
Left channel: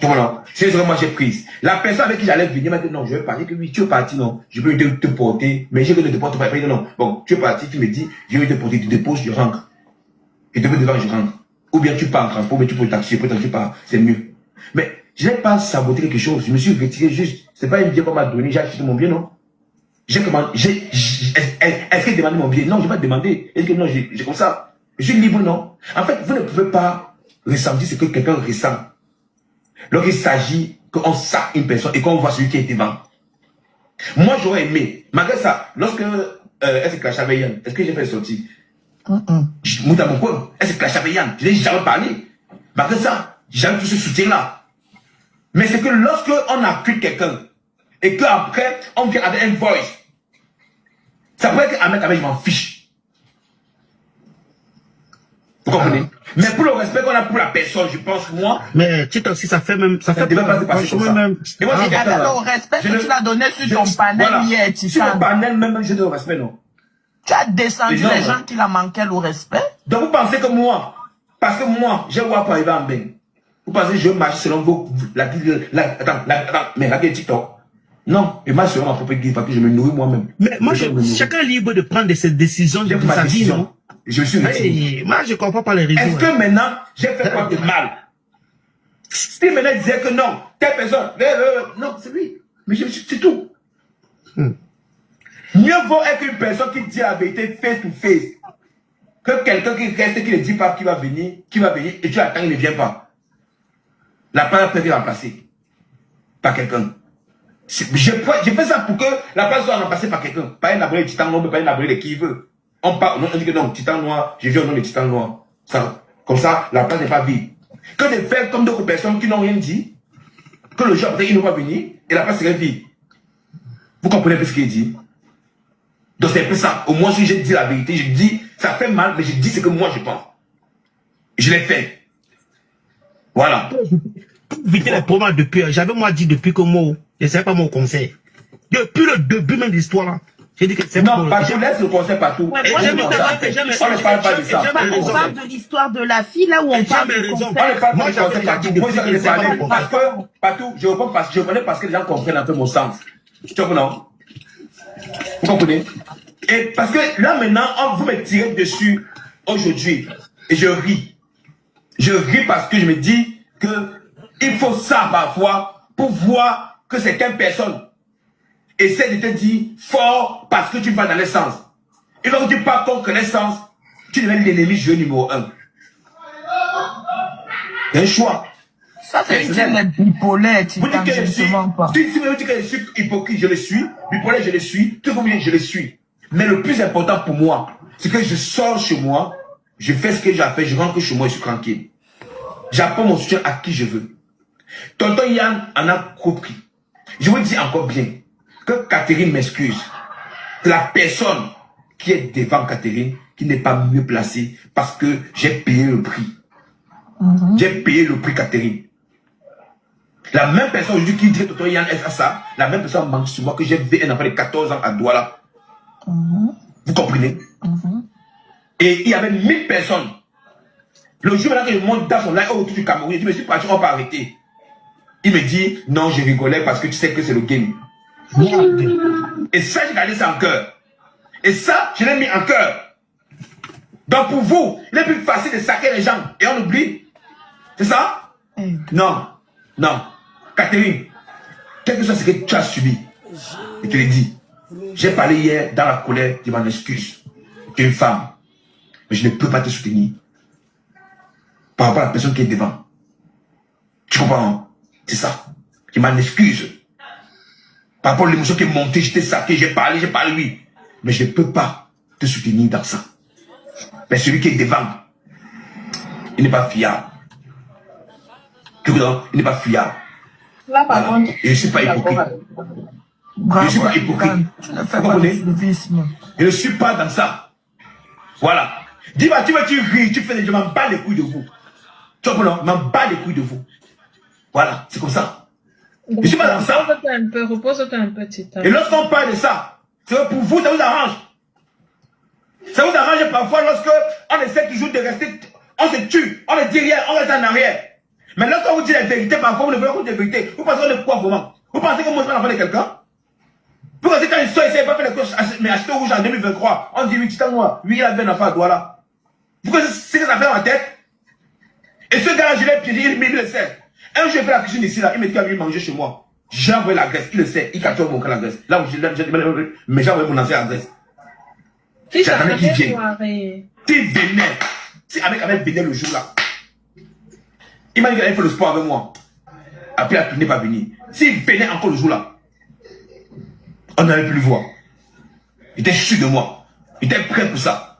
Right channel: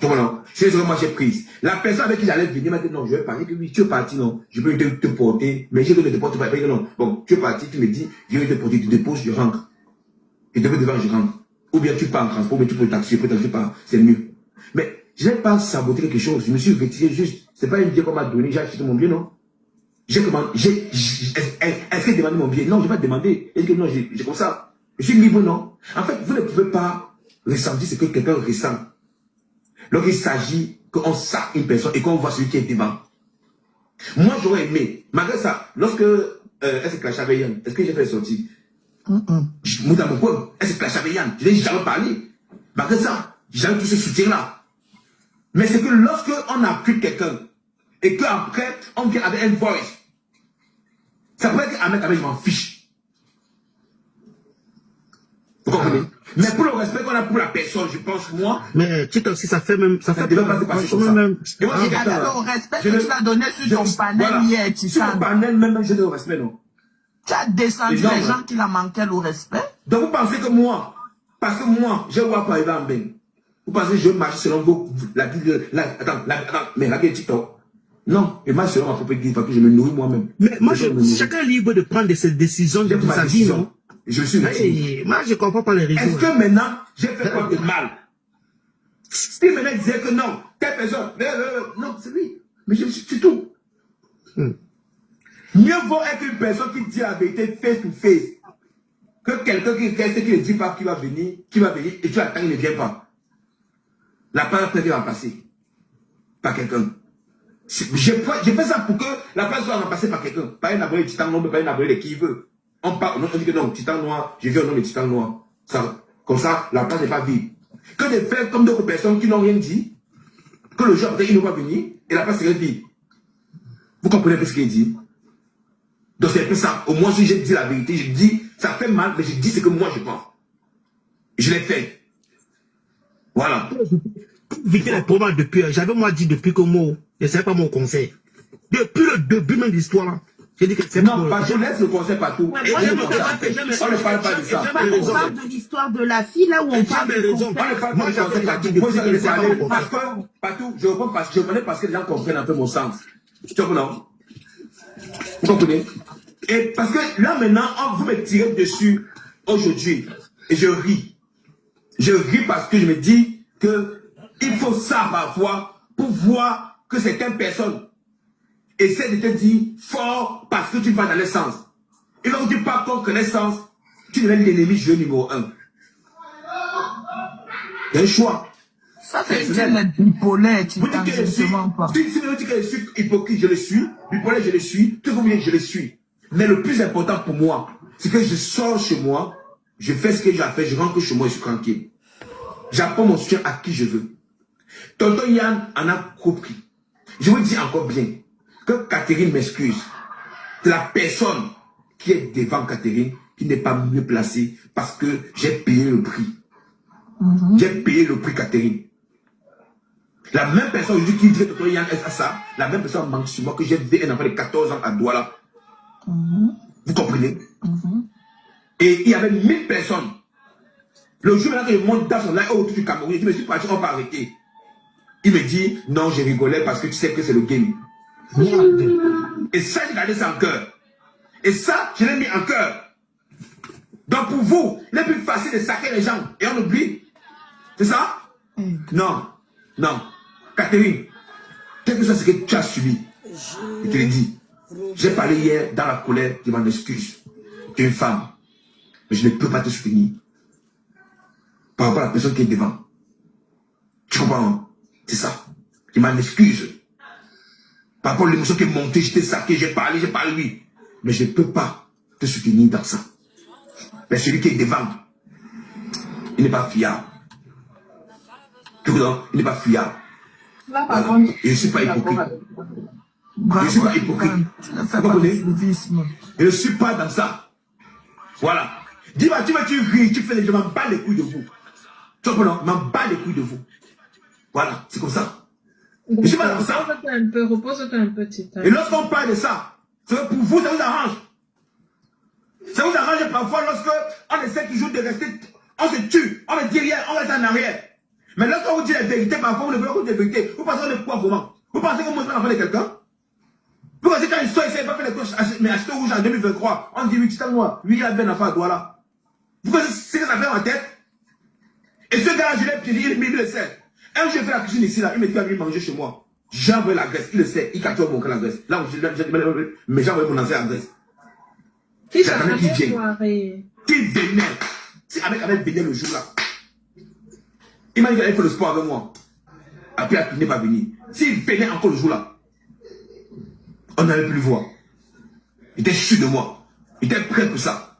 Voilà. C'est ce que moi j'ai prise. La personne avec qui j'allais venir m'a dit non, je vais partir. Oui, tu es parti, non. Je peux te porter, mais je ne te porte pas. Non. Bon, tu es parti, tu me dis, je vais te porter, tu déposes, je rentre. Et devant, je rentre. Ou bien tu pars en transport, mais tu peux le taxi, peut-être tu pars, c'est mieux. Mais je n'ai pas saboté quelque chose, je me suis retiré juste. C'est pas un bien qu'on m'a donné, j'ai acheté mon bien, non? J'ai commandé, est-ce qu'il demandé mon bien? Non, je n'ai pas demandé. Est-ce que non, j'ai comme ça. Je suis libre, non? En fait, vous ne pouvez pas ressentir ce que quelqu'un ressent. Lorsqu'il s'agit qu'on sac une personne et qu'on voit celui qui est devant. Moi, j'aurais aimé, malgré ça, lorsque elle se clashait avec Yann, est-ce que j'ai fait sortir? Mouta mon coin, elle se clashait avec Yann, je n'ai jamais parlé. Malgré ça, j'avais tout ce soutien-là. Mais c'est que lorsque on accuse quelqu'un et qu'après, on vient avec un voice, ça peut être avec je m'en fiche. Vous comprenez? Mais pour le respect qu'on a pour la personne, je pense, moi. Mais Tito aussi, ça fait même. Ça fait devait pas se passer comme ça. même. Et moi, Et avec le respect que tu l'as donné sur ton panel hier, tu sur le panel, même, j'ai de respect, non? Tu as descendu Non, les non. gens qui la manquaient le respect. Donc vous pensez que moi, parce que moi, j'ai voir pour arriver en bain. Vous pensez que je marche selon vos. Attends, mais regardez TikTok. Non, et moi, selon ma propre guide, parce que je me nourris moi-même. Mais moi, chacun est libre de prendre ses décisions de sa vie, non? Je suis retiré. Moi, je ne comprends pas les raisons. Est-ce que maintenant, j'ai fait quoi de mal? Si maintenant il disait que non, telle personne, non, c'est lui. Mais c'est tout. Mieux vaut être une personne qui dit la vérité face to face que quelqu'un qui reste, qui ne dit pas qu'il va venir, et tu attends, il ne vient pas. La place peut être remplacée par quelqu'un. Je fais ça pour que la place soit remplacée par quelqu'un. Pas un abonné de titan noir, mais pas un abonné de qui il veut. On dit que non, titan noir, je viens au nom de titan noir. Ça, comme ça, la place n'est pas vide. Que de faire comme d'autres personnes qui n'ont rien dit, que le jour après, il ne va pas venir, et la place serait vide. Vous comprenez un peu ce qu'il dit? Donc c'est un peu ça. Au moins, si je dis la vérité, je dis, ça fait mal, mais je dis ce que moi je pense. Je l'ai fait. Voilà. Éviter les problèmes depuis. J'avais moi dit depuis que moi, je ne savais pas mon conseil. Depuis le début même de l'histoire là. J'ai dit que c'est non, pas je laisse le conseil partout. Ouais, moi, on ne parle pas de ça. On parle de l'histoire de la fille là où on parle de on ne parle pas de conseil partout. Moi, je vais parler parce que partout, je reprends parce que les gens comprennent un peu mon sens. Tu comprends? Vous comprenez? Et parce que là maintenant, vous me tirez dessus aujourd'hui et je ris. Je ris parce que je me dis que il faut ça parfois pour voir que certaines personnes essaient de te dire fort parce que tu vas dans le sens. Et donc tu pars contre le sens, tu deviens l'ennemi jeu numéro 1. Il y a un choix. Ça, c'est une bipolaire, tu ne pas. Si vous dites que je suis hypocrite, je le suis. Bipolaire, je le suis. Tout le monde, je le suis. Mais le plus important pour moi, c'est que je sors chez moi, je fais ce que j'ai à faire, je rentre chez moi, je suis tranquille. J'apprends mon soutien à qui je veux. Tonton Yann en a compris. Je vous dis encore bien que Catherine m'excuse. Que la personne qui est devant Catherine, qui n'est pas mieux placée, parce que j'ai payé le prix. J'ai payé le prix, Catherine. La même personne aujourd'hui qui dit que Tonton Yann est à ça, la même personne manque sur moi que j'ai vu un enfant de 14 ans à Douala. Vous comprenez? Et il y avait 1000 personnes. Le jour où je monte dans son live autour du Cameroun, je me suis parti, on va arrêter. Il me dit, non, je rigolais parce que tu sais que c'est le game. Et ça, j'ai gardé ça en cœur. Et ça, je l'ai mis en cœur. Donc pour vous, il est plus facile de saquer les gens et on oublie. C'est ça? Non. Non. Catherine, quel que soit ce que tu as subi, je te l'ai dit. J'ai parlé hier dans la colère, tu m'en excuses. Tu es une femme. Mais je ne peux pas te soutenir. Par rapport à la personne qui est devant. Tu comprends? C'est ça. Je m'en excuse. Par rapport à l'émotion qui est montée, j'étais saqué, j'ai parlé lui. Mais je ne peux pas te soutenir dans ça. Mais celui qui est devant, il n'est pas fiable. Tu comprends? Il n'est pas fiable. Là, par contre, je ne suis pas hypocrite. Je ne suis pas hypocrite. Vous comprenez? Je ne suis pas dans ça. Voilà. Dis-moi, tu ris, tu fais des... Je m'en bats les couilles de vous. Tu comprends? Je m'en bats les couilles de vous. Voilà, c'est comme ça. Je suis pas dans ça. Repose-toi un peu, Titan. Et lorsqu'on parle de ça, c'est pour vous, ça vous arrange. Ça vous arrange parfois lorsque on essaie toujours de rester, on se tue, on ne dit rien, on reste en arrière. Mais lorsqu'on vous dit la vérité, parfois vous ne voulez pas dire la vérité. Vous pensez qu'on est quoi vraiment? Vous pensez qu'on mange l'enfant de quelqu'un? Vous pensez quand une soeur essaie de faire les choses, mais acheter au rouge en 2023, on dit oui, Titan moi, oui, il a bien un enfant à toi là. Vous connaissez ce que ça fait en tête? Et ce gars-là, je l'ai piégé, mais il le sait. Un jour, j'ai fait la cuisine ici, là, il me dit qu'il va venir manger chez moi. J'ai envoyé la graisse, il le sait, il capture mon cas la graisse. Là où mais j'ai envoyé mon ancien adresse. J'attendais qu'il vienne. S'il venait, si avec venait le jour là, il m'a dit qu'il allait faire le sport avec moi. Après, la tournée va venir. S'il venait encore le jour là, on n'allait plus le voir. Il était sûr de moi. Il était prêt pour ça.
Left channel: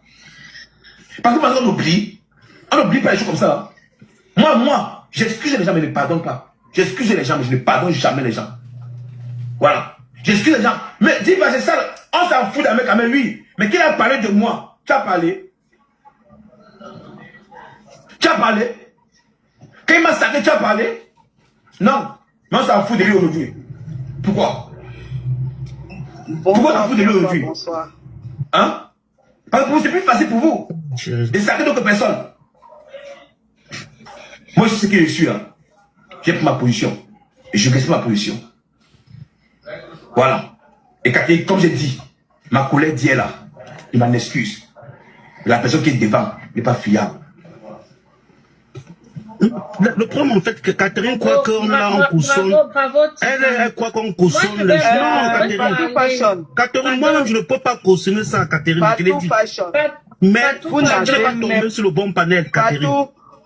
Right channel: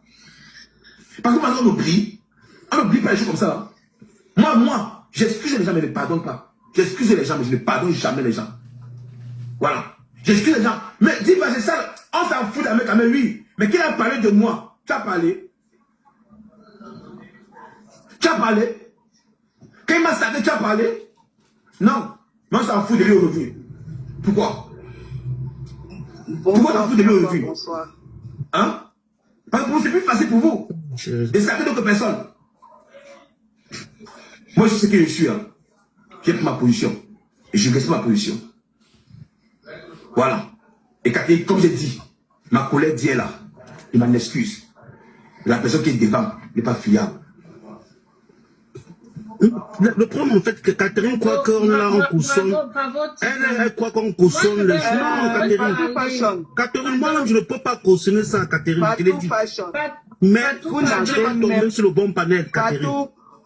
Parce qu'on oublie. On n'oublie pas les choses comme ça. Moi, j'excuse les gens, mais je ne pardonne pas. J'excuse les gens, mais je ne pardonne jamais les gens. Voilà. J'excuse les gens. Mais dis pas, c'est ça. On s'en fout d'un mec, mais lui. Mais qui a parlé de moi? Tu as parlé? Tu as parlé? Quand il m'a saqué, tu as parlé? Non. Mais on s'en fout de lui aujourd'hui. Pourquoi? Pourquoi on s'en fout de lui aujourd'hui? Hein? Parce que c'est plus facile pour vous de saquer d'autres personnes. Moi, je sais qui je suis. Hein. J'ai pris ma position. Et je reste ma position. Voilà. Et comme j'ai dit, ma collègue dit là, il m'en excuse. La personne qui est devant n'est pas fiable. Le problème, en fait, que Catherine croit qu'on l'a en cautionne. Elle croit qu'on cautionne les gens. Non, Catherine, moi, je ne peux pas cautionner ça, Catherine. Mais vous n'avez pas tombé sur le bon panel, Catherine.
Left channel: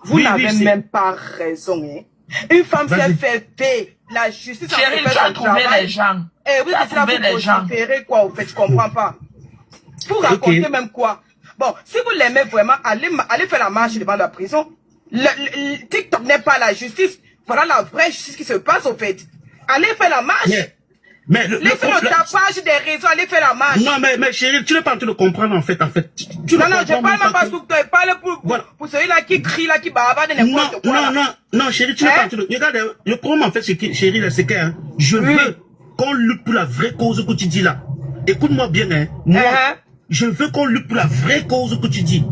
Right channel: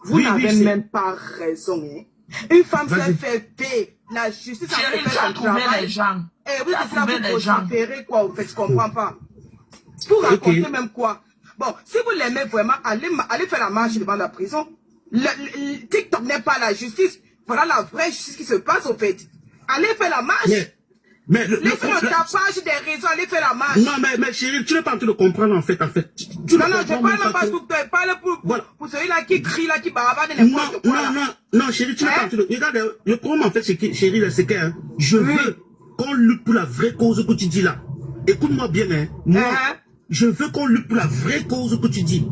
Vous n'avez même pas raison. Hein. Une femme s'est fait la justice. Chérie, tu as trouvé les gens. Et vous êtes là pour vociférer quoi, au fait, je comprends pas. Vous racontez même quoi. Bon, si vous l'aimez vraiment, allez faire la marche devant la prison. Le TikTok n'est pas la justice. Voilà la vraie justice qui se passe, au fait. Allez faire la marche. Mais laissez le tapage des réseaux, allez faire la marche. Non, mais chérie, tu n'es pas en train de comprendre, en fait. Non, je parle même pas pour celui-là qui crie, là, qui bavard de n'importe quoi. Non, chérie, tu n'es pas en train de... Regarde, le problème, en fait, chérie, c'est que je veux qu'on lutte pour la vraie cause que tu dis là. Écoute-moi bien, hein. Moi, je veux qu'on lutte pour la vraie cause que tu dis.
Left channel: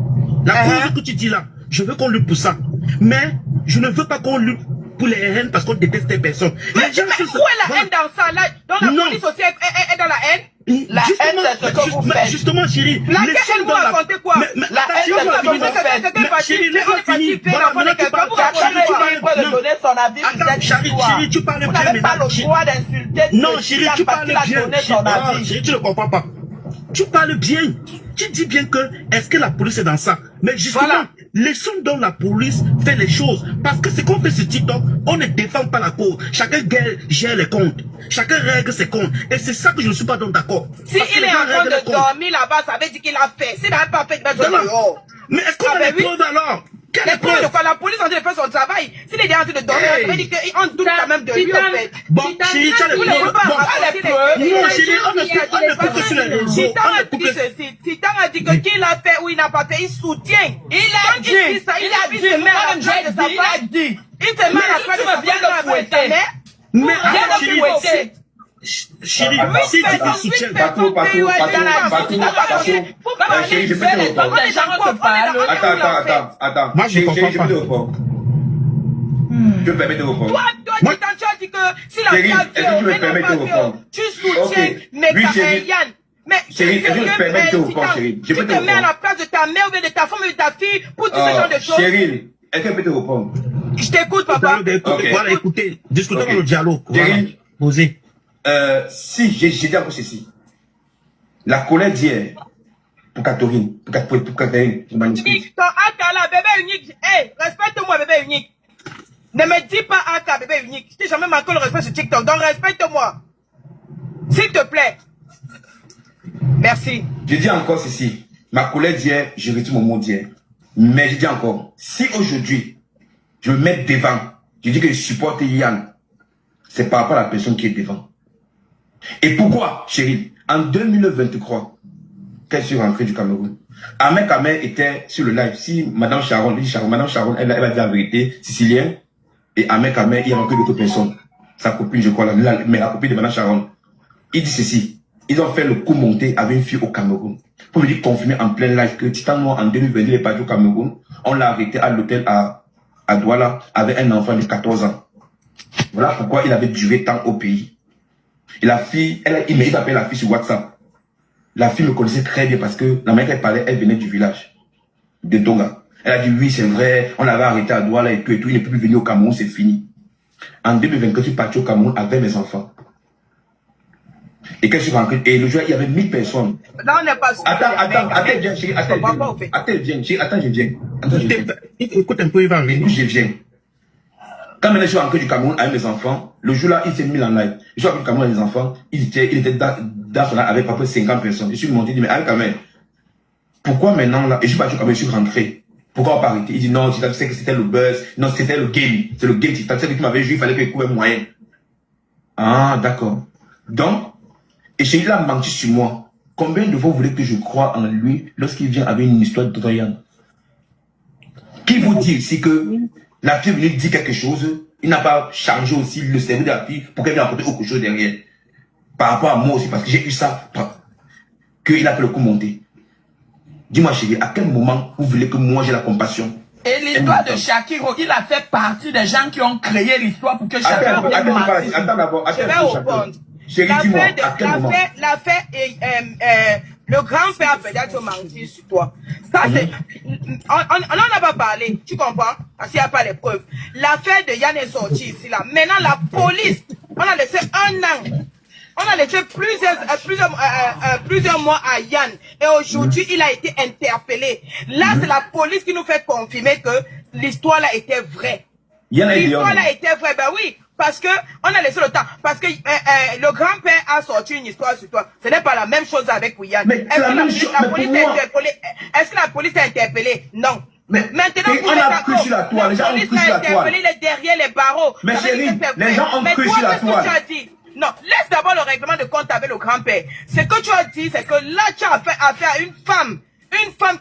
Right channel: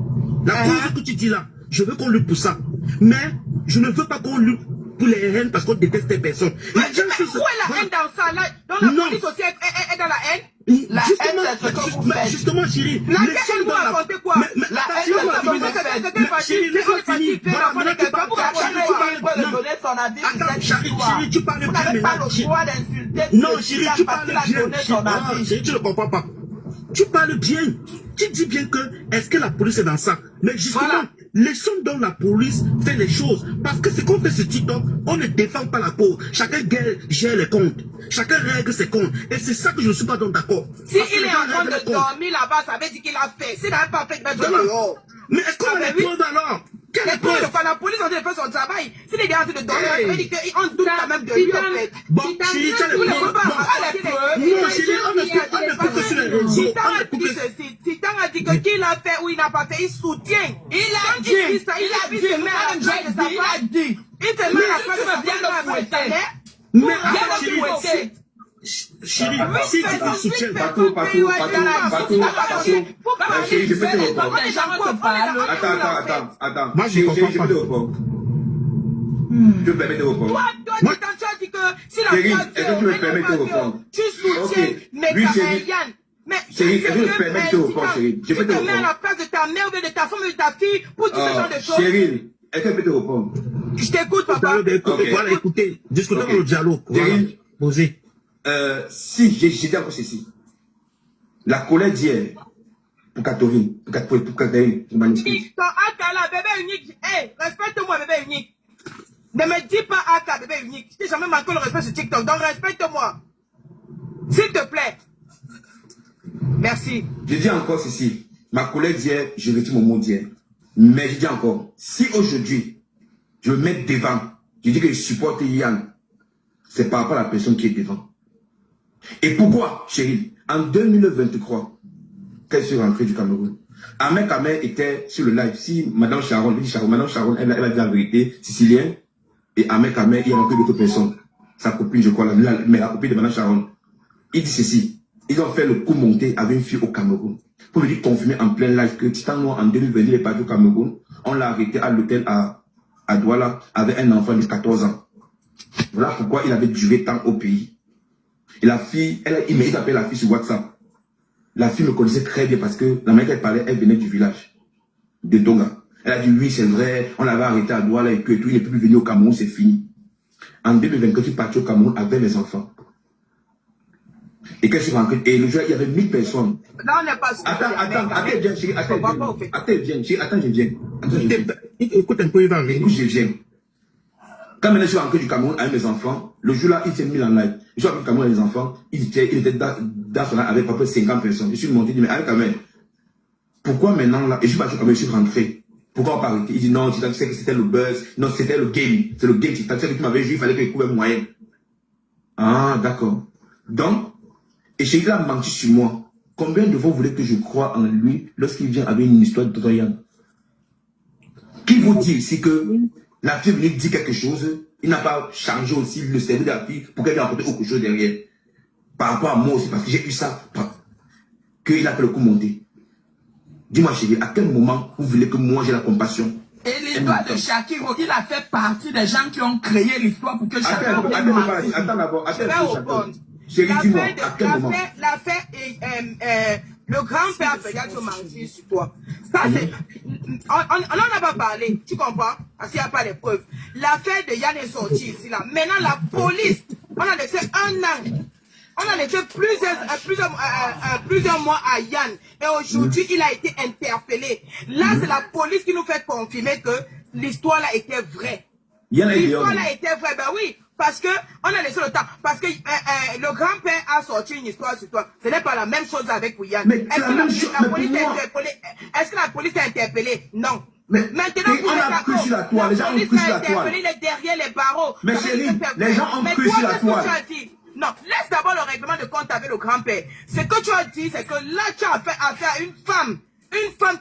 La cause que tu dis là, je veux qu'on lutte pour ça. Mais je ne veux pas qu'on lutte pour les haines parce qu'on déteste les personnes. Mais où est la haine dans ça là? Dans la police aussi est dans la haine? La haine, c'est ce que vous faites. Justement, chérie. La haine, vous racontez quoi? La haine, c'est ce que vous faites. Chérie, chérie, tu parles bien. Vous n'avez pas le droit d'insulter. Non, chérie, tu parles bien. Chérie, tu ne comprends pas. Tu parles bien. Tu dis bien que est-ce que la police est dans ça? Mais justement, laissons donc la police faire les choses. Parce que c'est qu'on fait ce TikTok, on ne défend pas la cause. Chacun gère les comptes. Chacun règle ses comptes. Et c'est ça que je ne suis pas donc d'accord. Si il est en train de dormir là-bas, ça veut dire qu'il a fait. S'il n'a pas fait, il va être dehors. Mais est-ce qu'on a les preuves alors? Les preuves de quoi? La police est en train de faire son travail. S'il est en train de dormir, ça veut dire qu'on doute quand même de lui, en fait. Bon, chérie, tu as les preuves. Non, chérie, on ne peut que sur les réseaux. Titan a dit que qu'il a fait ou il n'a pas fait, il soutient. Il a dit. Il a dit. Il se met à la place de sa fouetter. Mais, chérie, si tu soutiens. Patou. Chérie, je peux te répondre. Attends. Moi, je comprends pas. Je peux permettre de répondre. Toi, tu as dit que si la femme tu soutiens Yann. Mais chérie, est-ce que je me permets de te répondre, chérie? Je peux te répondre. Tu te mets à la place de ta mère ou de ta femme ou de ta fille pour tout ce genre de choses. Chérie, est-ce que je peux te répondre? Je t'écoute, papa. Voilà, écoutez, discutons le dialogue. Chérie, posez. Si, j'ai dit encore ceci. La colère d'hier, pour Catherine, je m'excuse. Ton Aka là, bébé unique, hey, respecte-moi, bébé unique. Ne me dis pas Aka, bébé unique. Je t'ai jamais manqué le respect sur TikTok, donc respecte-moi. S'il te plaît. Merci. Je dis encore ceci. Ma colère d'hier, je retire mon mot d'hier. Mais je dis encore, si aujourd'hui, je me mets devant, je dis que je supporte Yann, c'est par rapport à la personne qui est devant. Et pourquoi, chérie, en 2023, qu'elle soit rentrée du Cameroun. Ahmed Ahmed était sur le live. Si Madame Sharon, Madame Sharon, elle a dit la vérité, sicilienne, et Ahmed Ahmed, il y a encore d'autres personnes. Sa copine, je crois, mais la copine de Madame Sharon. Il dit ceci. Ils ont fait le coup monté avec une fille au Cameroun. Pour lui confirmer en plein live que Titan Noir en 2022 il est parti au Cameroun. On l'a arrêté à l'hôtel à Douala avec un enfant de 14 ans. Voilà pourquoi il avait duré tant au pays. Et la fille, il appelait la fille sur WhatsApp. La fille me connaissait très bien parce que la manière qu'elle parlait, elle venait du village de Donga. Elle a dit oui, c'est vrai, on l'avait arrêté à Douala et tout, il n'est plus venu au Cameroun, c'est fini. En 2024, je suis parti au Cameroun avec mes enfants. Et quand je suis rentré, et le jour, il y avait 1000 personnes. Là, on n'est pas sûr. Attends, viens, chérie, attends, je viens. Écoute un peu, il va arriver. Écoute, je viens. Quand je suis rentré du Cameroun avec mes enfants, le jour-là, il s'est mis en live. Je suis rentré du Cameroun avec mes enfants, il était dans son live avec à peu près 50 personnes. Je suis monté, il dit, mais avec quand même, pourquoi maintenant là, et je suis parti au Cameroun, je suis rentré. Pourquoi on pas arrêté? Il dit non, tu sais que c'était le buzz, non, c'était le game. C'est le game, tu sais que tu m'avais joué, il fallait que je trouve un moyen. Ah, d'accord. Donc, et chez lui a menti sur moi. Combien de vous voulez que je croie en lui lorsqu'il vient avec une histoire de Tonton Yann? Qui vous dit ici que la fille lui dit quelque chose, il n'a pas changé aussi le cerveau de la fille pour qu'elle vienne apporter autre chose derrière. Par rapport à moi aussi, parce que j'ai eu ça, qu'il a fait le coup monter. Dis-moi chérie, à quel moment vous voulez que moi j'ai la compassion? Et l'histoire de Shakiro, il a fait partie des gens qui ont créé l'histoire pour que Shakiro vienne mentir. Attends d'abord, Je vais répondre. Chérie, dis-moi, à quel moment? L'affaire, le grand-père a peut-être menti sur toi. Ça, c'est, on n'en a pas parlé, tu comprends? Parce qu'il n'y a pas les preuves. L'affaire de Yann est sortie ici, là. Maintenant, la police, on a laissé un an. On a laissé plusieurs mois à Yann. Et aujourd'hui, il a été interpellé. Là, c'est la police qui nous fait confirmer que l'histoire là était vraie. L'histoire là était vraie, ben oui. Parce que on a laissé le temps. Parce que le grand-père a sorti une histoire sur toi. Ce n'est pas la même chose avec Yann. Est-ce que la police t'a interpellé? Non. Maintenant, on a cru sur la toile. Les gens ont cru sur la toile. Il est derrière les barreaux. Mais chérie, les gens ont cru sur la toile. Non, laisse d'abord le règlement de compte avec le grand-père. Ce que tu as dit, c'est que là, tu as fait affaire à une femme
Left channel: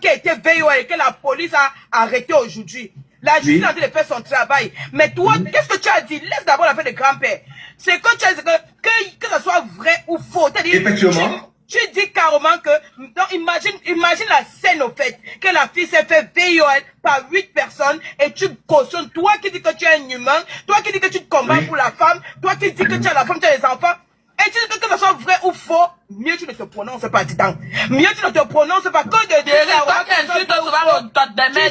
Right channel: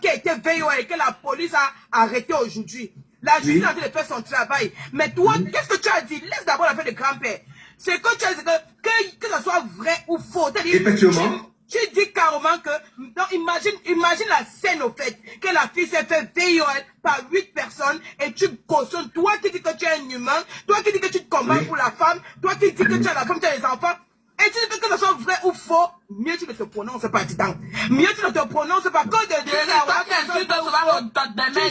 qui a été VOL et que la police a arrêtée aujourd'hui. La justice a dit de faire son travail. Mais toi, qu'est-ce que tu as dit? Laisse d'abord l'affaire de grand-père. C'est que tu as dit que ce soit vrai ou faux. Effectivement. Tu dis carrément que, donc imagine la scène au fait, que la fille s'est fait VOL par 8 personnes et tu cautionnes, toi qui dis que tu es un humain, toi qui dis que tu te combats pour la femme, toi qui dis que tu as la femme, tu as les enfants, et tu dis que ce soit vrai ou faux, mieux tu ne te prononces pas, Titan. Mieux tu ne te prononces pas que de dire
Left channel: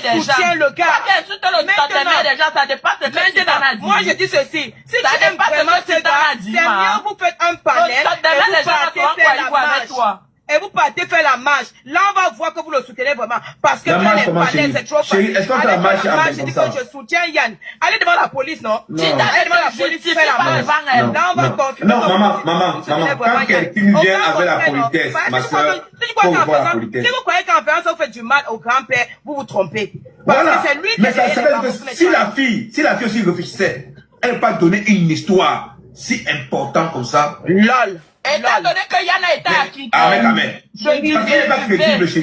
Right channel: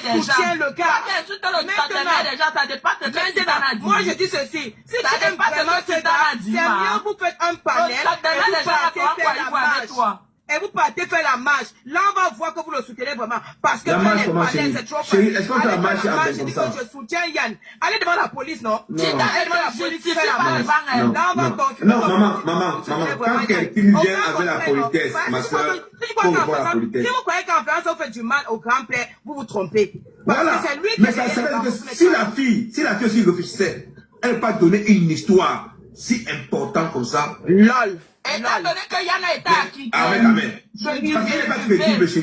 tu soutiens le gars. Maintenant, moi je dis ceci, si tu aimes vraiment ce gars, c'est mieux vous faites un panel et vous partez faire la marche. Là, on va voir que vous le soutenez vraiment. Parce que faire les panels, c'est trop facile. Est-ce qu'on fait la marche je dis que je soutiens Yann. Allez devant la police, non? Allez devant la police, faire la marche. Là, on va confirmer. Non, maman, quand quelqu'un vient avec la politesse, ma soeur, faut voir la politesse. Si vous croyez qu'en faisant ça, vous faites du mal au grand-père, vous vous trompez. Voilà. C'est lui qui mais ça s'appelle que si la fille aussi réfléchissait, elle n'a pas donné une histoire si importante comme ça. LOL. Étant donné que Yann a été acquitté. Amen.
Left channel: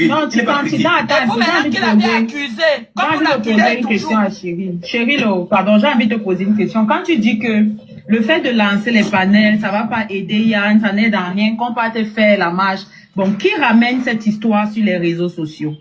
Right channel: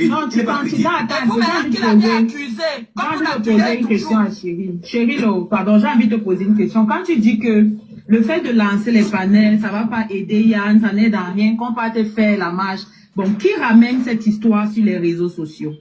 Non, tu attends. Vous même qu'il a été accusé. Quand vous poser une question à Chérie. Chérie, pardon, j'ai envie de te poser une question. Quand tu dis que le fait de lancer les panels, ça va pas aider Yann, ça n'aide en rien, qu'on va te faire la marche. Bon, qui ramène cette histoire sur les réseaux sociaux?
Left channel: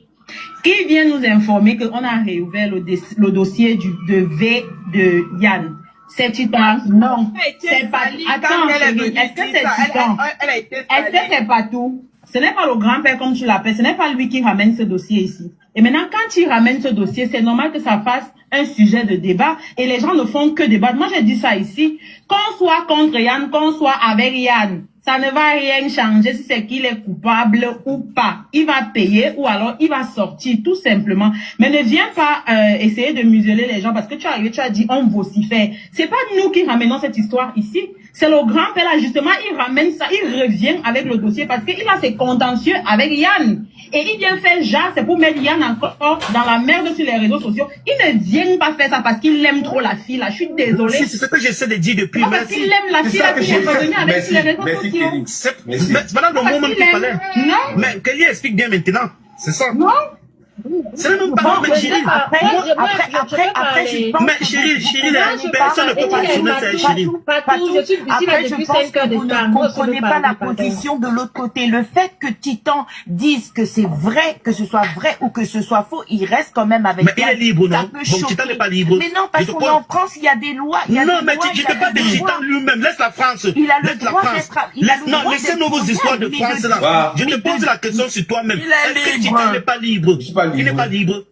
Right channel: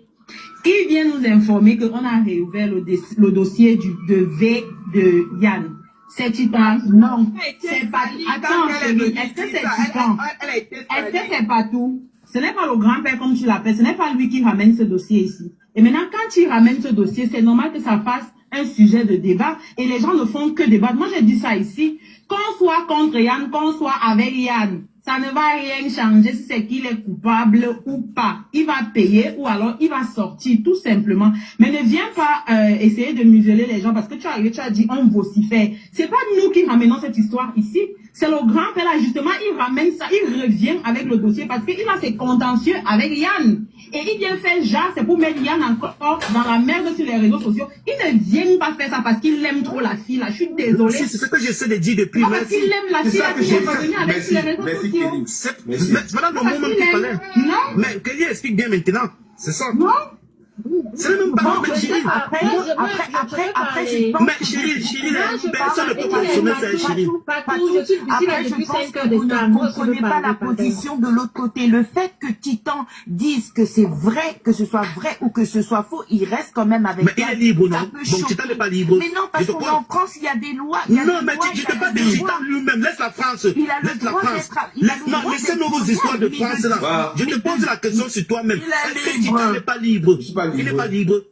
Qui vient nous informer qu'on a réouvert le dossier de Yann? C'est Titan? Non. C'est pas. Attends, est-ce que c'est Titan? Est-ce que c'est pas tout? Ce n'est pas le grand-père comme tu l'appelles. Ce n'est pas lui qui ramène ce dossier ici. Et maintenant, quand il ramène ce dossier, c'est normal que ça fasse un sujet de débat. Et les gens ne font que débattre. Moi, j'ai dit ça ici. Qu'on soit contre Yann, qu'on soit avec Yann, ça ne va rien changer si c'est qu'il est coupable ou pas. Il va payer ou alors il va sortir tout simplement. Mais ne viens pas essayer de museler les gens parce que tu es arrivé, tu as dit on vocifère. C'est pas nous qui ramenons cette histoire ici. C'est le grand-père là justement, il ramène ça, il revient avec le dossier parce qu'il a ses contentieux avec Yann. et il vient faire genre, c'est pour mettre Yann encore dans la merde sur les réseaux sociaux. Il ne vient pas faire ça parce qu'il aime trop la fille, là. Je suis désolée. C'est ce que j'essaie de dire depuis. Non, parce qu'il aime la fille, là, qu'il est revenu avec sur les réseaux sociaux. C'est pas dans le moment qu'il fallait. Non. Mais Kelly explique bien maintenant. C'est ça. Non. C'est même pas mais chérie. Après, je pense mais chérie, personne ne peut pas actionner ça, chérie. Après, je pense que vous ne comprenez pas la position de l'autre côté. Le fait que Titan dise que c'est vrai, que ce soit vrai ou que ce soit faux, il reste quand même avec. Mais il est libre, non? Bon, Titan n'est pas libre. Mais non, parce qu'en France, il y a des lois. Non, mais je ne parle pas de Titan lui-même. Laisse la France. Il a le droit d'être. Non, laissez nos histoires de France là. Je te pose la question sur toi-même. Est-ce que Titan n'est pas libre? Il n'est pas libre.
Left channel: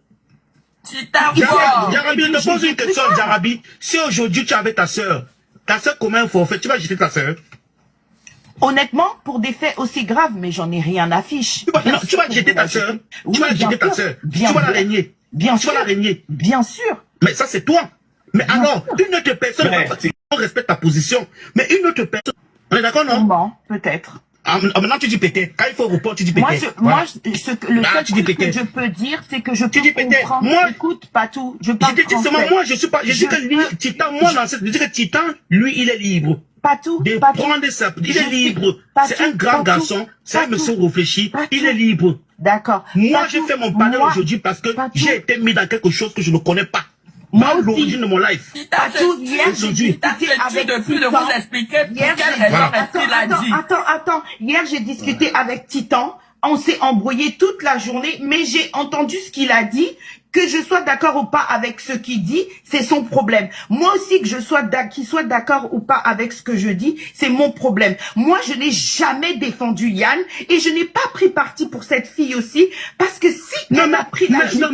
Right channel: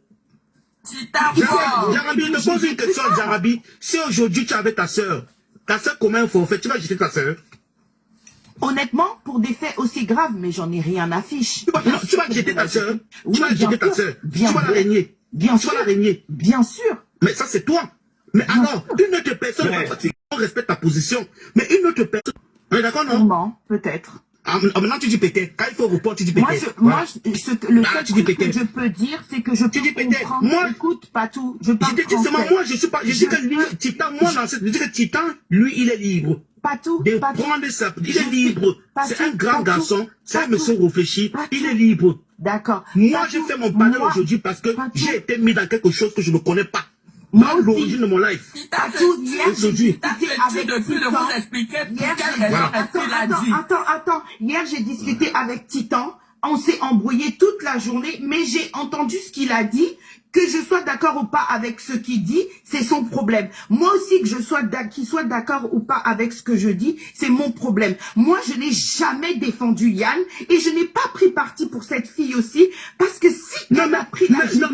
Jarabi, je te pose une question, Jarabi. Si aujourd'hui tu avais ta soeur commet un forfait, tu vas jeter ta soeur? Honnêtement, pour des faits aussi graves, mais j'en ai rien à fiche. Tu vas jeter ta soeur? Tu vas jeter ta soeur? Tu vas la régner? Bien sûr. Tu vas la régner? Bien sûr. Mais ça, c'est toi. Mais alors, une autre personne, on respecte ta position. Mais une autre personne, on est d'accord, non? Non, peut-être. Maintenant, tu dis peut-être. Quand il faut report, tu dis peut-être. Le seul truc que je peux dire, c'est que je peux comprendre. Moi, écoute, pas tout. Je parle français. Moi, je suis pas, je dis que lui, Titan, je dis que Titan, lui, il est libre. Pas tout. Il est libre. C'est un grand garçon. C'est un monsieur réfléchi. Il est libre. D'accord. Moi, j'ai fait mon panel aujourd'hui parce que j'ai été mis dans quelque chose que je ne connais pas. Moi, l'origine de mon life. Attends. Hier, j'ai discuté avec Titan. On s'est embrouillé toute la journée, mais j'ai entendu ce qu'il a dit. Que je sois d'accord ou pas avec ce qu'il dit, c'est son problème. Moi aussi, qu'il soit d'accord ou pas avec ce que je dis, c'est mon problème. Moi, je n'ai jamais défendu Yann et je n'ai pas pris parti pour cette fille aussi, parce que si elle a pris la justice...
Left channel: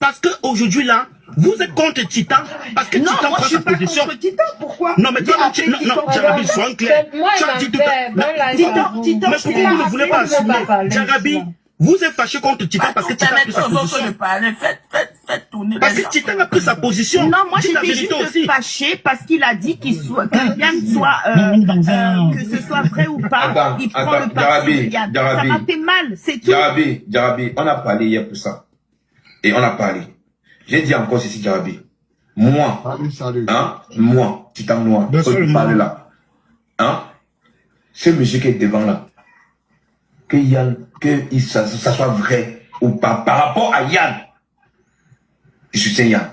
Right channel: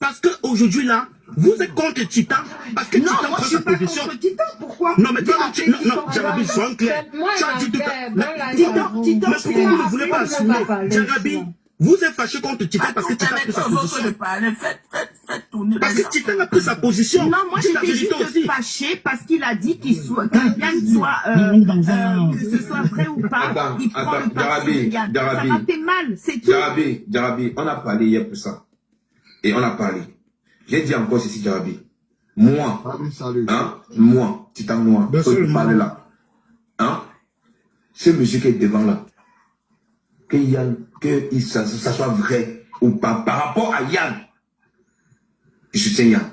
Parce que aujourd'hui là, vous êtes contre Titan, parce que Titan prend sa position. Contre Titan, pourquoi? Non, mais toi, Jarabi, sois clair. Titan, mais pourquoi vous ne voulez pas assumer? Jarabi, vous êtes fâché contre Titan parce que Titan a pris sa position. Parce que Titan a pris sa position. Non, moi j'étais juste fâché parce qu'il a dit que Yann soit, que ce soit vrai ou pas, il prend le parti de Yann. Ça m'a fait mal, c'est tout. Jarabi, on a parlé hier pour ça. Et on a parlé. J'ai dit encore ceci, Jarabi. Moi, moi, Titan Noir, je parle là. Ce monsieur qui est devant là, que Yann, ça soit vrai ou pas, par rapport à Yann, je soutiens Yann.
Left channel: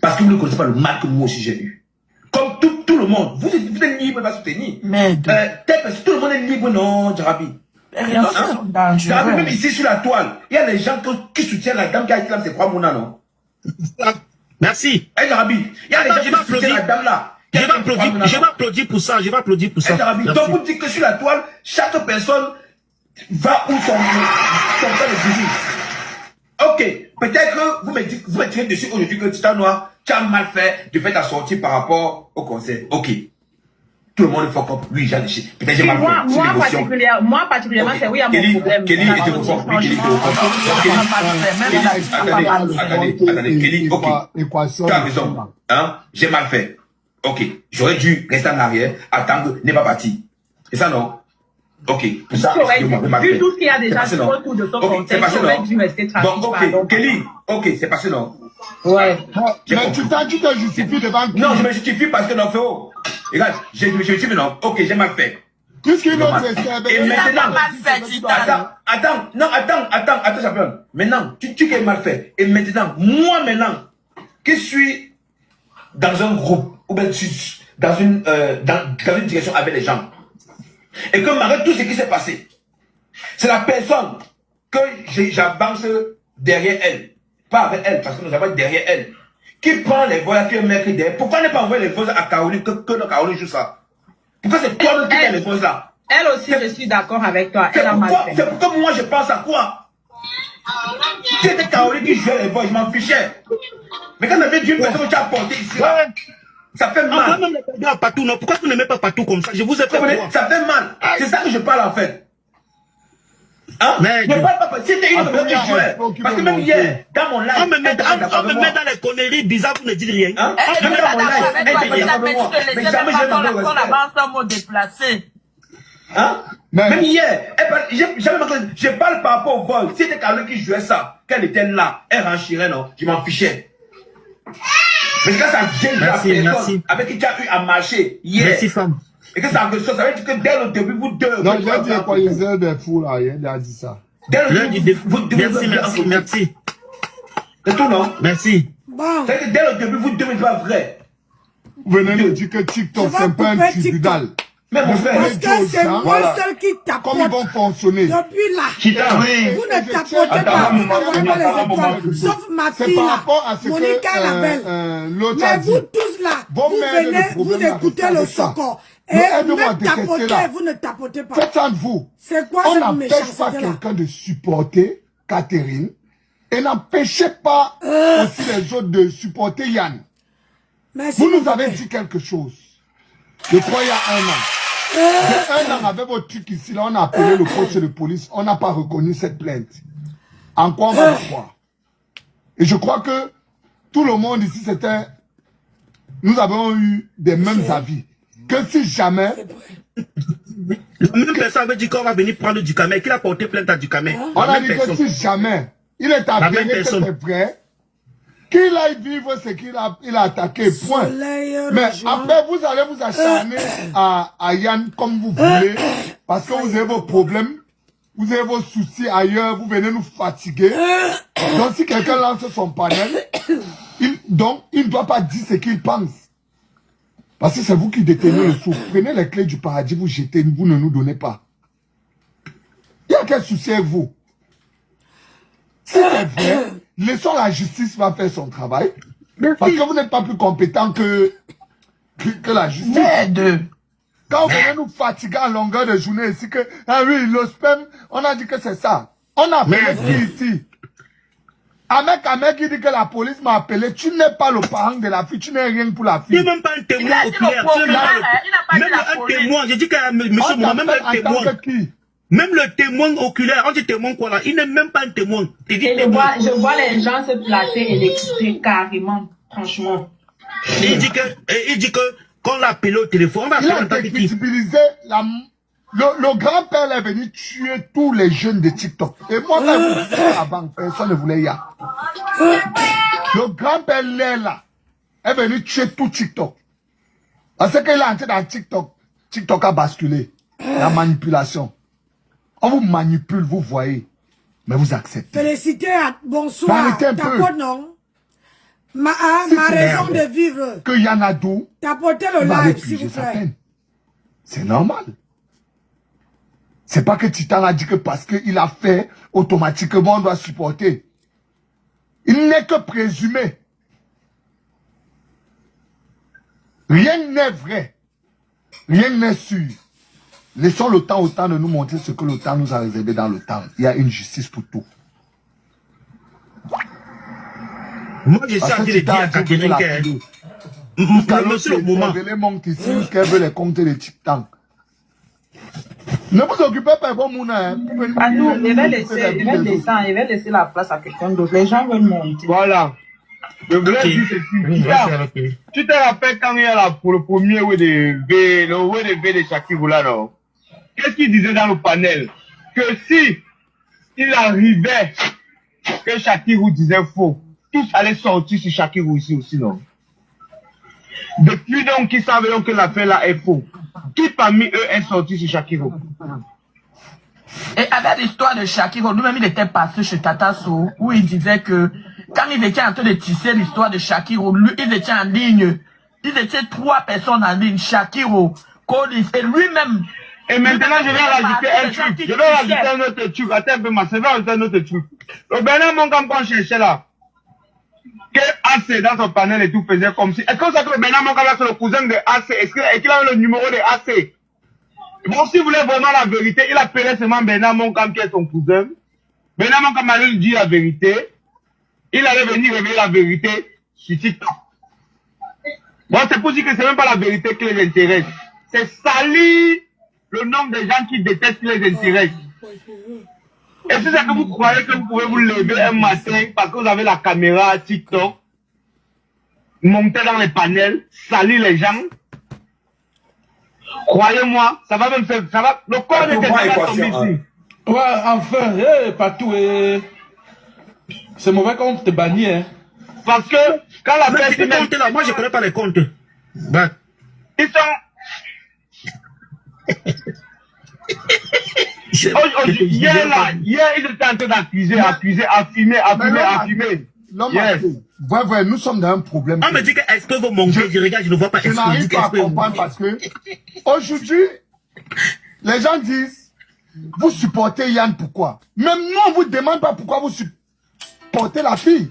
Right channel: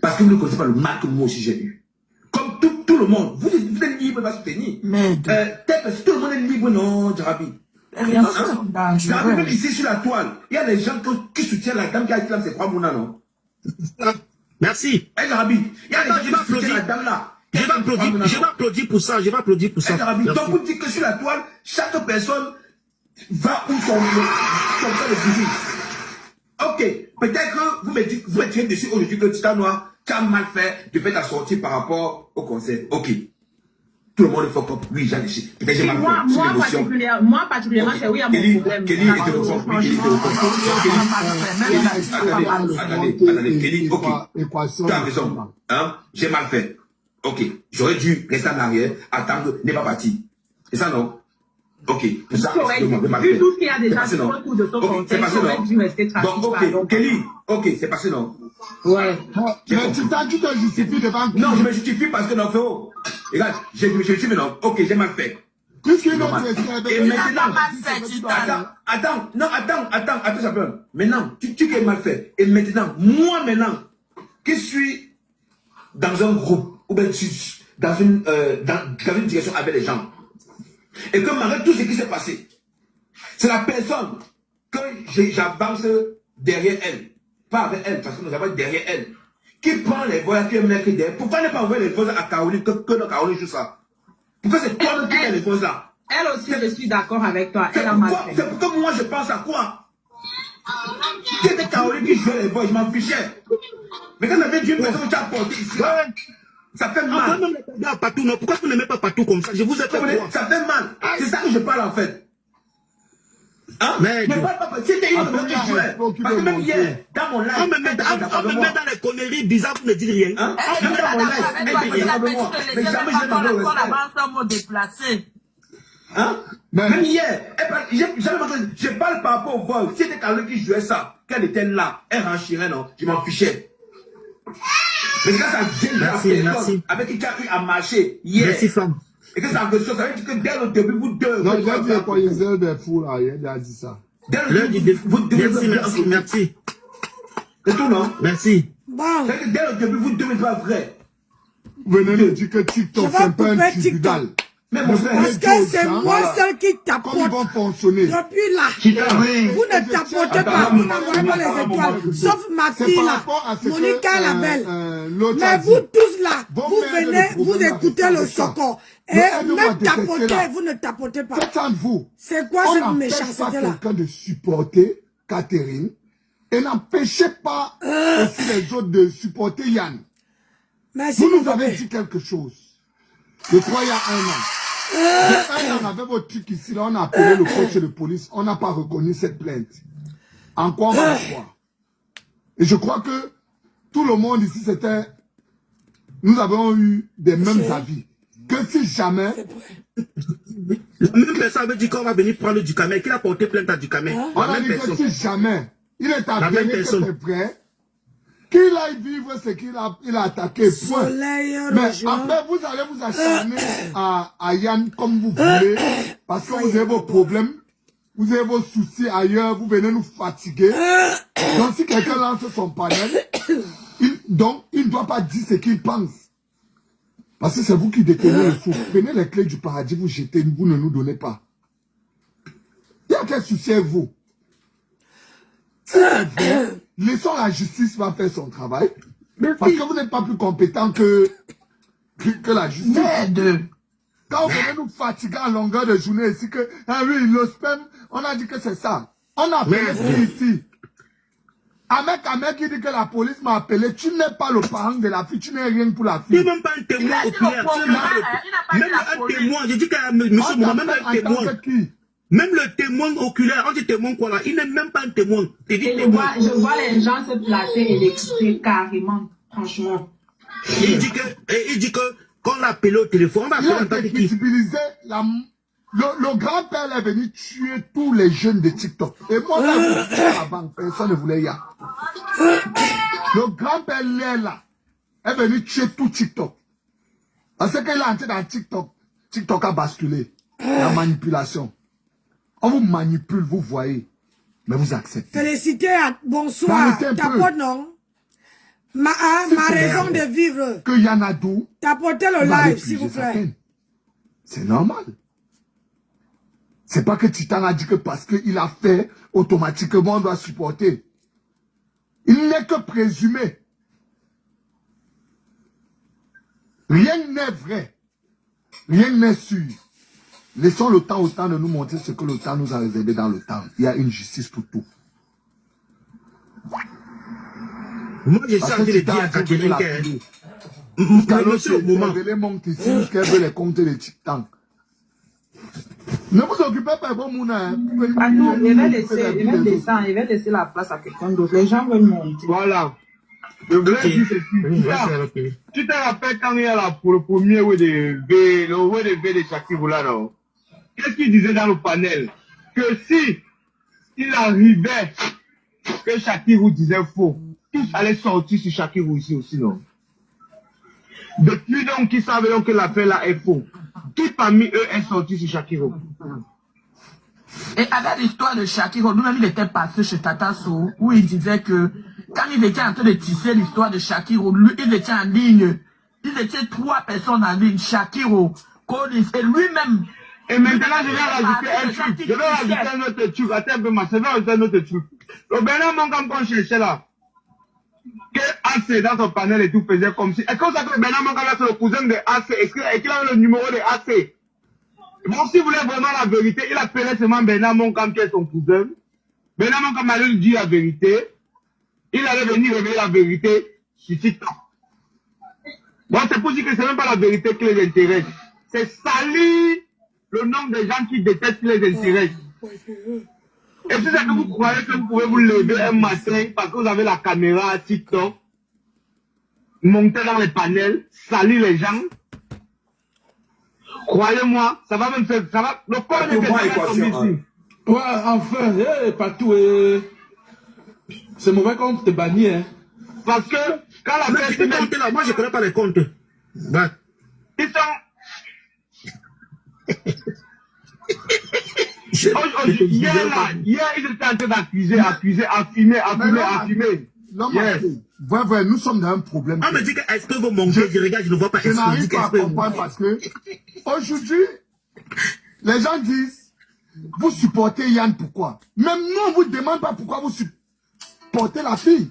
Parce que vous ne connaissez pas le mal que moi aussi j'ai eu. Comme tout le monde, vous êtes libre de la soutenir. Mais tout le monde est libre, non, Jarabi. Même ici sur la toile, il y a des gens qui soutiennent la dame qui a été là, c'est quoi mon nom? Merci. Jarabi, il y a des gens qui soutiennent la dame là. Je vais applaudir pour ça, Donc vous dites que sur la toile, chaque personne va où son cas de fusil. Ok, peut-être que vous me tirez dessus aujourd'hui que Titan Noir, tu as mal fait de faire ta sortie par rapport au conseil. Ok. Tout le monde est fort. Oui, peut-être j'ai mal fait. Moi particulièrement, c'est oui à mon problème. Kelly était au fond. Attendez, Kelly, ok. Tu as raison. J'ai mal fait. Ok, j'aurais dû rester en arrière, attendre, n'est pas parti. C'est ça, non? Ok, tout ça, vu tout ce qu'il y a déjà autour de son contexte, j'aurais dû rester tranquille. Bon, ok, Kelly, ok, c'est passé, non? Ouais. Mais tu te justifies devant qui? Non, je me justifie parce que non, frérot. Regarde, je me justifie, non? Ok, j'ai mal fait. Qu'est-ce qu'il a fait? Et maintenant, attends, champion. Maintenant, tu as mal fait. Et maintenant, moi, qui suis dans un groupe, ou bien dans une direction avec les gens, et que malgré tout ce qui s'est passé, c'est la personne que j'avance derrière elle, pas avec elle, parce que nous avons derrière elle, qui prend les voix, qui met derrière. Pourquoi ne pas envoyer les voix à Caroline, que Caroline joue ça? Pourquoi c'est toi qui prends les voix là? Elle aussi, je suis d'accord avec toi. Elle a mal fait. C'est pourquoi moi je pense à quoi? C'était Caroline qui jouait les voix, je m'en fichais. Mais quand on avait dit une personne qui a porté ici, ça fait mal. Pourquoi vous n'aimez pas partout comme ça? Je vous ai fait voir. Ça fait mal. C'est ça que je parle en fait. Je parle pas. C'était une personne qui jouait. Parce que même hier, dans mon live, on me met dans les conneries bizarres, vous ne dites rien. Elle ne met pas d'accord avec toi. Elle a dit que les aimes pas quand la avance un mot déplacé. Hein? Même hier, je parle par rapport au vol. Si c'était quelqu'un qui jouait ça, qu'elle était là, elle renchirait, non, je m'en fichais. Parce que ça vient de la personne avec qui tu as eu à marcher hier. Merci, femme. Et que ça veut dire que dès le début, vous deux. Non, il a dit quoi, il a des fous là, il a dit ça. Dès le début, vous deux. Merci. C'est tout, non? Merci. Bon. Dès le début, vous deux, c'est pas vrai. Vous venez de dire que TikTok, c'est un peu un tribunal. Parce que c'est moi seul qui tapote. Comment ils vont fonctionner? Depuis là, vous ne tapotez pas, vous n'envoyez pas les étoiles. Sauf ma fille là, Monica la belle. Mais vous tous là, vous venez, vous écoutez le socon. Et même tapoter, vous ne tapotez pas. C'est quoi cette méchanceté là? On n'empêche pas quelqu'un de supporter Catherine et n'empêchez pas aussi les autres de supporter Yann. Vous nous avez dit quelque chose. Je crois il y a 1 an. Un an avec votre truc ici, là, on a appelé le coach de police, on n'a pas reconnu cette plainte. En quoi on va le croire? Et je crois que tout le monde ici, c'était... Nous avons eu des mêmes avis. Que si jamais... La même personne avait dit qu'on va venir prendre du camel, qu'il a porté plainte à du camel. On a dit que si jamais il est avéré que c'est vrai, qu'il aille vivre ce qu'il a attaqué, point. Mais après, vous allez vous acharner à Yann comme vous voulez, parce que vous avez vos problèmes, vous avez vos soucis ailleurs, vous venez nous fatiguer. Donc si quelqu'un lance son panel, il ne doit pas dire ce qu'il pense. Parce que c'est vous qui détenez le souffle. Prenez les clés du paradis, vous jetez, vous ne nous donnez pas. Il y a quel souci avec vous? Si c'est vrai, laissons la justice va faire son travail. Parce que vous n'êtes pas plus compétent que la justice. Quand vous venez nous fatiguer en longueur de journée ici, que, ah oui, le spam, on a dit que c'est ça. On a appelé ici. Ahmed qui dit que la police m'a appelé, tu n'es pas le parent de la fille, tu n'es rien pour la fille. Tu n'es même pas un témoin oculaire. Même un témoin, j'ai dit que monsieur Mouma, même un témoin. Même le témoin oculaire, on dit témoin quoi là, il n'est même pas un témoin. Je vois les gens se placer et l'écouter carrément, franchement. Il dit que quand on l'a appelé au téléphone, on va faire visibiliser le grand-père est venu tuer tous les jeunes de TikTok. Et moi, avant, personne ne voulait y aller. Le grand-père là est venu tuer tout TikTok. Parce qu'il est entré dans TikTok. TikTok a basculé. La manipulation. On vous manipule, vous voyez. Mais vous acceptez. Félicité, bonsoir. Tapote, non? Ma raison de vivre. Que Yanadou. Tapotez le live, s'il vous plaît. C'est normal. C'est pas que Titan a dit que parce qu'il a fait, automatiquement on doit supporter. Il n'est que présumé. Rien n'est vrai. Rien n'est sûr. Laissons le temps au temps de nous montrer ce que le temps nous a réservé dans le temps. Il y a une justice pour tout. Moi, je sais à qui le dire à Catherine que... Monsieur au moment. Qu'elle veut les compter les titans. Ne vous occupez pas de Mouna. Ah non, il va laisser la place à quelqu'un d'autre. Les gens veulent monter. Voilà. Je voulais dire ceci. Tu te rappelles quand il y a là pour le premier way de V, le way de V de Shakirou là, non? Qu'est-ce qu'il disait dans le panel? Que si il arrivait que Shakirou disait faux, tous allaient sortir sur Shakirou ici aussi, non? Depuis donc qu'ils savaient donc que l'affaire là est faux, qui parmi eux est sorti sur Shakirou? Et avec l'histoire de Shakirou, lui-même il était passé chez Tata Sou, où il disait que quand ils étaient en train de tisser l'histoire de Shakirou, lui, ils étaient en ligne. Ils étaient 3 personnes en ligne, Shakirou, Colis, et lui-même. Et maintenant, je vais rajouter un truc. Je vais rajouter un autre truc. Attends un peu, ma sœur, je vais rajouter un autre truc. Le Bernard Monkam qu'on cherchait là, que AC dans son panel et tout faisait comme si. Est-ce que vous savez que le Bernard Monkam c'est le cousin de AC? Est-ce qu'il avait le numéro de AC? Bon, si vous voulez vraiment la vérité, il appelait seulement Bernard Monkam qui est son cousin. Bernard Monkam allait lui dire la vérité. Il allait venir révéler la vérité sur TikTok. Bon, c'est pour dire que c'est même pas la vérité qui les intéresse. C'est salir le nombre de gens qui détestent qui les intéresse. Et si c'est que vous croyez que vous pouvez vous lever un matin parce que vous avez la caméra TikTok, monter dans les panels, salir les gens, Croyez-moi, ça va même faire, ça va, le corps de quelqu'un va tomber ici. Ouais, enfin, Patou, c'est mauvais quand on te bannit, hein. Parce que, quand la personne... là, moi je connais pas les comptes. Ouais. Ils sont... Hier, ils étaient en train d'accuser, affumer. Non, ouais, nous sommes dans un problème. On me dit que est-ce que vous mangez? Je regarde, je ne vois pas. Je n'arrive pas à comprendre parce que aujourd'hui, les gens disent, vous supportez Yann, pourquoi? Même nous, on vous demande pas pourquoi vous supportez la fille.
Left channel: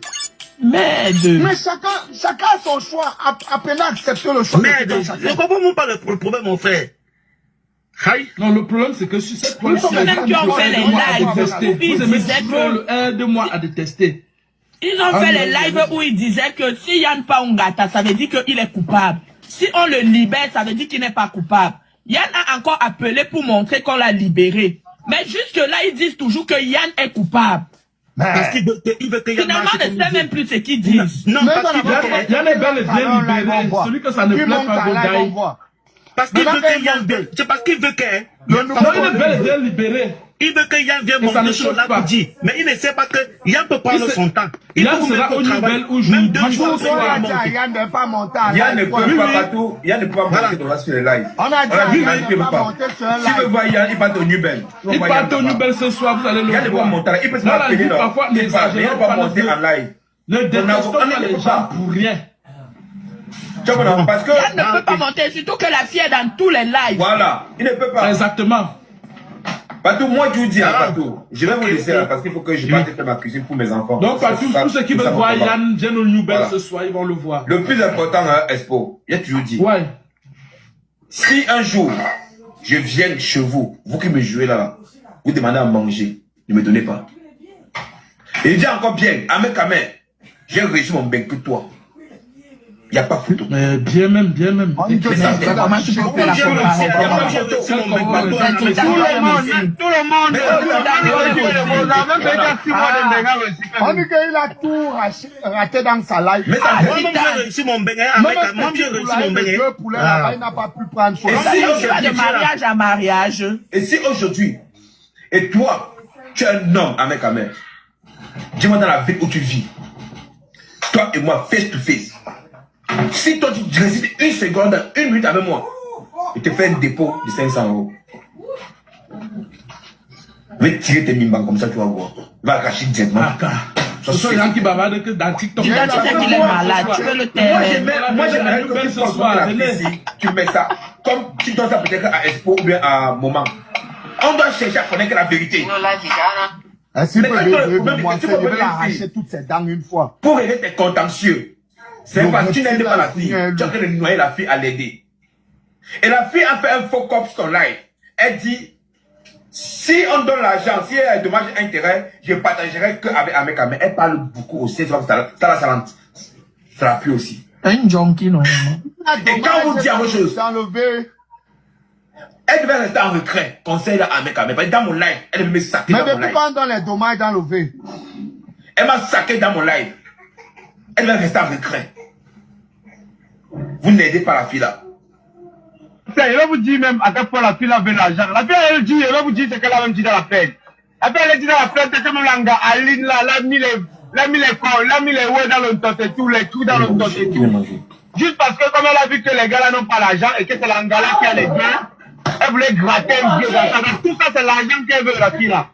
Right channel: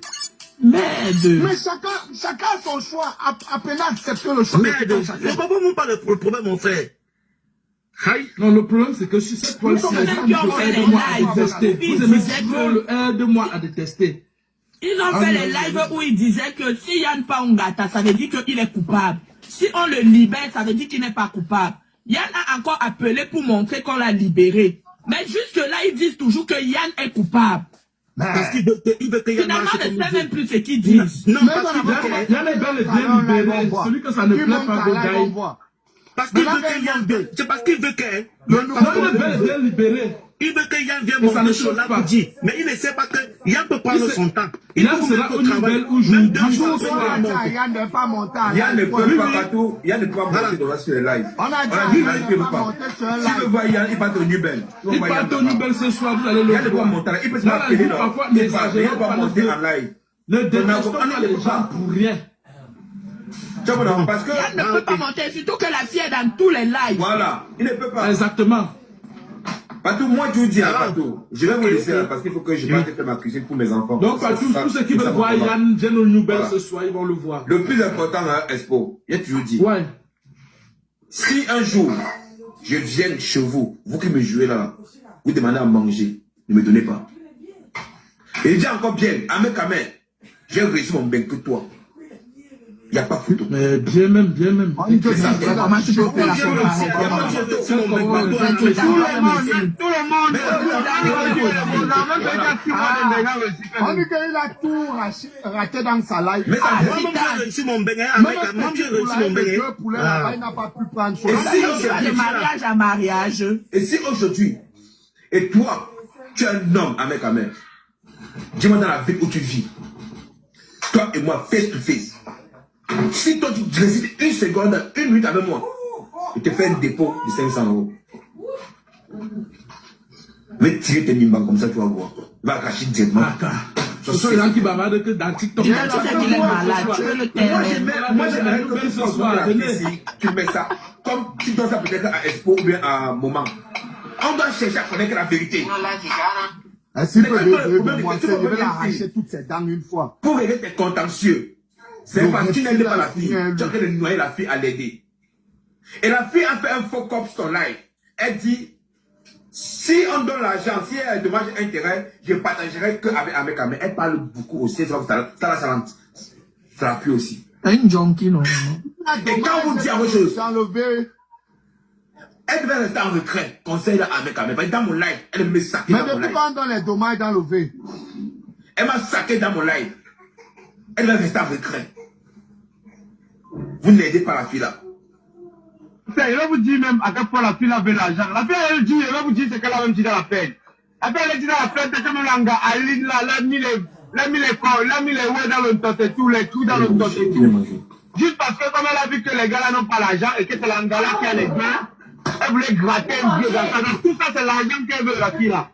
Mais chacun a son choix, appelez à accepter le choix. Mais je comprends pas le problème, mon frère. Non, le problème, c'est que sur cette fois-ci, vous aimez le 2 mois à détester. Ils ont fait les lives où ils disaient que si Yann pas Ongata, ça veut dire qu'il est coupable. Si on le libère, ça veut dire qu'il n'est pas coupable. Yann a encore appelé pour montrer qu'on l'a libéré. Mais jusque-là, ils disent toujours que Yann est coupable. Parce qu'il veut que Yann finalement, on ne sait même plus ce qu'ils disent. Non, parce qu'il veut Yann est bel et bien libéré. Celui que ça ne plaît pas de Gaï. Parce qu'il veut que Yann vienne. C'est parce qu'il veut que... Il est bel et bien libéré. Il veut que Yann vienne monter sur la pour dire. Mais il ne sait pas que Yann peut prendre son temps. Il là sera au niveau où je Yann ne peut pas monter. Yann ne peut pas partout. Yann ne peut pas monter sur les lives. On a dit Yann ne peut pas monter sur un live. Si vous voyez Yann, il part au Nubel. Il part au Nubel ce soir, vous allez le voir. Yann ne peut pas monter. Il peut se appeler là. Parfois, Il ne peut pas monter en live. Ne détestons pas les gens pour rien. Parce que Yann ne peut pas monter, surtout que la fille est dans tous les lives. Voilà, il ne peut pas. Exactement. Patou, moi je vous dis, Patou, je vais vous laisser là parce qu'il faut que je parte faire ma cuisine pour mes enfants. Donc Patou, tous ceux qui veulent voir Yann, viennent au Nubel ce soir, ils vont le voir. Le plus important, Expo, il y a toujours dit. Ouais. Si un jour, je viens chez vous, vous qui me jouez là, vous demandez à manger, ne me donnez pas. Et il dit encore bien, Ahmed Kamer, j'ai réussi mon bain que toi. Il n'y a pas photo. Mais bien même. Comment tu peux faire la comparaison? Tout le monde. On dit qu'il a tout raté dans sa live. Mais ça j'ai réussi mon bain. Moi, j'ai réussi mon bain. Il n'a pas pu prendre son de mariage à mariage. Et si aujourd'hui, et toi, tu es un homme avec ta mère, dis-moi dans la ville où tu vis, toi et moi, face to face. Si toi tu récites une seconde, 1 minute avec moi, je te fais un dépôt de 500 €. Je vais tirer tes mimbans comme ça, tu vas voir. Va arracher directement. Ce sont les gens qui bavardent dans TikTok. Tu sais qu'il est malade, tu veux le terrain. Moi j'aimerais que ce soit tu mets ça comme tu donnes ça peut-être à Expo ou bien à Moment. On doit chercher à connaître la vérité. S'il peut je vais l'arracher toutes ses dents une fois. Pour régler tes contentieux. C'est parce que tu n'aides pas la fille. Tu es en train de noyer la fille à l'aider. Et la fille a fait un faux cop sur ton live. Elle dit, si on donne l'argent, si il y a un dommage intérêt, je partagerai qu'avec Ahmed. Elle parle beaucoup aussi. Ça la pue aussi. Un junkie, non. Et quand on vous dit autre chose, elle devait rester en retrait. Conseil à Ahmed. Dans mon live, elle devait me saquer dans mon live. Mais depuis quand on donne les dommages dans le V? Elle m'a saqué dans mon live. Elle devait rester en retrait. Vous n'aidez pas la fille là. Il va vous dire même à quel point la fille avait l'argent. La fille, elle dit, elle va vous dire ce qu'elle a même dit dans la fête. Après, elle dit dans la fête, c'est comme l'anga, Aline là, elle a mis les corps, elle a mis les ouais dans le tot et tout, les trous dans le tot et tout. Juste parce que comme elle a vu que les gars là n'ont pas l'argent et que c'est l'anga là qui a les biens, elle voulait gratter un vieux gars. Tout ça, c'est l'argent qu'elle veut, la fille là.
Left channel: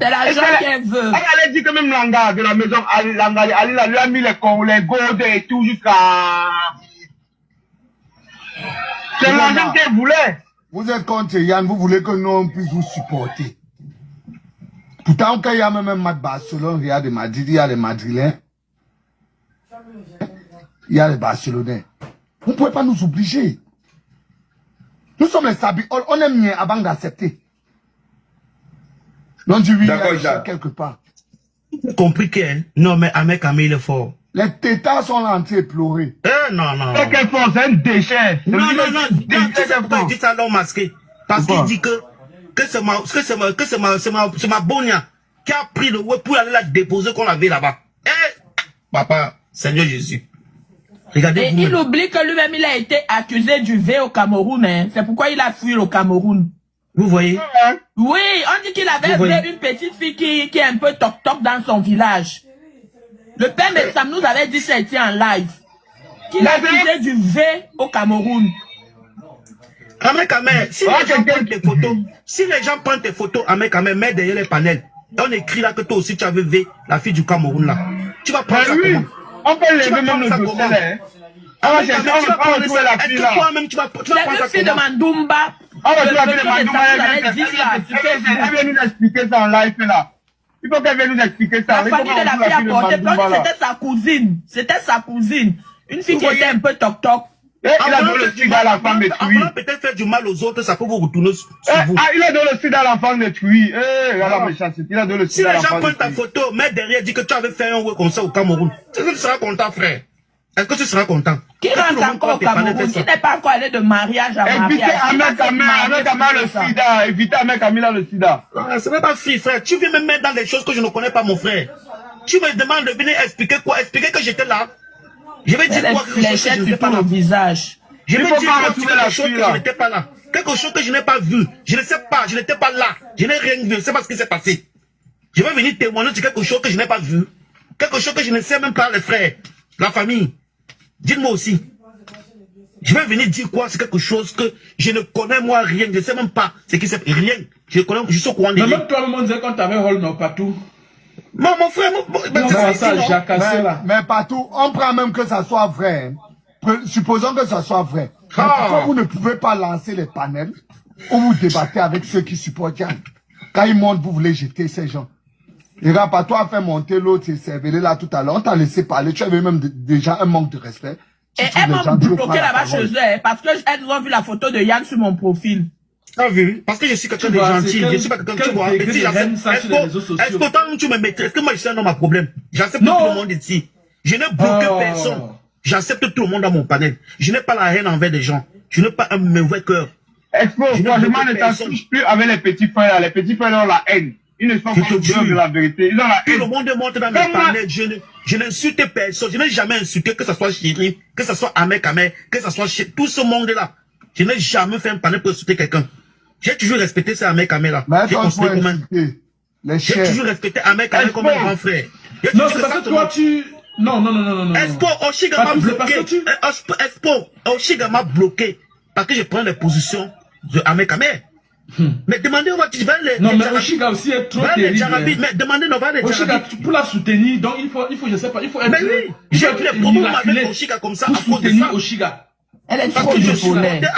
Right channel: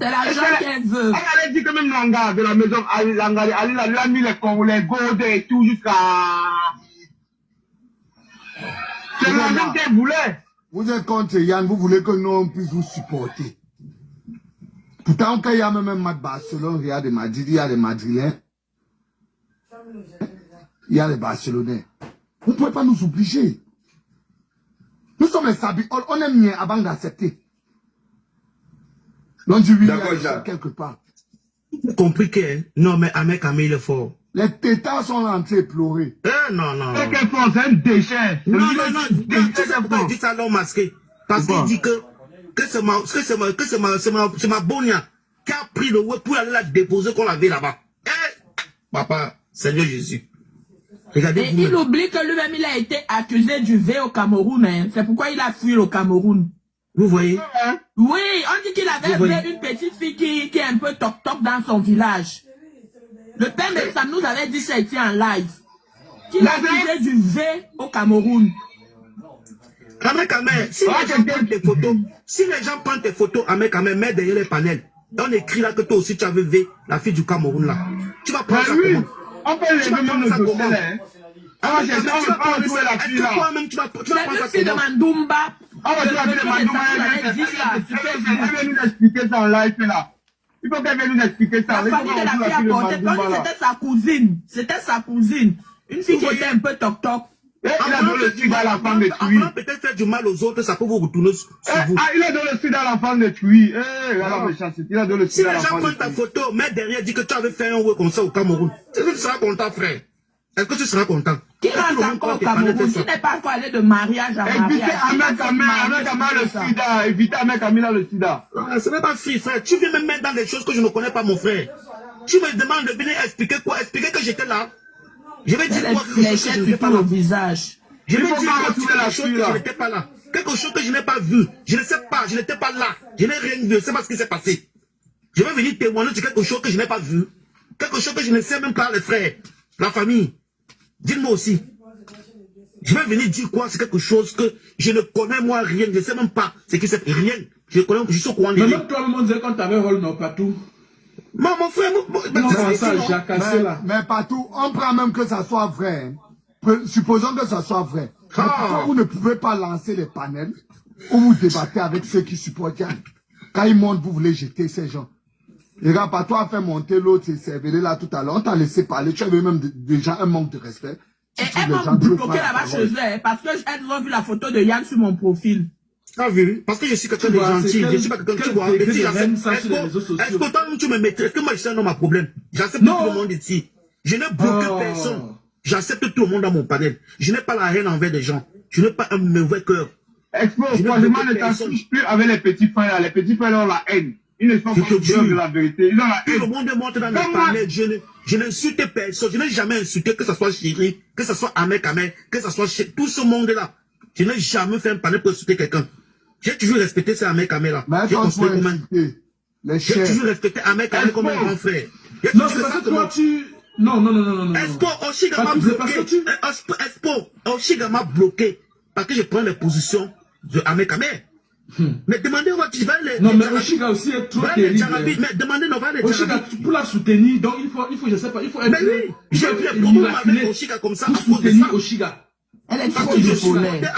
C'est l'argent qu'elle veut. Elle a dit que même l'anga de la maison, l'anga, elle lui a mis les corps, les godes et tout jusqu'à... C'est l'argent qu'elle voulait. Vous êtes contre Yann, vous voulez que nous on puisse vous supporter. Pourtant, quand il y a même un match Barcelone, il y a des Madrid, il y a des Madrilènes. Il y a les Barcelonais. Vous ne pouvez pas nous obliger. Nous sommes les sabis, on aime bien avant d'accepter. Donc tu vis quelque part. Compliqué, hein? Non, mais Ahmed Kamer, il est fort. Les tétards sont rentrés et pleurer. Non. C'est quel fort, c'est un déchet. Non. Tu sais pourquoi il dit ça, l'homme masqué? Parce qu'il dit que c'est ma bonia qui a pris le web pour aller la déposer qu'on avait là-bas. Papa, Seigneur Jésus. Et il oublie que lui-même, il a été accusé du V au Cameroun. Hein. C'est pourquoi il a fui au Cameroun. Vous voyez? Oui, on dit qu'il avait une petite fille qui est un peu toc-toc dans son village. Le père de Sam nous avait dit ça était en live. Qu'il a accusé du V au Cameroun. Si les gens prennent tes photos, mets derrière les panels. On écrit là que toi aussi tu avais vu la fille du Cameroun là. Tu vas prendre ça comment? On peut lever même le dossier là. C'est une fille de Mandumba. Elle vient nous expliquer ça en live là. Il faut qu'elle vienne nous expliquer ça. La famille de la fille a porté plainte, c'était sa cousine. C'était sa cousine. Une fille qui était un peu toc-toc. Il a donné le sida à l'enfant de Tui. Peut-être faire du mal aux autres, ça peut vous retourner sur vous. Il a donné le sida à l'enfant de Tui. Regarde la méchanceté. Il a donné le Si sida à les l'enfant gens de prennent ta Tui. photo, mets derrière, dis que tu avais fait un ouais comme ça au Cameroun. Est-ce que tu seras content, frère? Est-ce que tu seras content? Qui rentre encore au Cameroun? Qui n'est pas encore allé de mariage à mariage? Évitez Ahmed Kamel le sida. Évitez Ahmed Kamel le sida. Ce n'est pas free, frère. Tu viens me mettre dans des choses que je ne connais pas, mon frère. Tu me demandes de venir expliquer quoi? Expliquer que j'étais là. Je vais dire quoi? Fléchette sur ton visage. Je vais dire quoi? Quelque chose que je n'étais pas là. Quelque chose que je n'ai pas vu. Je ne sais pas. Je n'étais pas là. Je n'ai rien vu. Je ne sais pas ce qui s'est passé. Je vais venir témoigner sur quelque chose que je n'ai pas vu. Quelque chose que je ne sais même pas, les frères. La famille. Dites-moi aussi. Je vais venir dire quoi? C'est quelque chose que je ne connais moi rien. Je ne sais même pas ce qui s'est rien. Je connais, je suis au courant de rien. Même toi, on disait quand t'avais rôle non partout. Mon frère, mais partout, on prend même que ça soit vrai. Supposons que ça soit vrai. Mais pourquoi vous ne pouvez pas lancer les panels où vous débattez avec ceux qui supportent Yann? Quand ils montent, vous voulez jeter ces gens. Les gars, pas toi, fait monter l'autre, c'est Cervelé là tout à l'heure. On t'a laissé parler. Tu avais même déjà un manque de respect. Et elles m'ont bloqué là-bas chez eux, parce qu'elles ont vu la photo de Yann sur mon profil. Ah vu, parce que je suis quelqu'un de gentil, je suis pas quelqu'un, tu vois, mais si est-ce que toi tu me maîtrises, est-ce que moi je suis un homme à problème? J'accepte tout le monde ici. Je n'ai bloqué personne. J'accepte tout le monde dans mon panel. Je n'ai pas la haine envers des gens. Je n'ai pas un mauvais cœur. Franchement, ne t'assouche plus avec les petits frères là. Les petits frères ont la haine. Ils ne sont pas sûrs de la vérité. Ils ont la haine. Tout le monde monte dans mes panels. Je n'insulte personne. Je n'ai jamais insulté, que ce soit Chéri, que ce soit Ahmed Kamel, que ce soit tout ce monde-là. Je n'ai jamais fait un panel pour insulter quelqu'un. J'ai toujours respecté ces Ahmed Kamel là. J'ai toujours respecté Ahmed Kamel comme un grand frère. Non, c'est parce que toi tu... Non. Expo, Oshiga m'a bloqué. Expo, Oshiga m'a bloqué. Parce que je prends les positions de Ahmed Kamel. Mais demandez, tu vas les... Non, mais Oshiga aussi est trop terrible. Mais demandez, on va les Oshiga, pour la soutenir, donc il faut, je sais pas, il faut être... Mais oui, j'ai pris les problèmes avec Oshiga comme ça. Pour soutenir Oshiga. Elle est trop bipolaire.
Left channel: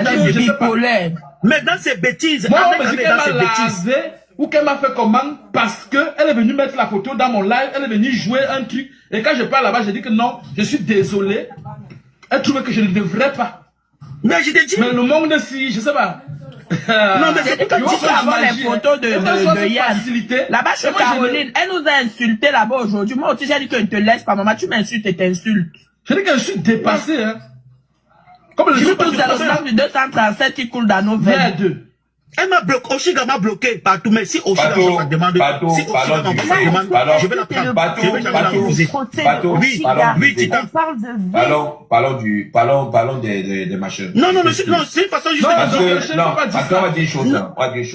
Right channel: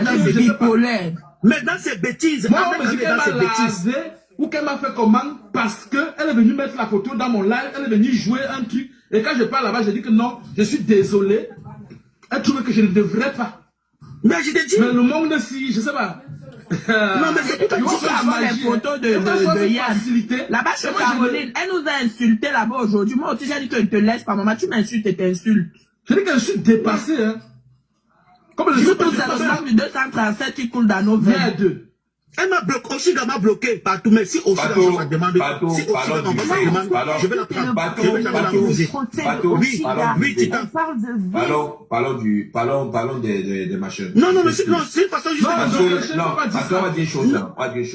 Elle est bipolaire. Mais dans ses bêtises, moi, on me dit qu'elle m'a lasé ou qu'elle m'a fait comment parce qu'elle est venue mettre la photo dans mon live, elle est venue jouer un truc. Et quand je parle là-bas, je dis que non, je suis désolé. Elle trouve que je ne devrais pas. Mais je t'ai dit. Mais le monde, si, je sais pas. Non, mais c'est que tu sais avoir les photos de Yann. Là-bas, chez Caroline, elle nous a insulté là-bas aujourd'hui. Moi aussi, j'ai dit que je ne te laisse pas, maman. Tu m'insultes et t'insultes. Je dis qu'elle suis dépassée, hein. Comme le tout c'est le sang du 237 qui coule dans nos veines. Elle m'a bloqué, Oshiga m'a bloqué partout, mais si Oshiga m'envoie sa demande, si Oshiga m'envoie sa demande, je vais la prendre. Je vais jamais la refuser. Parlons des machins. Non, c'est une façon juste de... Non, parce qu'on va dire une chose.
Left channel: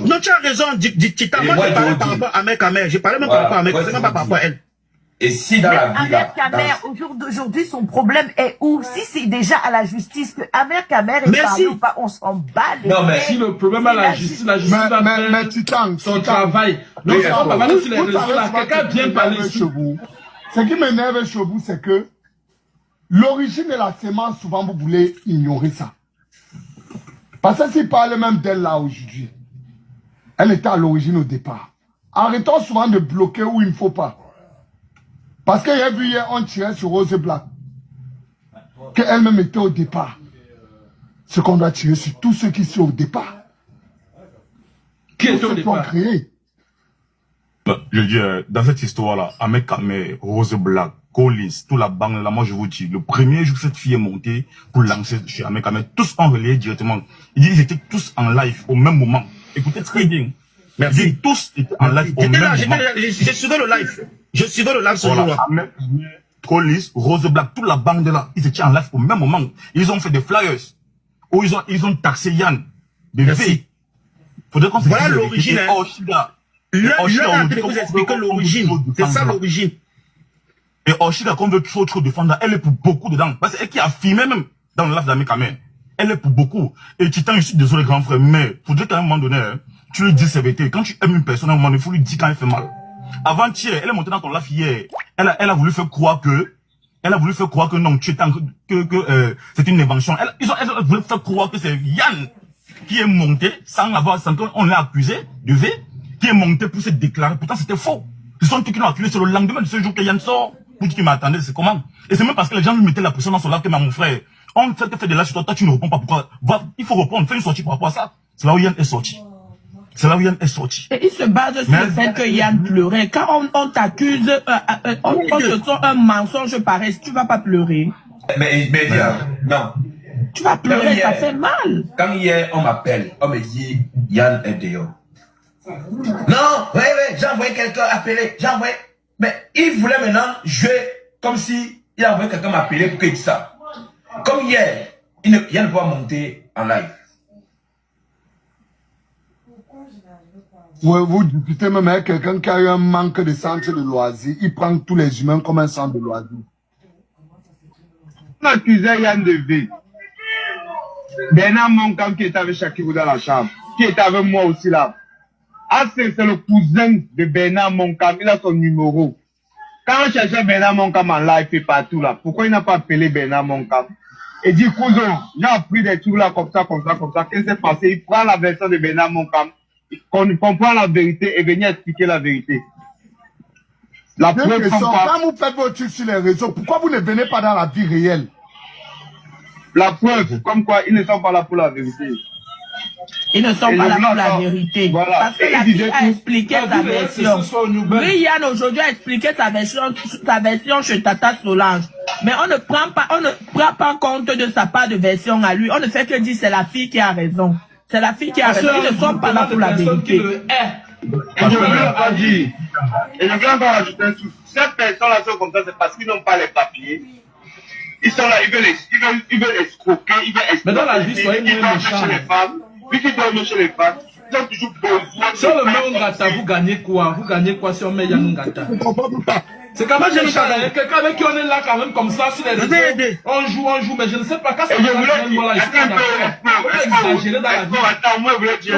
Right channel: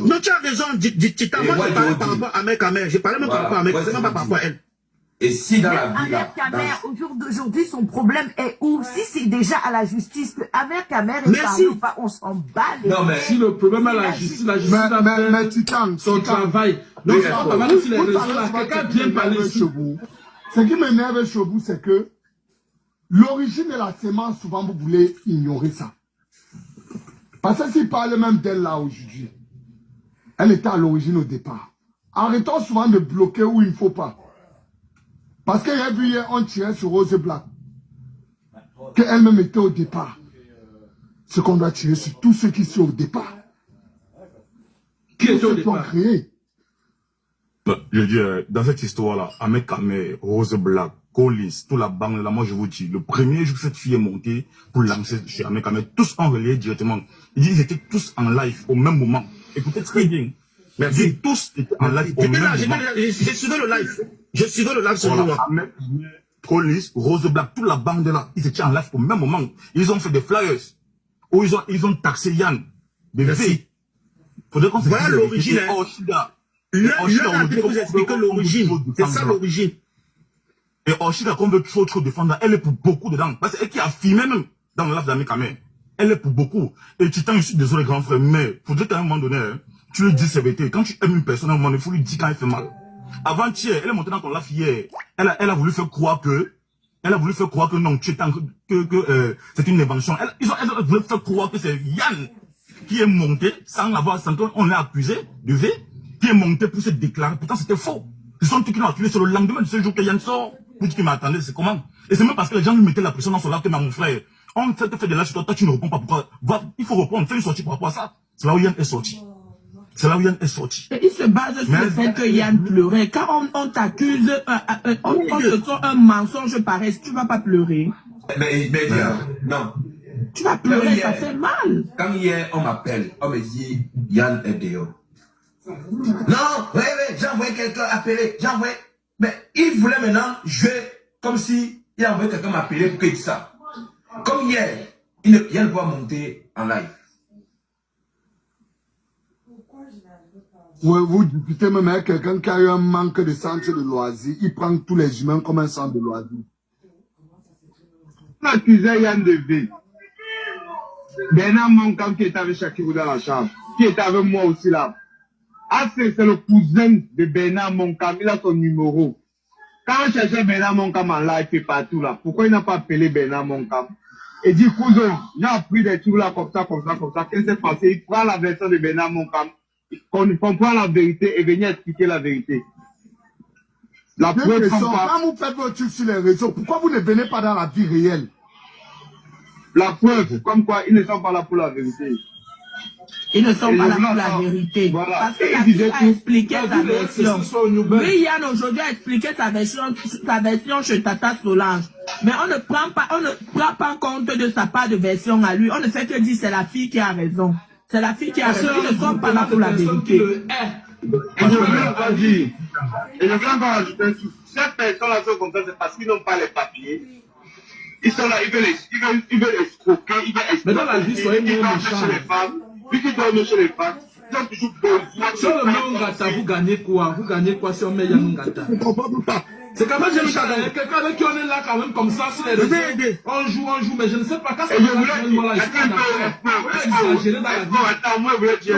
Non, tu as raison, Tita, moi je parlais par rapport à Ahmed Kamel, je parlais même par rapport à Ahmed, c'est même pas par rapport à elle. Et si dans la vie là, au jour d'aujourd'hui, son problème est où? Si c'est déjà à la justice que Ahmed Kamel est parlé ou pas, on s'en bat. Non, mais si le problème à la justice va faire son travail. Donc, on va aller sur les réseaux là, quelqu'un bien parler ici. Ce qui m'énerve chez vous, c'est que l'origine de la sémence, souvent vous voulez ignorer ça. Parce que s'il parle même d'elle là aujourd'hui, elle était à l'origine au départ. Arrêtons souvent de bloquer où il ne faut pas. Parce qu'il y a vu hier, on tirait sur Rose Black. Qu'elle-même était au départ. Ce qu'on doit tirer sur tous ceux qui sont au départ. Qui est au départ? Je dis, dans cette histoire-là, Ahmed Kamel, Rose Black, Collins, toute la bande là, moi je vous dis, le premier jour que cette fille est montée pour lancer chez Ahmed Kamel, tous ont relayé directement. Ils étaient tous en live au même moment. Écoutez très bien. Merci. Tous étaient en live au même moment. Je suivais le live. Je suivais le live ce jour-là. Collis, Rose Black, toute la bande là, ils étaient en live au même moment. Ils ont fait des flyers où ils ont taxé Yann de V. Faudrait qu'on se voilà l'origine. Vous expliquer l'origine. C'est ça l'origine. Et Oshida, qu'on veut trop défendre, elle est pour beaucoup dedans. Parce qu'elle qui a filmé même dans le live d'Ami Kamel. Elle est pour beaucoup. Et Titan, je suis désolé, grand frère, mais faudrait qu'à un moment donné, tu lui dis CVT. Quand tu aimes une personne, à un moment donné, il faut lui dire quand elle fait mal. Avant-hier, elle est montée dans ton live hier. Elle a voulu faire croire que non, tu étais c'est une invention. Elle voulu faire croire que c'est Yann qui est monté sans qu'on l'a accusé de V, qui est monté pour se déclarer. Pourtant, c'était faux. Ce sont ceux qui l'ont accusé sur le lendemain de ce jour que Yann sort. Pour qui m'attendait, c'est comment? Et c'est même parce que les gens lui mettaient la pression dans son live que mon frère, on fait des lives sur toi, tu ne réponds pas. Pourquoi? Il faut répondre, fais une sortie par rapport à ça. C'est là où Yann est sorti. C'est là où Yann est sorti. Et il se base sur le fait que Yann pleurait. Quand on t'accuse, on te sort un mensonge pareil, tu vas pas pleurer. Mais non. Tu vas pleurer, ça fait mal. Quand hier, on m'appelle, on me dit, Yann est dehors. Non, ouais, j'ai envoyé quelqu'un appeler, j'ai envoyé. Mais il voulait maintenant jouer comme si il a envoyé quelqu'un m'appeler pour qu'il dise ça. Comme hier, Yann ne peut pas monter en live. Ouais, vous discutez même avec quelqu'un qui a eu un manque de centre de loisirs. Il prend tous les humains comme un centre de loisirs. On accusait Yann de V. Bernard Monkam qui était avec Shakirou dans la chambre, qui était avec moi aussi là. Ah, c'est le cousin de Bernard Monkam, il a son numéro. Quand on cherchait Bernard Monkam en live et partout là, pourquoi il n'a pas appelé Bernard Monkam? Et dit, cousin, j'ai appris des trucs là comme ça. Qu'est-ce qui s'est passé? Il prend la version de Bernard Monkam, qu'on comprend la vérité et venir expliquer la vérité. La preuve comme quoi. Quand vous faites vos trucs sur les réseaux, pourquoi vous ne venez pas dans la vie réelle? La preuve, comme quoi ils ne sont pas là pour la vérité. Ils ne sont pas là pour la vérité. Voilà. Parce que la fille a expliqué sa version. Oui, Yann aujourd'hui a expliqué sa version chez Tata Solange. Mais on ne prend pas compte de sa part de version à lui. On ne fait que dire c'est la fille qui a raison. C'est la fille qui a raison. Ils ne sont pas là pour la vérité. Et je veux dire, et je veux encore ajouter un truc. Ces personnes-là sont comme ça, c'est parce qu'ils n'ont pas les papiers. Ils sont là, ils veulent escroquer, ils veulent exploiter. Mais dans la vie, soyez moins méchants. Vu qu'ils dorment chez les femmes, ils ont toujours besoin de... Si on le met Ngata, vous gagnez quoi? Vous gagnez quoi si on met Yann Ngata? C'est quand même quelqu'un avec qui on est là quand même comme ça sur les réseaux. On joue, mais je ne sais pas quand ça va moi là, je suis pas d'accord. On peut exagérer dans la vie. Attends, moi je voulais dire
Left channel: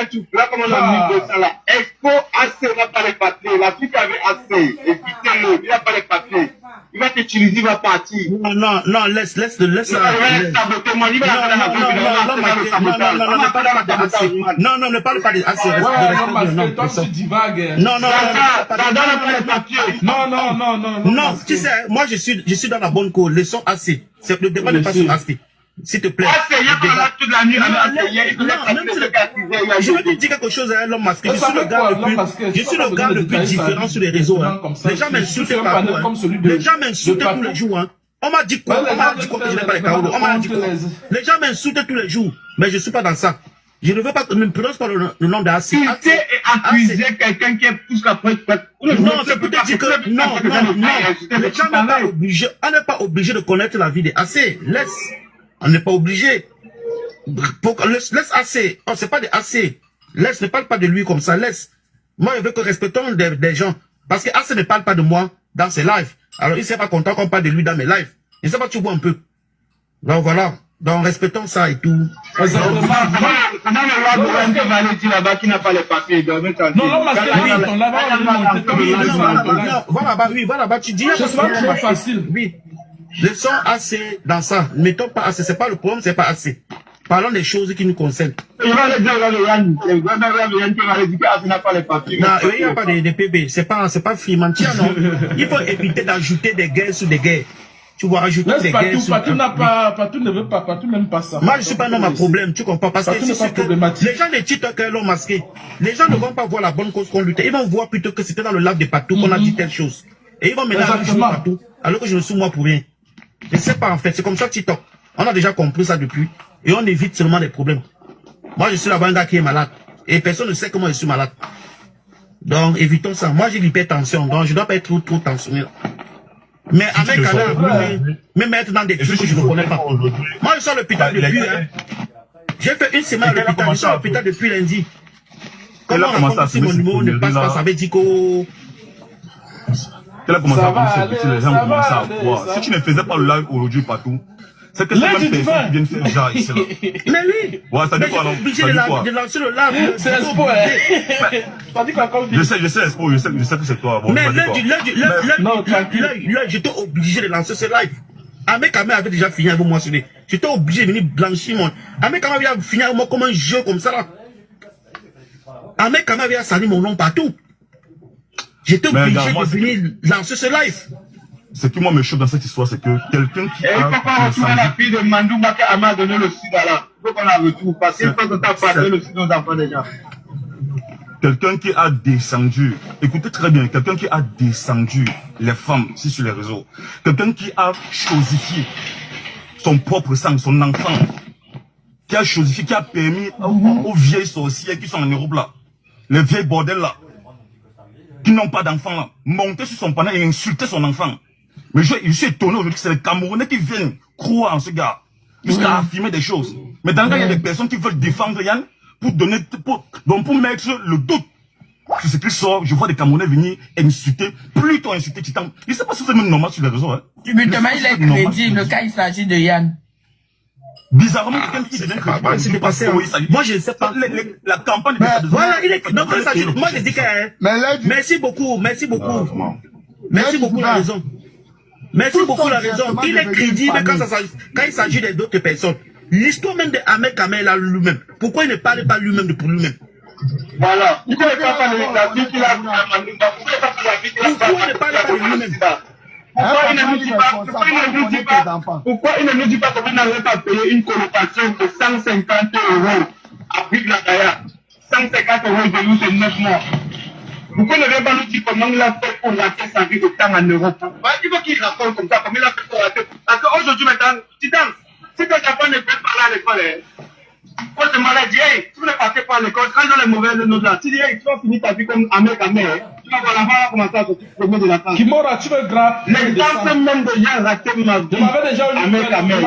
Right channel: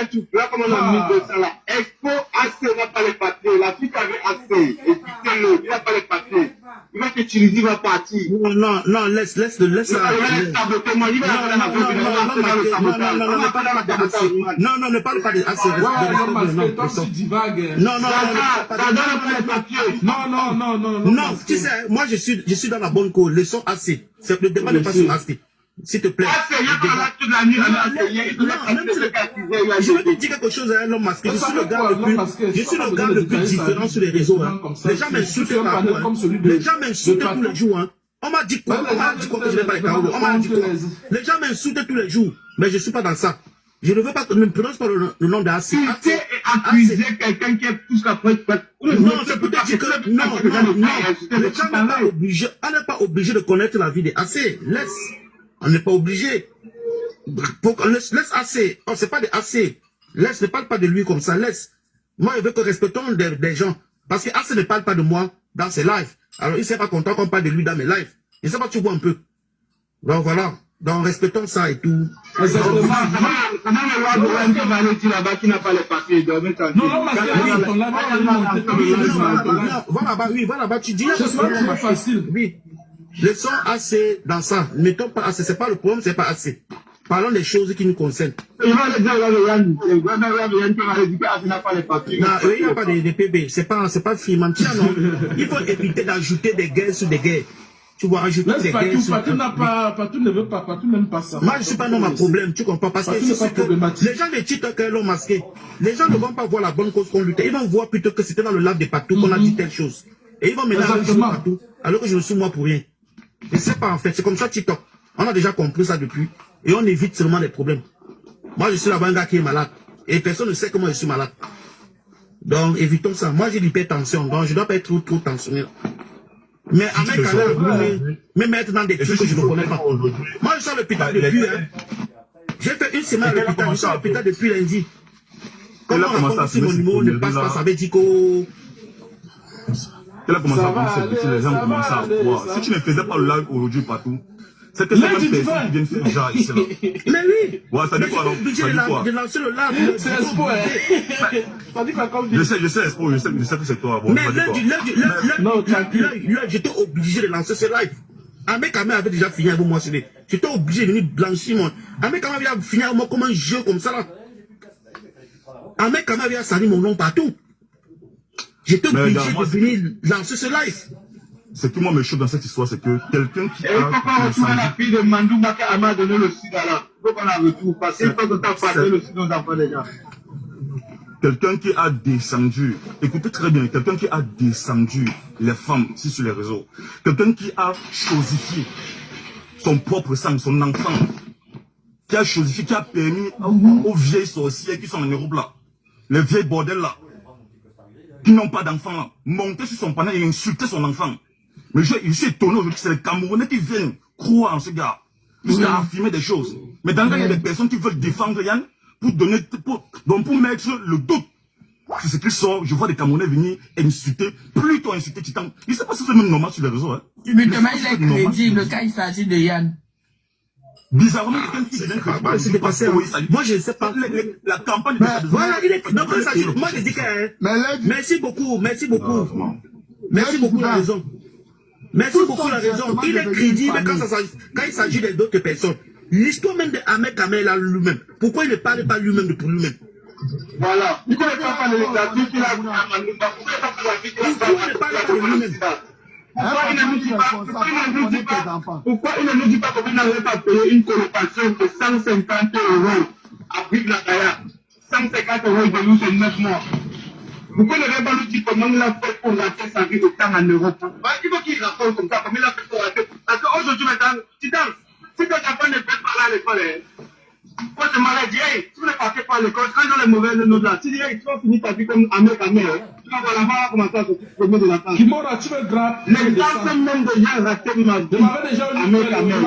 un truc. Là, comme on a mis ça là, Expo AC n'a pas les papiers. La fille qui avait AC, et puis il n'a pas les papiers. Il va t'utiliser, il va partir. Non, laisse ça. Non, ne parle pas de AC. Non, tu sais, moi je suis dans la bonne cause. Le son AC. Le débat n'est pas sur AC. S'il te plaît. Je vais te dire quelque chose à l'homme masqué. Je suis le gars le plus différent sur les réseaux. Les gens m'insultent partout. Les gens m'insultent tous les jours. On m'a dit quoi? On m'a dit quoi que je n'ai pas les paroles? On m'a dit quoi? Les gens m'insultent tous les jours. Mais je ne suis pas dans ça. Je ne veux pas, ne me prononce pas le nom d'AC. Tu sais accuser quelqu'un qui est plus qu'après. Non, c'est pour te dire que non. Les gens n'est pas obligé. On n'est pas obligé de connaître la vie des AC. Laisse. On n'est pas obligé. Laisse AC. Oh, c'est pas des AC. Laisse, ne parle pas de lui comme ça. Laisse. Moi, je veux que respectons des gens. Parce que AC ne parle pas de moi dans ses lives. Alors, il ne serait pas content qu'on parle de lui dans mes lives. Il ne sait pas, tu vois un peu. Donc, voilà. Donc, respectons ça et tout. Voilà, tu dis. C'est pas trop facile. Oui. Laissons assez dans ça. Mettons pas assez. C'est pas le problème, c'est pas assez. Parlons des choses qui nous concernent. Non, il n'y a pas de PB. C'est pas Frimentière, non. Il faut éviter d'ajouter des guerres sur des guerres. Tu vois, ajouter des guerres sur... Patou ne veut pas, Patou n'aime pas ça. Moi, je suis pas un homme à problème, tu comprends? Parce que les gens ne titrent qu'un homme masqué. Les gens ne vont pas voir la bonne cause qu'on luttait. Ils vont voir plutôt que c'était dans le live de Patou qu'on a dit telle chose. Et ils vont maintenant jouer Patou, alors que je ne suis moi pour rien. Je ne sais pas en fait, c'est comme ça TikTok. On a déjà compris ça depuis. Et on évite seulement les problèmes. Moi, je suis là-bas un gars qui est malade. Et personne ne sait comment je suis malade. Donc, évitons ça. Moi, j'ai l'hypertension. Donc, je ne dois pas être trop tensionné. Mais avec me mettre dans des trucs que je ne connais pas. Moi, je sors l'hôpital depuis, hein. J'ai fait une semaine à l'hôpital, je sors l'hôpital depuis lundi. Comment on a si mon numéro ne passe pas, ça veut dire que... Tu as commencé à voir les gens commencent à voir. Si tu ne faisais pas le live aujourd'hui partout, c'était la même personne qui vient faire déjà ici. Mais oui. Ouais, ça dit quoi, non? Ça dit quoi? De lancer le live. C'est Expo, hein. Je sais, Expo, je sais que c'est toi. Mais là, j'étais obligé de lancer ce live. Ahmed Kamel avait déjà fini avec moi. J'étais obligé de venir blanchir mon. Ahmed Kamel avait fini avec moi comme un jeu comme ça là. Ahmed Kamel avait sali mon nom partout. J'étais obligé de venir lancer ce live. Ce qui moi me choque dans cette histoire, c'est que quelqu'un qui a... Il faut qu'on retrouve la fille de Mandouma qui m'a donné le sida là. Il faut qu'on la retrouve parce qu'il faut qu'on t'a parlé le sida aux enfants déjà. Quelqu'un qui a descendu, écoutez très bien, quelqu'un qui a descendu les femmes ici sur les réseaux. Quelqu'un qui a chosifié son propre sang, son enfant. Qui a chosifié, qui a permis aux vieilles sorcières qui sont en Europe là. Les vieilles bordels là. Qui n'ont pas d'enfants là. Monter sur son panneau et insulter son enfant. Mais je suis étonné aujourd'hui que c'est le Camerounais qui vient croire en ce gars. Jusqu'à affirmer des choses. Mais dans le cas, il y a des personnes qui veulent défendre Yann pour mettre le doute sur ce qui sort. Je vois des Camerounais venir insulter, plutôt insulter Titan. Je ne sais pas si c'est même normal sur les réseaux. Hein. Tu me demandes il est crédit, le cas il s'agit de Yann. Bizarrement, quelqu'un qui devient crédit. Moi, je ne sais pas. La campagne de... Voilà, il est... Donc, moi, je dis que... Merci beaucoup, merci beaucoup. Merci beaucoup la raison. Merci beaucoup la raison. Il est crédible quand il s'agit d'autres personnes. L'histoire même de Ahmed Kamel là lui-même. Pourquoi il ne parle pas lui-même pour lui-même? Voilà. Pourquoi il ne parle pas de lui-même? Pourquoi il ne nous dit pas comment on n'aurait pas payé une colocation de 150 € à Brive la Gaïa? 150 € de nous, c'est 9 mois. Pourquoi il ne vient pas nous dire comment il a fait pour rater sa vie autant en Europe? Il faut qu'il raconte comme ça, comment il a fait pour rater. Parce qu'aujourd'hui maintenant, Titan, si tes enfants ne peuvent pas aller à l'école, quand tu m'as dit, hey, tu ne passes pas à l'école, quand ils ont les mauvaises notes là, tu dis, hey, tu vas finir ta vie comme Ahmed Kamel, tu vas voir commencer à sortir premier de la France. Kimora, tu veux gratter. Les gens même déjà raté ma vie. Ahmed Kamel.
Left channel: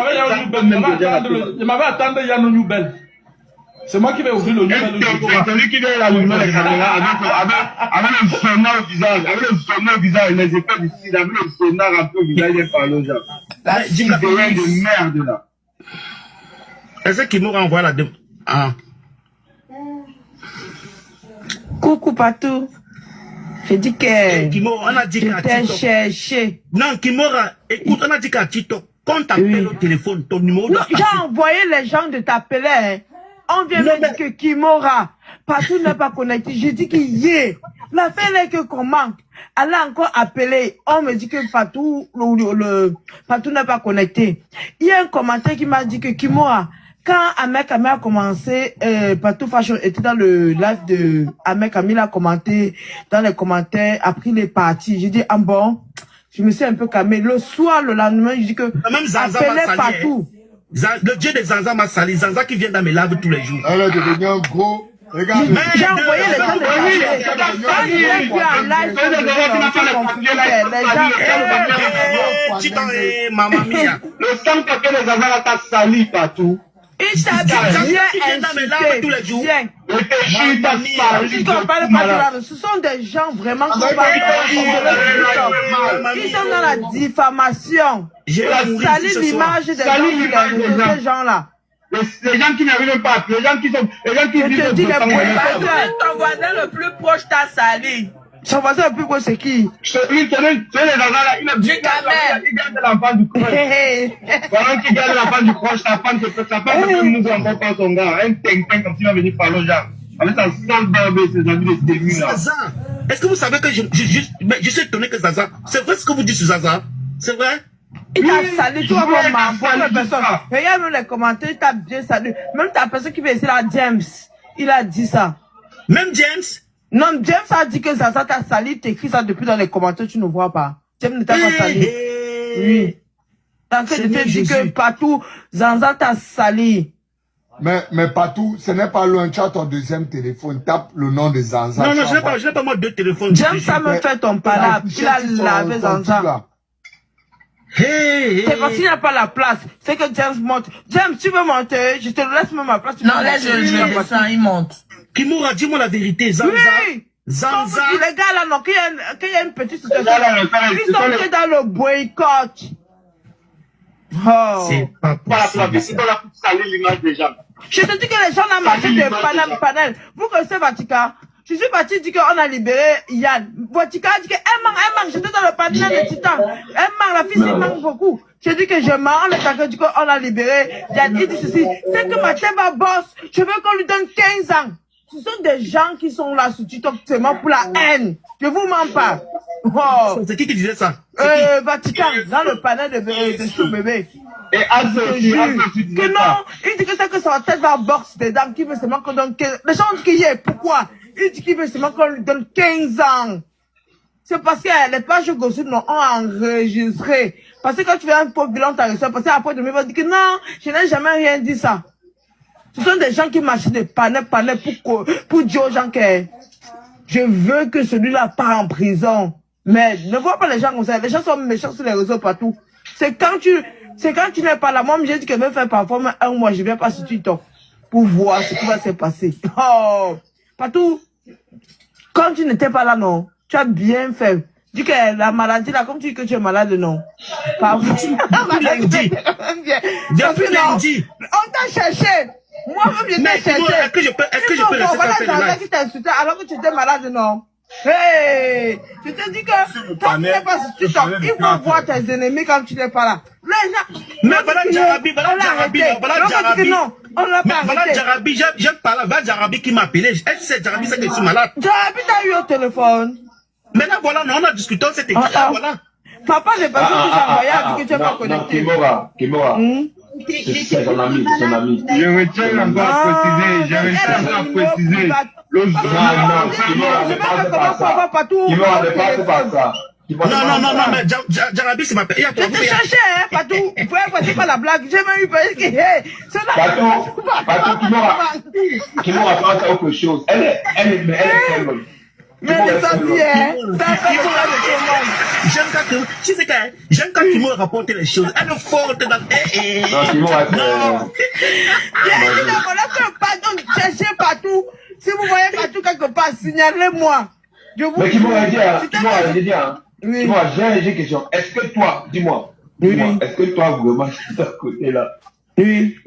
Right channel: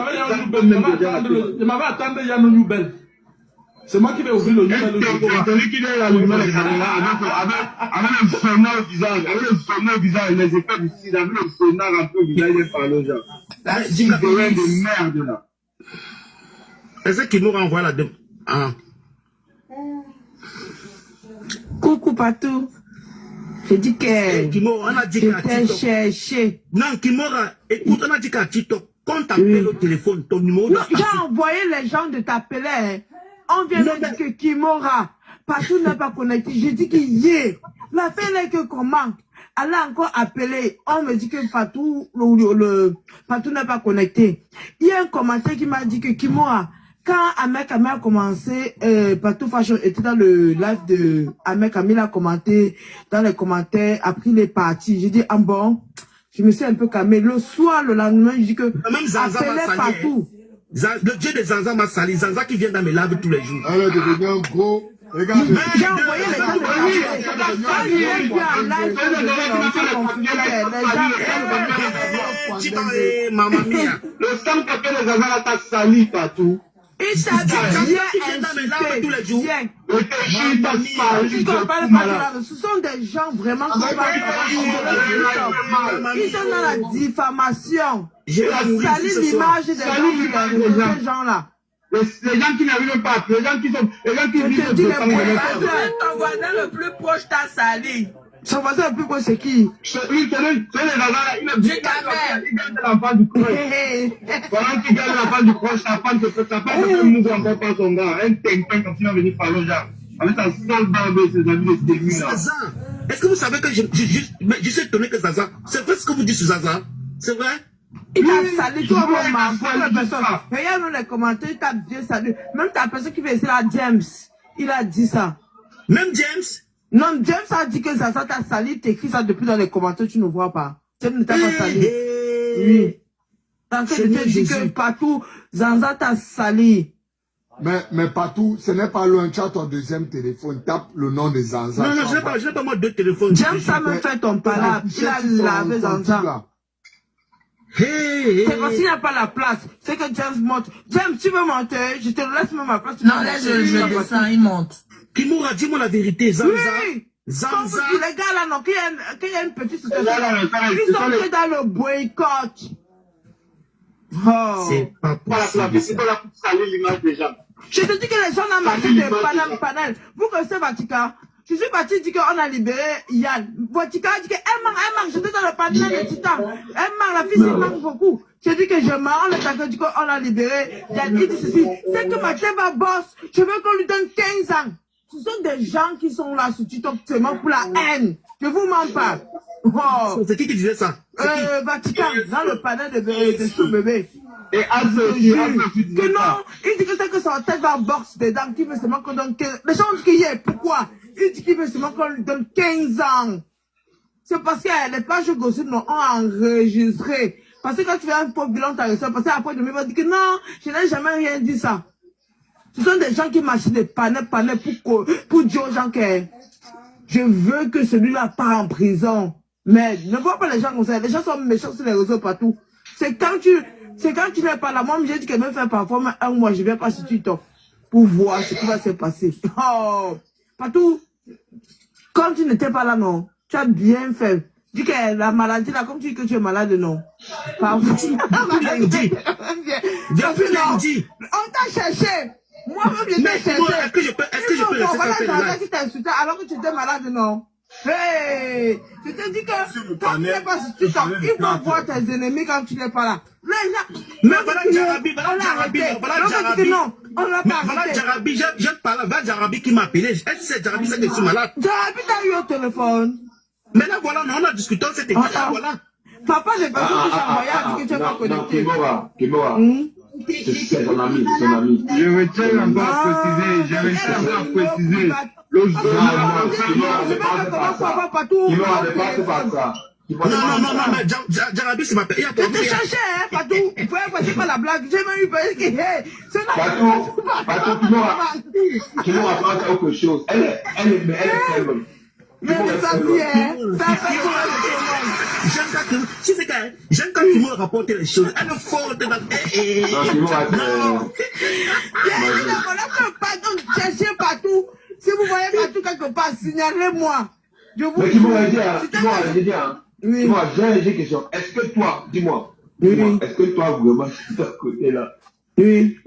Je m'avais attendu Yann Noubel. C'est moi qui vais ouvrir le nouvel. Celui qui vient là, l'ouvrir les caméras avec le sonore au visage, avec le sonore au visage, les effets du sida, avec le sonore un peu au visage, il parle aux gens. C'est un de merde là. Est-ce qu'il nous renvoie la demande? Ah. Coucou Patou. Je dis que Kimora, on a dit qu'à cherché. Non, Kimora, écoute, on a dit qu'à Tito, quand t'appelles au téléphone, ton numéro doit passer. J'ai envoyé les gens de t'appeler. Hein. On vient me dire que Kimora, Patou n'est pas connecté. Je dis que hier, l'affaire est que comment? Elle a encore appelé. On me dit que Patou, Patou n'est pas connecté. Il y a un commentaire qui m'a dit que Kimora, quand Ahmed Kamel a commencé, Patou Fashion était dans le live de Ahmed Kamel, a commenté dans les commentaires, a pris les parties. J'ai dit, ah bon, je me suis un peu calmé. Le soir, le lendemain, je dis que appelez Patou. Le dieu de Zanza m'a sali. Zanza qui vient dans mes lives tous les jours. Elle est devenue un gros. Regarde. J'ai envoyé les gens de maman mia. Le sang que les enfants t'a sali partout. Il t'a bien insulté. Ce sont des gens vraiment qui ils sont dans la diffamation. Salut l'image des gens, ces gens-là. Les gens qui n'arrivent pas, les gens qui sont, les gens qui vivent ton voisin le plus proche t'a sali. Son voisin le plus proche, c'est qui? Celui les enfants là, il garde l'enfant du croche. Pendant qu'il garde l'enfant du croche, sa femme peut nous encore pas son gars. Un tintin comme s'il va venir parler aux gens. Avec sa sale barbe et ses amis de série là. Zaza, est-ce que vous savez que je suis étonné que Zaza, c'est vrai ce que vous dites sur Zaza? C'est vrai? Il t'a salué, toi, mon maman. Regarde les commentaires, il t'a bien salué. Même ta personne qui veut essayer là, James, il a dit ça. Même James? Non, James a dit que Zaza t'a salué, t'écris ça depuis dans les commentaires, tu ne vois pas. James ne t'a pas salué. Oui. T'as en train de te dire que partout, Zaza t'a salué. Mais Patou, ce n'est pas loin, tu as ton deuxième téléphone, tape le nom de Zanza. Non, je n'ai pas moi deux téléphones. James, ça me fait ton palabre. Il a lavé Zanza. C'est parce qu'il n'y a pas la place. C'est que James monte. James, tu veux monter? Je te laisse même ma place. Non, là, je descends, il monte. Kimura, dis-moi la vérité, Zanza. Oui. Zanza. Les gars là, non, qu'il y a une petite situation. Ils sont entrés dans le boycott. Oh. C'est pas possible. C'est pas la pour salir l'image des gens. Je te dis que les gens ont marché de panel. Vous connaissez Vatica? Je suis parti dire qu'on a libéré Yann. Vatica a dit qu'elle manque. J'étais dans le panel de Titan. Elle manque, la fille, elle manque beaucoup. Je dis que je mens, le paquet dit qu'on a libéré Yann. Il dit ceci. C'est que Mathemba bosse. Je veux qu'on lui donne 15 ans. Ce sont des gens qui sont là sur TikTok seulement pour la haine. Je vous mens pas. Oh. C'est qui disait ça? Vatican, dans le panel de ce bébé. Et que non, il dit que c'est que sa tête va boxe dedans, qui veut seulement qu'on donne 15 ans. Les gens disent qu'il y est, pourquoi? Il dit qu'il veut seulement qu'on lui donne 15 ans. C'est parce que les pages gossip ont enregistré. Parce que quand tu fais un pauvre bilan, t'as reçu, parce qu'après, demain, il va dire que non, je n'ai jamais rien dit ça. Ce sont des gens qui marchent des panels pour dire aux gens que je veux que celui-là part en prison. Mais ne vois pas les gens comme ça. Les gens sont méchants sur les réseaux partout. C'est quand tu n'es pas là. Moi, j'ai dit que je vais faire parfois un mois, je viens pas sur TikTok pour voir ce qui va se passer. Oh, partout. Quand tu n'étais pas là, non, tu as bien fait. Dis que la maladie là, comme tu dis que tu es malade, non. Parfois. On t'a cherché. Moi-même, je t'ai cherché. Est-ce que je peux laisser voilà, ça faire là? qui t'a insulté alors que tu étais malade, non. Hey, je te dis que quand tu n'es pas sur TikTok, ils vont voir tes ennemis quand tu n'es pas là. Mais voilà Jarabi, voilà Jarabi, on l'a pas voilà Jarabi, j'aime parler, voilà Jarabi qui m'a appelé. Est-ce que c'est Jarabi ça que je suis malade? Jarabi t'a eu au téléphone. Maintenant voilà, on a discuté, c'était voilà. Papa n'est pas sûr que j'ai envoyé à dire que tu es pas connecté. Kimora. C'est son ami, c'est son ami. Je retiens encore à préciser, le non, Kimora ne passe pas ça. Non, mais Jarabi, c'est ma père. Je te cherchais, hein, Patou. Vous pouvez passer par la blague. J'ai même eu peur que, hey, c'est là. Patou, Kimora pense à autre chose. Elle est très bonne. Mais les amis, hein, j'aime quand tu me rapportes les choses. Elle est forte dans... Non. Cherchez partout. Si vous voyez partout quelque part, signalez-moi. Mais Kimora, j'ai une question. Est-ce que toi, dis-moi, est-ce que toi, vraiment, de ce côté-là, oui,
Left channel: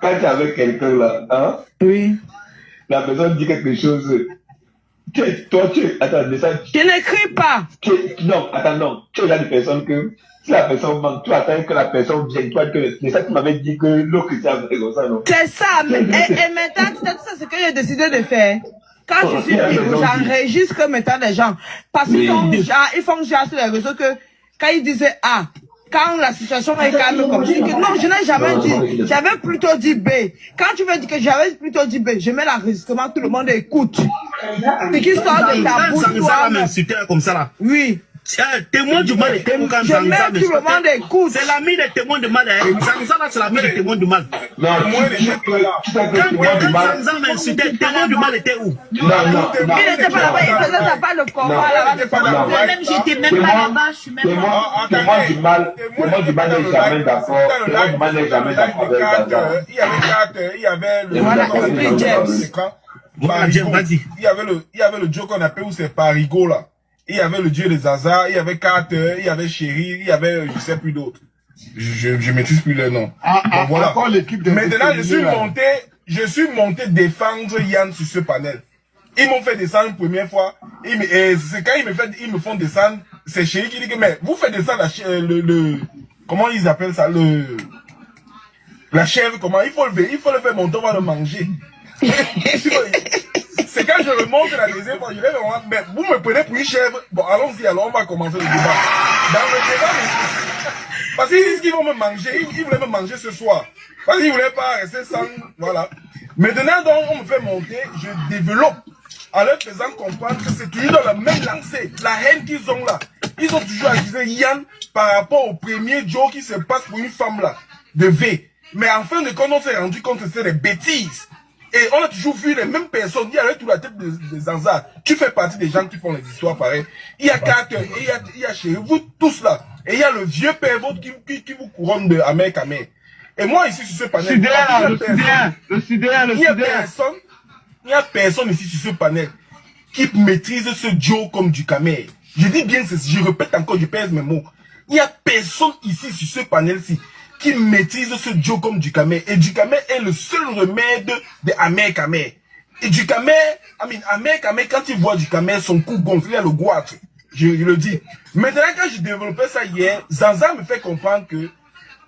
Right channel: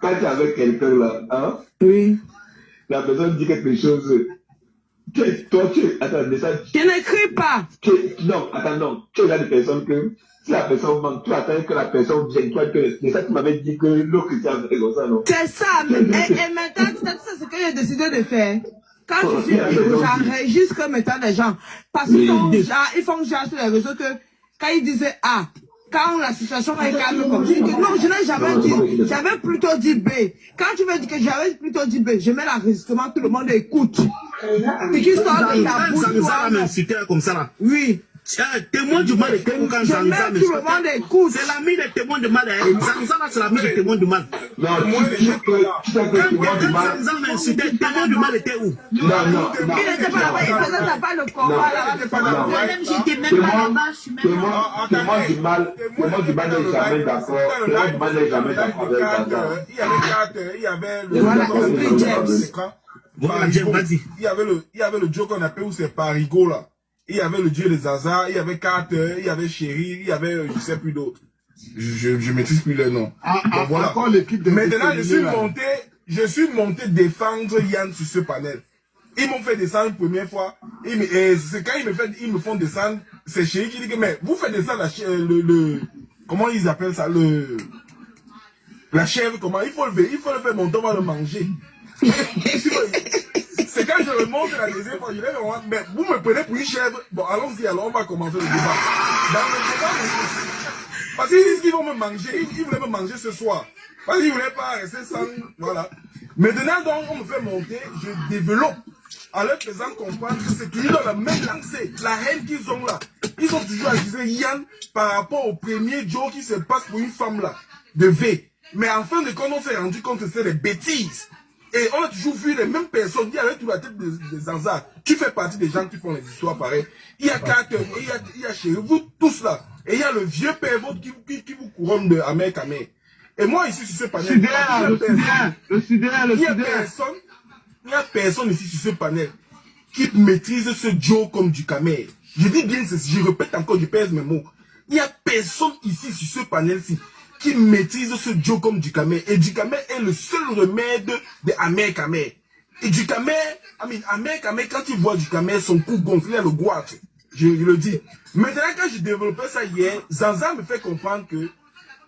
quand tu es avec quelqu'un là, hein, oui, la personne dit quelque chose, attends, je n'écris pas. Non, attends, non, tu es là des personnes que, si la personne manque, tu attends que la personne vienne, toi, c'est ça que tu m'avais dit que l'autre était comme ça, non? C'est ça, mais, et maintenant, c'est ça ce que j'ai décidé de faire. Quand je suis libre, j'enregistre maintenant les gens. Parce qu'ils font genre sur les réseaux que, quand ils disaient A, quand la situation est calme comme je dis que non, je n'ai jamais dit, j'avais plutôt dit B. Quand tu veux dire que j'avais plutôt dit B, je mets l'enregistrement, tout le monde écoute. Et qui sort de ta bouche, toi. Comme ça là. Oui. Témoin du mal et témoin quand je mets tout le monde écoute. C'est l'ami des témoins de mal. Zanza là, c'est l'ami des témoins du mal. Non, Zanza m'a insulté, témoin du mal était où? Non. Il n'était pas là-bas, il faisait ça pas le combat là-bas. Même j'étais même pas là-bas, je suis même pas. Témoin du mal n'est jamais d'accord. Témoin du mal n'est jamais d'accord avec Zanza. Il y avait le... Voilà, il y avait le Joe qu'on appelle où c'est Parigo là. Il y avait le dieu des Zaza, il y avait Carter, il y avait Chéri, il y avait je sais plus d'autres. Je maîtrise plus les noms. Donc voilà. Maintenant je suis monté défendre Yann sur ce panel. Ils m'ont fait descendre une première fois. Et c'est quand ils me font descendre, c'est Chéri qui dit que mais vous faites descendre comment ils appellent ça, la chèvre, comment il faut le faire monter, on va le manger. C'est quand je remonte la deuxième fois, je vais vraiment, mais vous me prenez pour une chèvre. Bon, allons-y, alors on va commencer le débat. Dans le débat, parce qu'ils disent qu'ils vont me manger, ils voulaient me manger ce soir. Parce qu'ils ne voulaient pas rester sans, voilà. Maintenant, donc, on me fait monter, je développe, en leur faisant comprendre que c'est toujours dans la même lancée, la haine qu'ils ont là. Ils ont toujours accusé Yann par rapport au premier Joe qui se passe pour une femme là, de V. Mais en fin de compte, on s'est rendu compte que c'était des bêtises. Et on a toujours vu les mêmes personnes. Il y a toute la tête de Zanza. Tu fais partie des gens qui font les histoires pareilles. Il y a Carter, il y a Chéri, vous tous là. Et il y a le vieux père vôtre qui vous couronne de Ahmed Kamel. Et moi, ici, sur ce panel, il n'y a personne ici sur ce panel qui maîtrise ce Joe comme du Kamel. Je dis bien ceci, je répète encore, je pèse mes mots. Il n'y a personne ici sur ce panel-ci qui maîtrise ce Joe comme du Kamel. Et du Kamel est le seul remède de Ahmed Kamel. Et du Kamel, Ahmed Kamel, quand il voit du Kamel, son cou gonflé à le goitre. Je le dis. Maintenant, quand j'ai développé ça hier, Zanza me fait comprendre que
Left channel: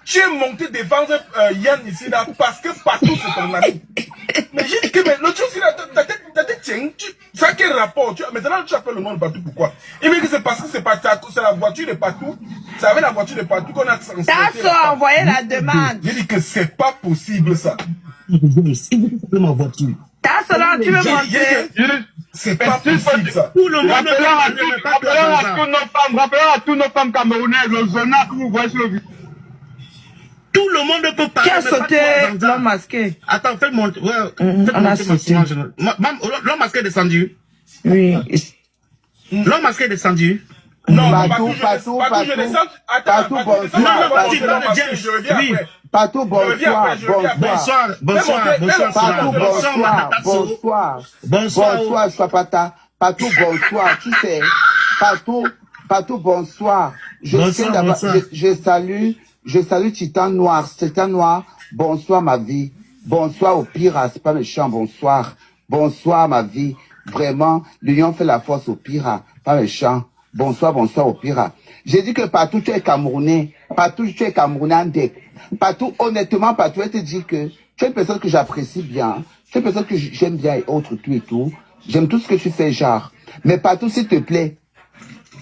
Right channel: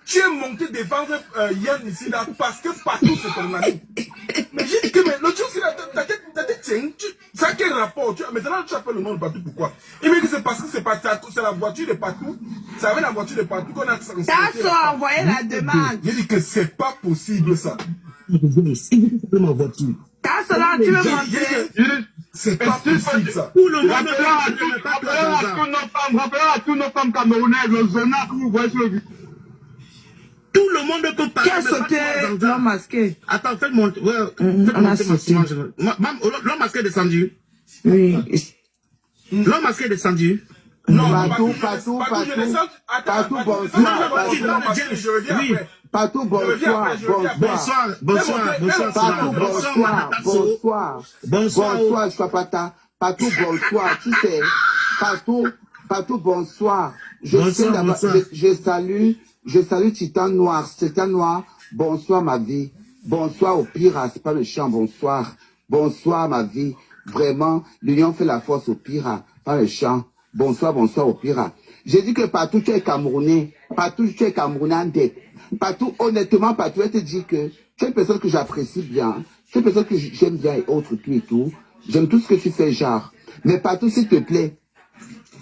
tu es monté défendre Yann ici là parce que partout c'est ton ami. Mais j'ai dit que l'autre chose, ta tête tient, ça a quel rapport? Maintenant tu appelles le nom de partout, pourquoi? Il me dit que c'est parce que c'est la voiture de partout, c'est avec la voiture de partout qu'on a transféré. T'as envoyé la demande. J'ai dit que c'est pas possible ça. Ma voiture. T'as cela, tu veux montrer? C'est pas possible ça. Rappelons à tous nos femmes camerounaises, le journal que vous voyez sur le vidéo. Tout le monde peut parler. Qui a sauté l'homme masqué? Attends, fais monter. Ouais, on a sauté. L'homme masqué est descendu. Oui. L'homme masqué est descendu. Non, Patou, bonsoir. Bonsoir, Chapata. Patou, bonsoir. Tu sais, Patou, bonsoir. Je salue Titan Noir. Titan Noir, bonsoir ma vie. Bonsoir au pire, c'est pas méchant, bonsoir. Bonsoir ma vie. Vraiment, l'union fait la force au pire, pas méchant. Bonsoir au pire. J'ai dit que Patou, tu es Camerounais. Patou, tu es Camerounais. Patou, honnêtement, Patou, je te dis que tu es une personne que j'apprécie bien. Tu es une personne que j'aime bien et autres, tout et tout. J'aime tout ce que tu fais, genre. Mais Patou, s'il te plaît,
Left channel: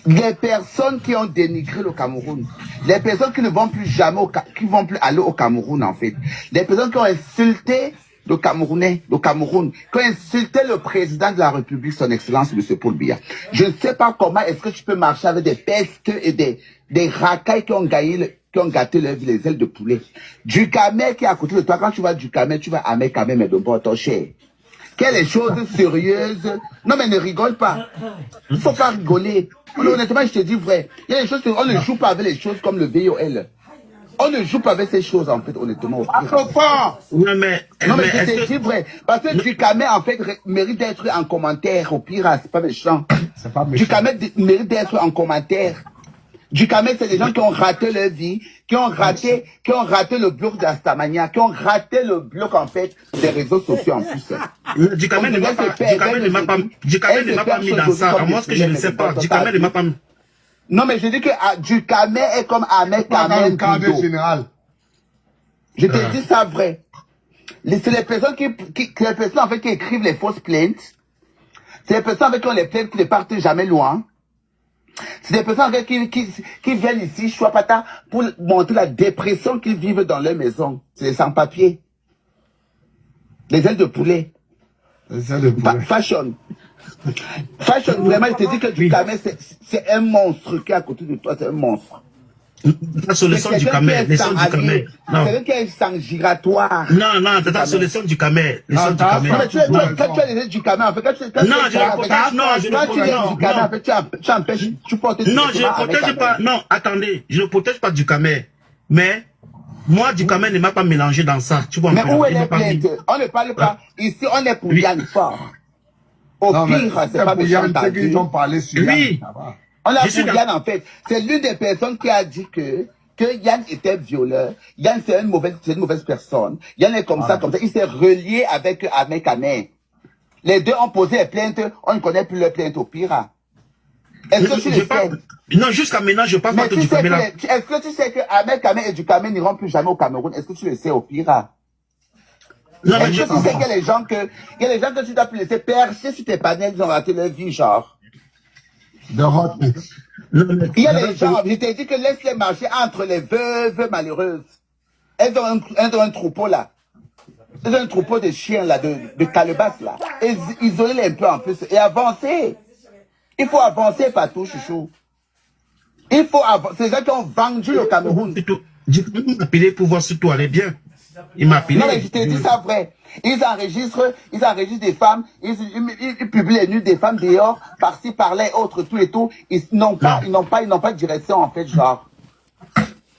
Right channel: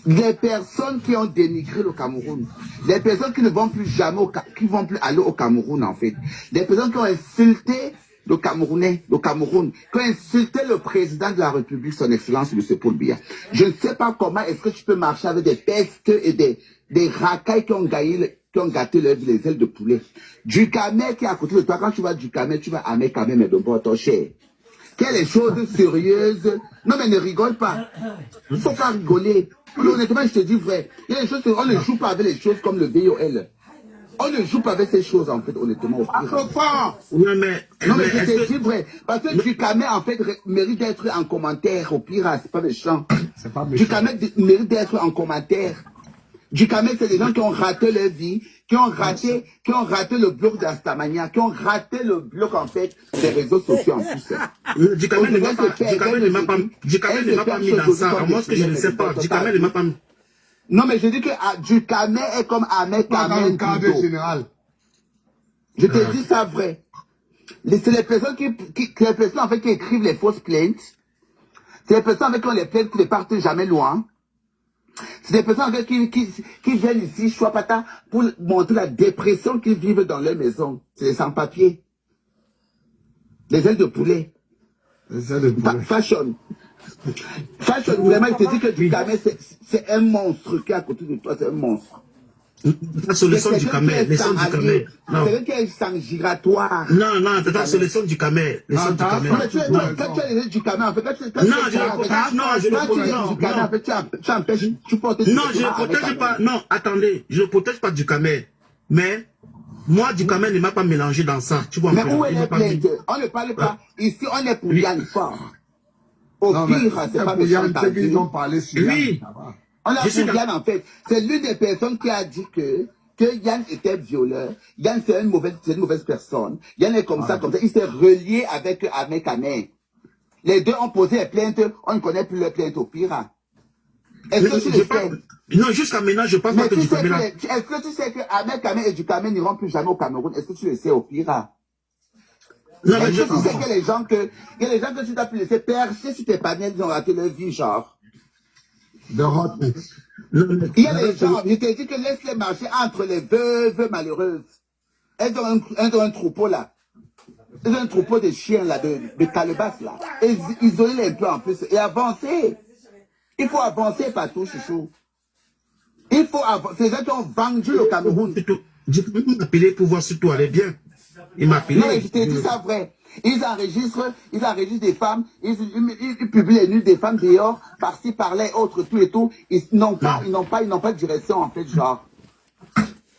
les personnes qui ont dénigré le Cameroun, les personnes qui ne vont plus jamais, qui vont plus aller au Cameroun, en fait, les personnes qui ont insulté le Cameroun, qui ont insulté le président de la République, son Excellence, M. Paul Biya. Je ne sais pas comment est-ce que tu peux marcher avec des pestes et des racailles qui ont gâté les ailes de poulet. Du Kamel qui est à côté de toi, quand tu vas du Kamel, tu vas à Ahmed Kamel, mais de bon, ton cher. Quelles choses sérieuses. Non, mais ne rigole pas. Il ne faut pas rigoler. Honnêtement, je te dis vrai. Il y a des choses, on ne joue pas avec les choses comme le VOL. On ne joue pas avec ces choses, en fait, honnêtement. Non, mais je te dis vrai. Parce que du Kamel, en fait, mérite d'être en commentaire. Au pire, c'est pas méchant. Du Kamel mérite d'être en commentaire. Du Kamel, c'est des gens qui ont raté leur vie, qui ont raté le bloc d'Astamania, qui ont raté le bloc, en fait, des réseaux sociaux, en plus. Du Kamel ne m'a pas mis dans ça. À moi, ce que je ne sais pas. Du Kamel ne m'a pas mis. Non, mais je dis que du Kamel est comme Ahmed Kamel. Je te dis ça vrai. C'est les personnes en fait, qui écrivent les fausses plaintes. C'est les personnes avec qui ont les plaintes qui ne partent jamais loin. C'est des personnes avec qui viennent ici, Chouapata, pour montrer la dépression qu'ils vivent dans leur maison. C'est les sans-papiers. Les ailes de poulet. Fashion. Fashion, vraiment, je te dis que du Kamel, c'est un monstre qui est à côté de toi, c'est un monstre. La solution du Kamel, les sons du Kamel. Non. C'est quelqu'un qui est sans giratoire. Non, c'est la solution du Kamel. Les sons du Kamel. Quand tu as les du Kamel, en fait, quand tu portes. Non, je ne protège pas. Non, attendez, je ne protège pas du Kamel. Mais, moi, du Kamel ne m'a pas mélangé dans ça. Tu vois, mais où est la plainte? On ne parle pas. Ici, on est pour Yann Fort. Au pire, c'est pas méchant. Ils ont parlé sur oui. On a pour Yann, en fait. C'est l'une des personnes qui a dit que Yann était violeur. Yann, c'est une mauvaise personne. Yann est comme ça, comme ça. Il s'est relié avec Ahmed Kamel. Les deux ont posé les plaintes. On ne connaît plus les plaintes au pire. Est-ce que tu le sais? Non, jusqu'à maintenant, je parle pas de du Kamel. Est-ce que tu sais que Ahmed Kamel et du Kamel n'iront plus jamais au Cameroun? Est-ce que tu le sais au pire? Est-ce que tu sais qu'il y a des gens que tu dois plus laisser percer sur tes panels, ils ont raté leur vie, genre? Il y a des gens, je t'ai dit que laisse-les marcher entre les veuves malheureuses. Elles ont un troupeau là. Elles ont un troupeau de chiens là, de calebasses là. Et isoler un peu en plus et avancer. Il faut avancer partout, chouchou. Il faut avancer. C'est les gens qui ont vendu le Cameroun. J'ai appelé pour voir si tout allait bien. Il m'a appelé. Non, mais je te dis ça vrai. Ils enregistrent des femmes, ils publient les nudes des femmes dehors, par-ci, par-là, autres, tout et tout. Ils n'ont pas de direction, en fait, genre.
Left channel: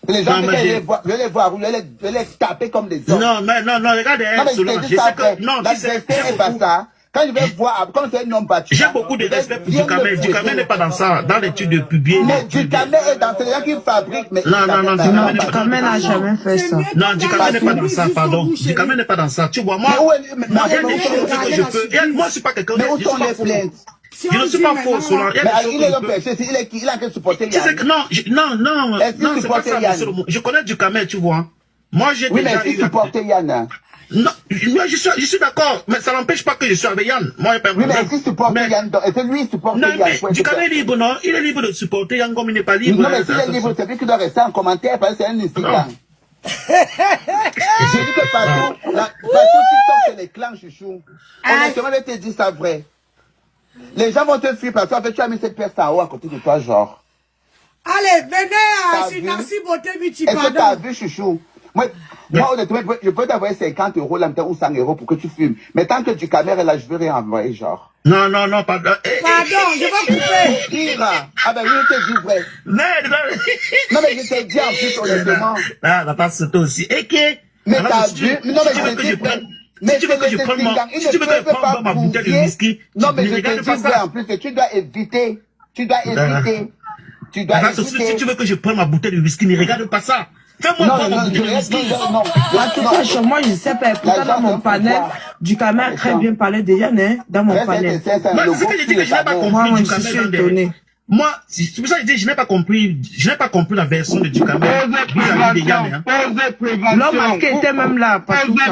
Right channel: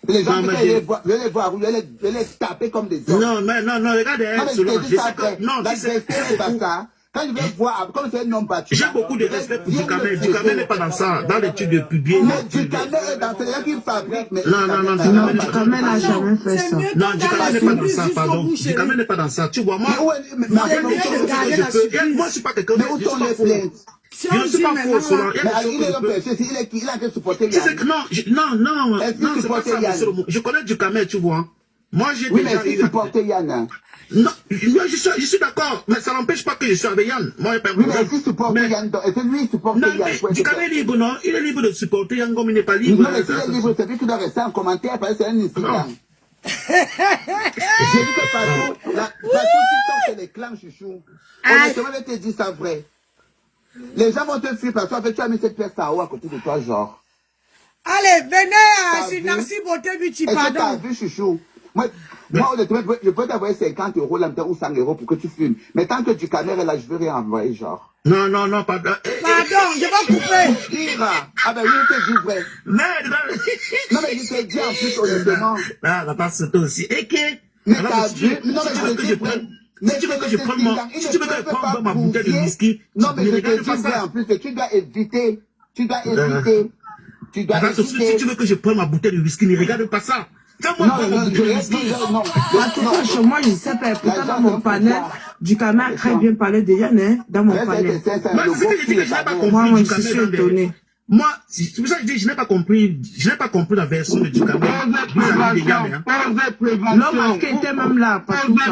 Les gens Non, mais je vais les voir, je vais les taper comme des hommes. Non, regarde, Non, mais Solange, je sais que, non, la si c'est vérité n'est pas ça. Quand je vais voir, quand c'est un homme battu. j'ai beaucoup de respect pour Dukamel. Dukamel n'est pas dans ça, dans l'étude de publier. Mais Dukamel est dans celui qui fabrique. Mais Non, Dukamel n'a jamais fait ça. Non, Dukamel n'est pas dans ça, pardon. Dukamel n'est pas dans ça. Tu vois, moi, moi, je suis pas quelqu'un. Mais où sont les plaintes? Je ne suis pas faux, Solange. Mais il est un péché, il a que supporter Yann. Non, est-ce qu'il c'est pas supporte ça, Yann? monsieur le mot. Je connais Dukamel, tu vois. Moi, j'ai oui, mais déjà est-ce qu'il supporte Yann? Non, je suis d'accord, mais ça n'empêche pas que je suis avec Yann. Moi, il n'y a pas de oui, problème. mais est-ce qu'il supporte Yann? Est-ce que lui, il supporte non, Yann? Mais Dukamel est libre, non? Il est libre de supporter Yann comme il n'est pas libre. Non, mais s'il est libre, c'est lui qui doit rester en commentaire parce que c'est un incident. J'ai dit que partout, c'est les clans chouchou. Honnêtement, je vais te dire ça vrai. Les gens vont te fuir parce que tu as mis cette pièce en haut à côté de toi, genre. Allez, venez à Sinarsi Beauté Beauty, pardon. Est-ce que tu as vu, chouchou? Moi, honnêtement, je peux t'envoyer 50 € là-dedans ou 100 € pour que tu fumes. Mais tant que Dukamel est là, je veux rien envoyer, genre. Non, pardon. Pardon, je vais couper. Ira. Ah ben oui, je te dis vrai. Non, mais je t'ai dit en plus, honnêtement. Ah, la passe toi aussi. Et que. Mais t'as vu? Non, mais je te dis vrai. Si tu veux que je prenne ma bouteille de whisky, non, mais je te dis vrai en plus, que tu dois éviter. Tu dois éviter. Si tu veux que je prenne ma bouteille de whisky, ne regarde pas ça. Fais-moi prendre ma bouteille de whisky. Moi, je ne sais pas. Pourtant, dans mon panel, Dukamel a très bien parlé de Yann, hein, dans mon panel. Moi, c'est ce que je dis que je n'ai pas compris Dukamel. Moi, c'est pour ça que je dis je n'ai pas compris la version de Dukamel vis-à-vis de Yann. L'homme qui était même là, pas tout ça.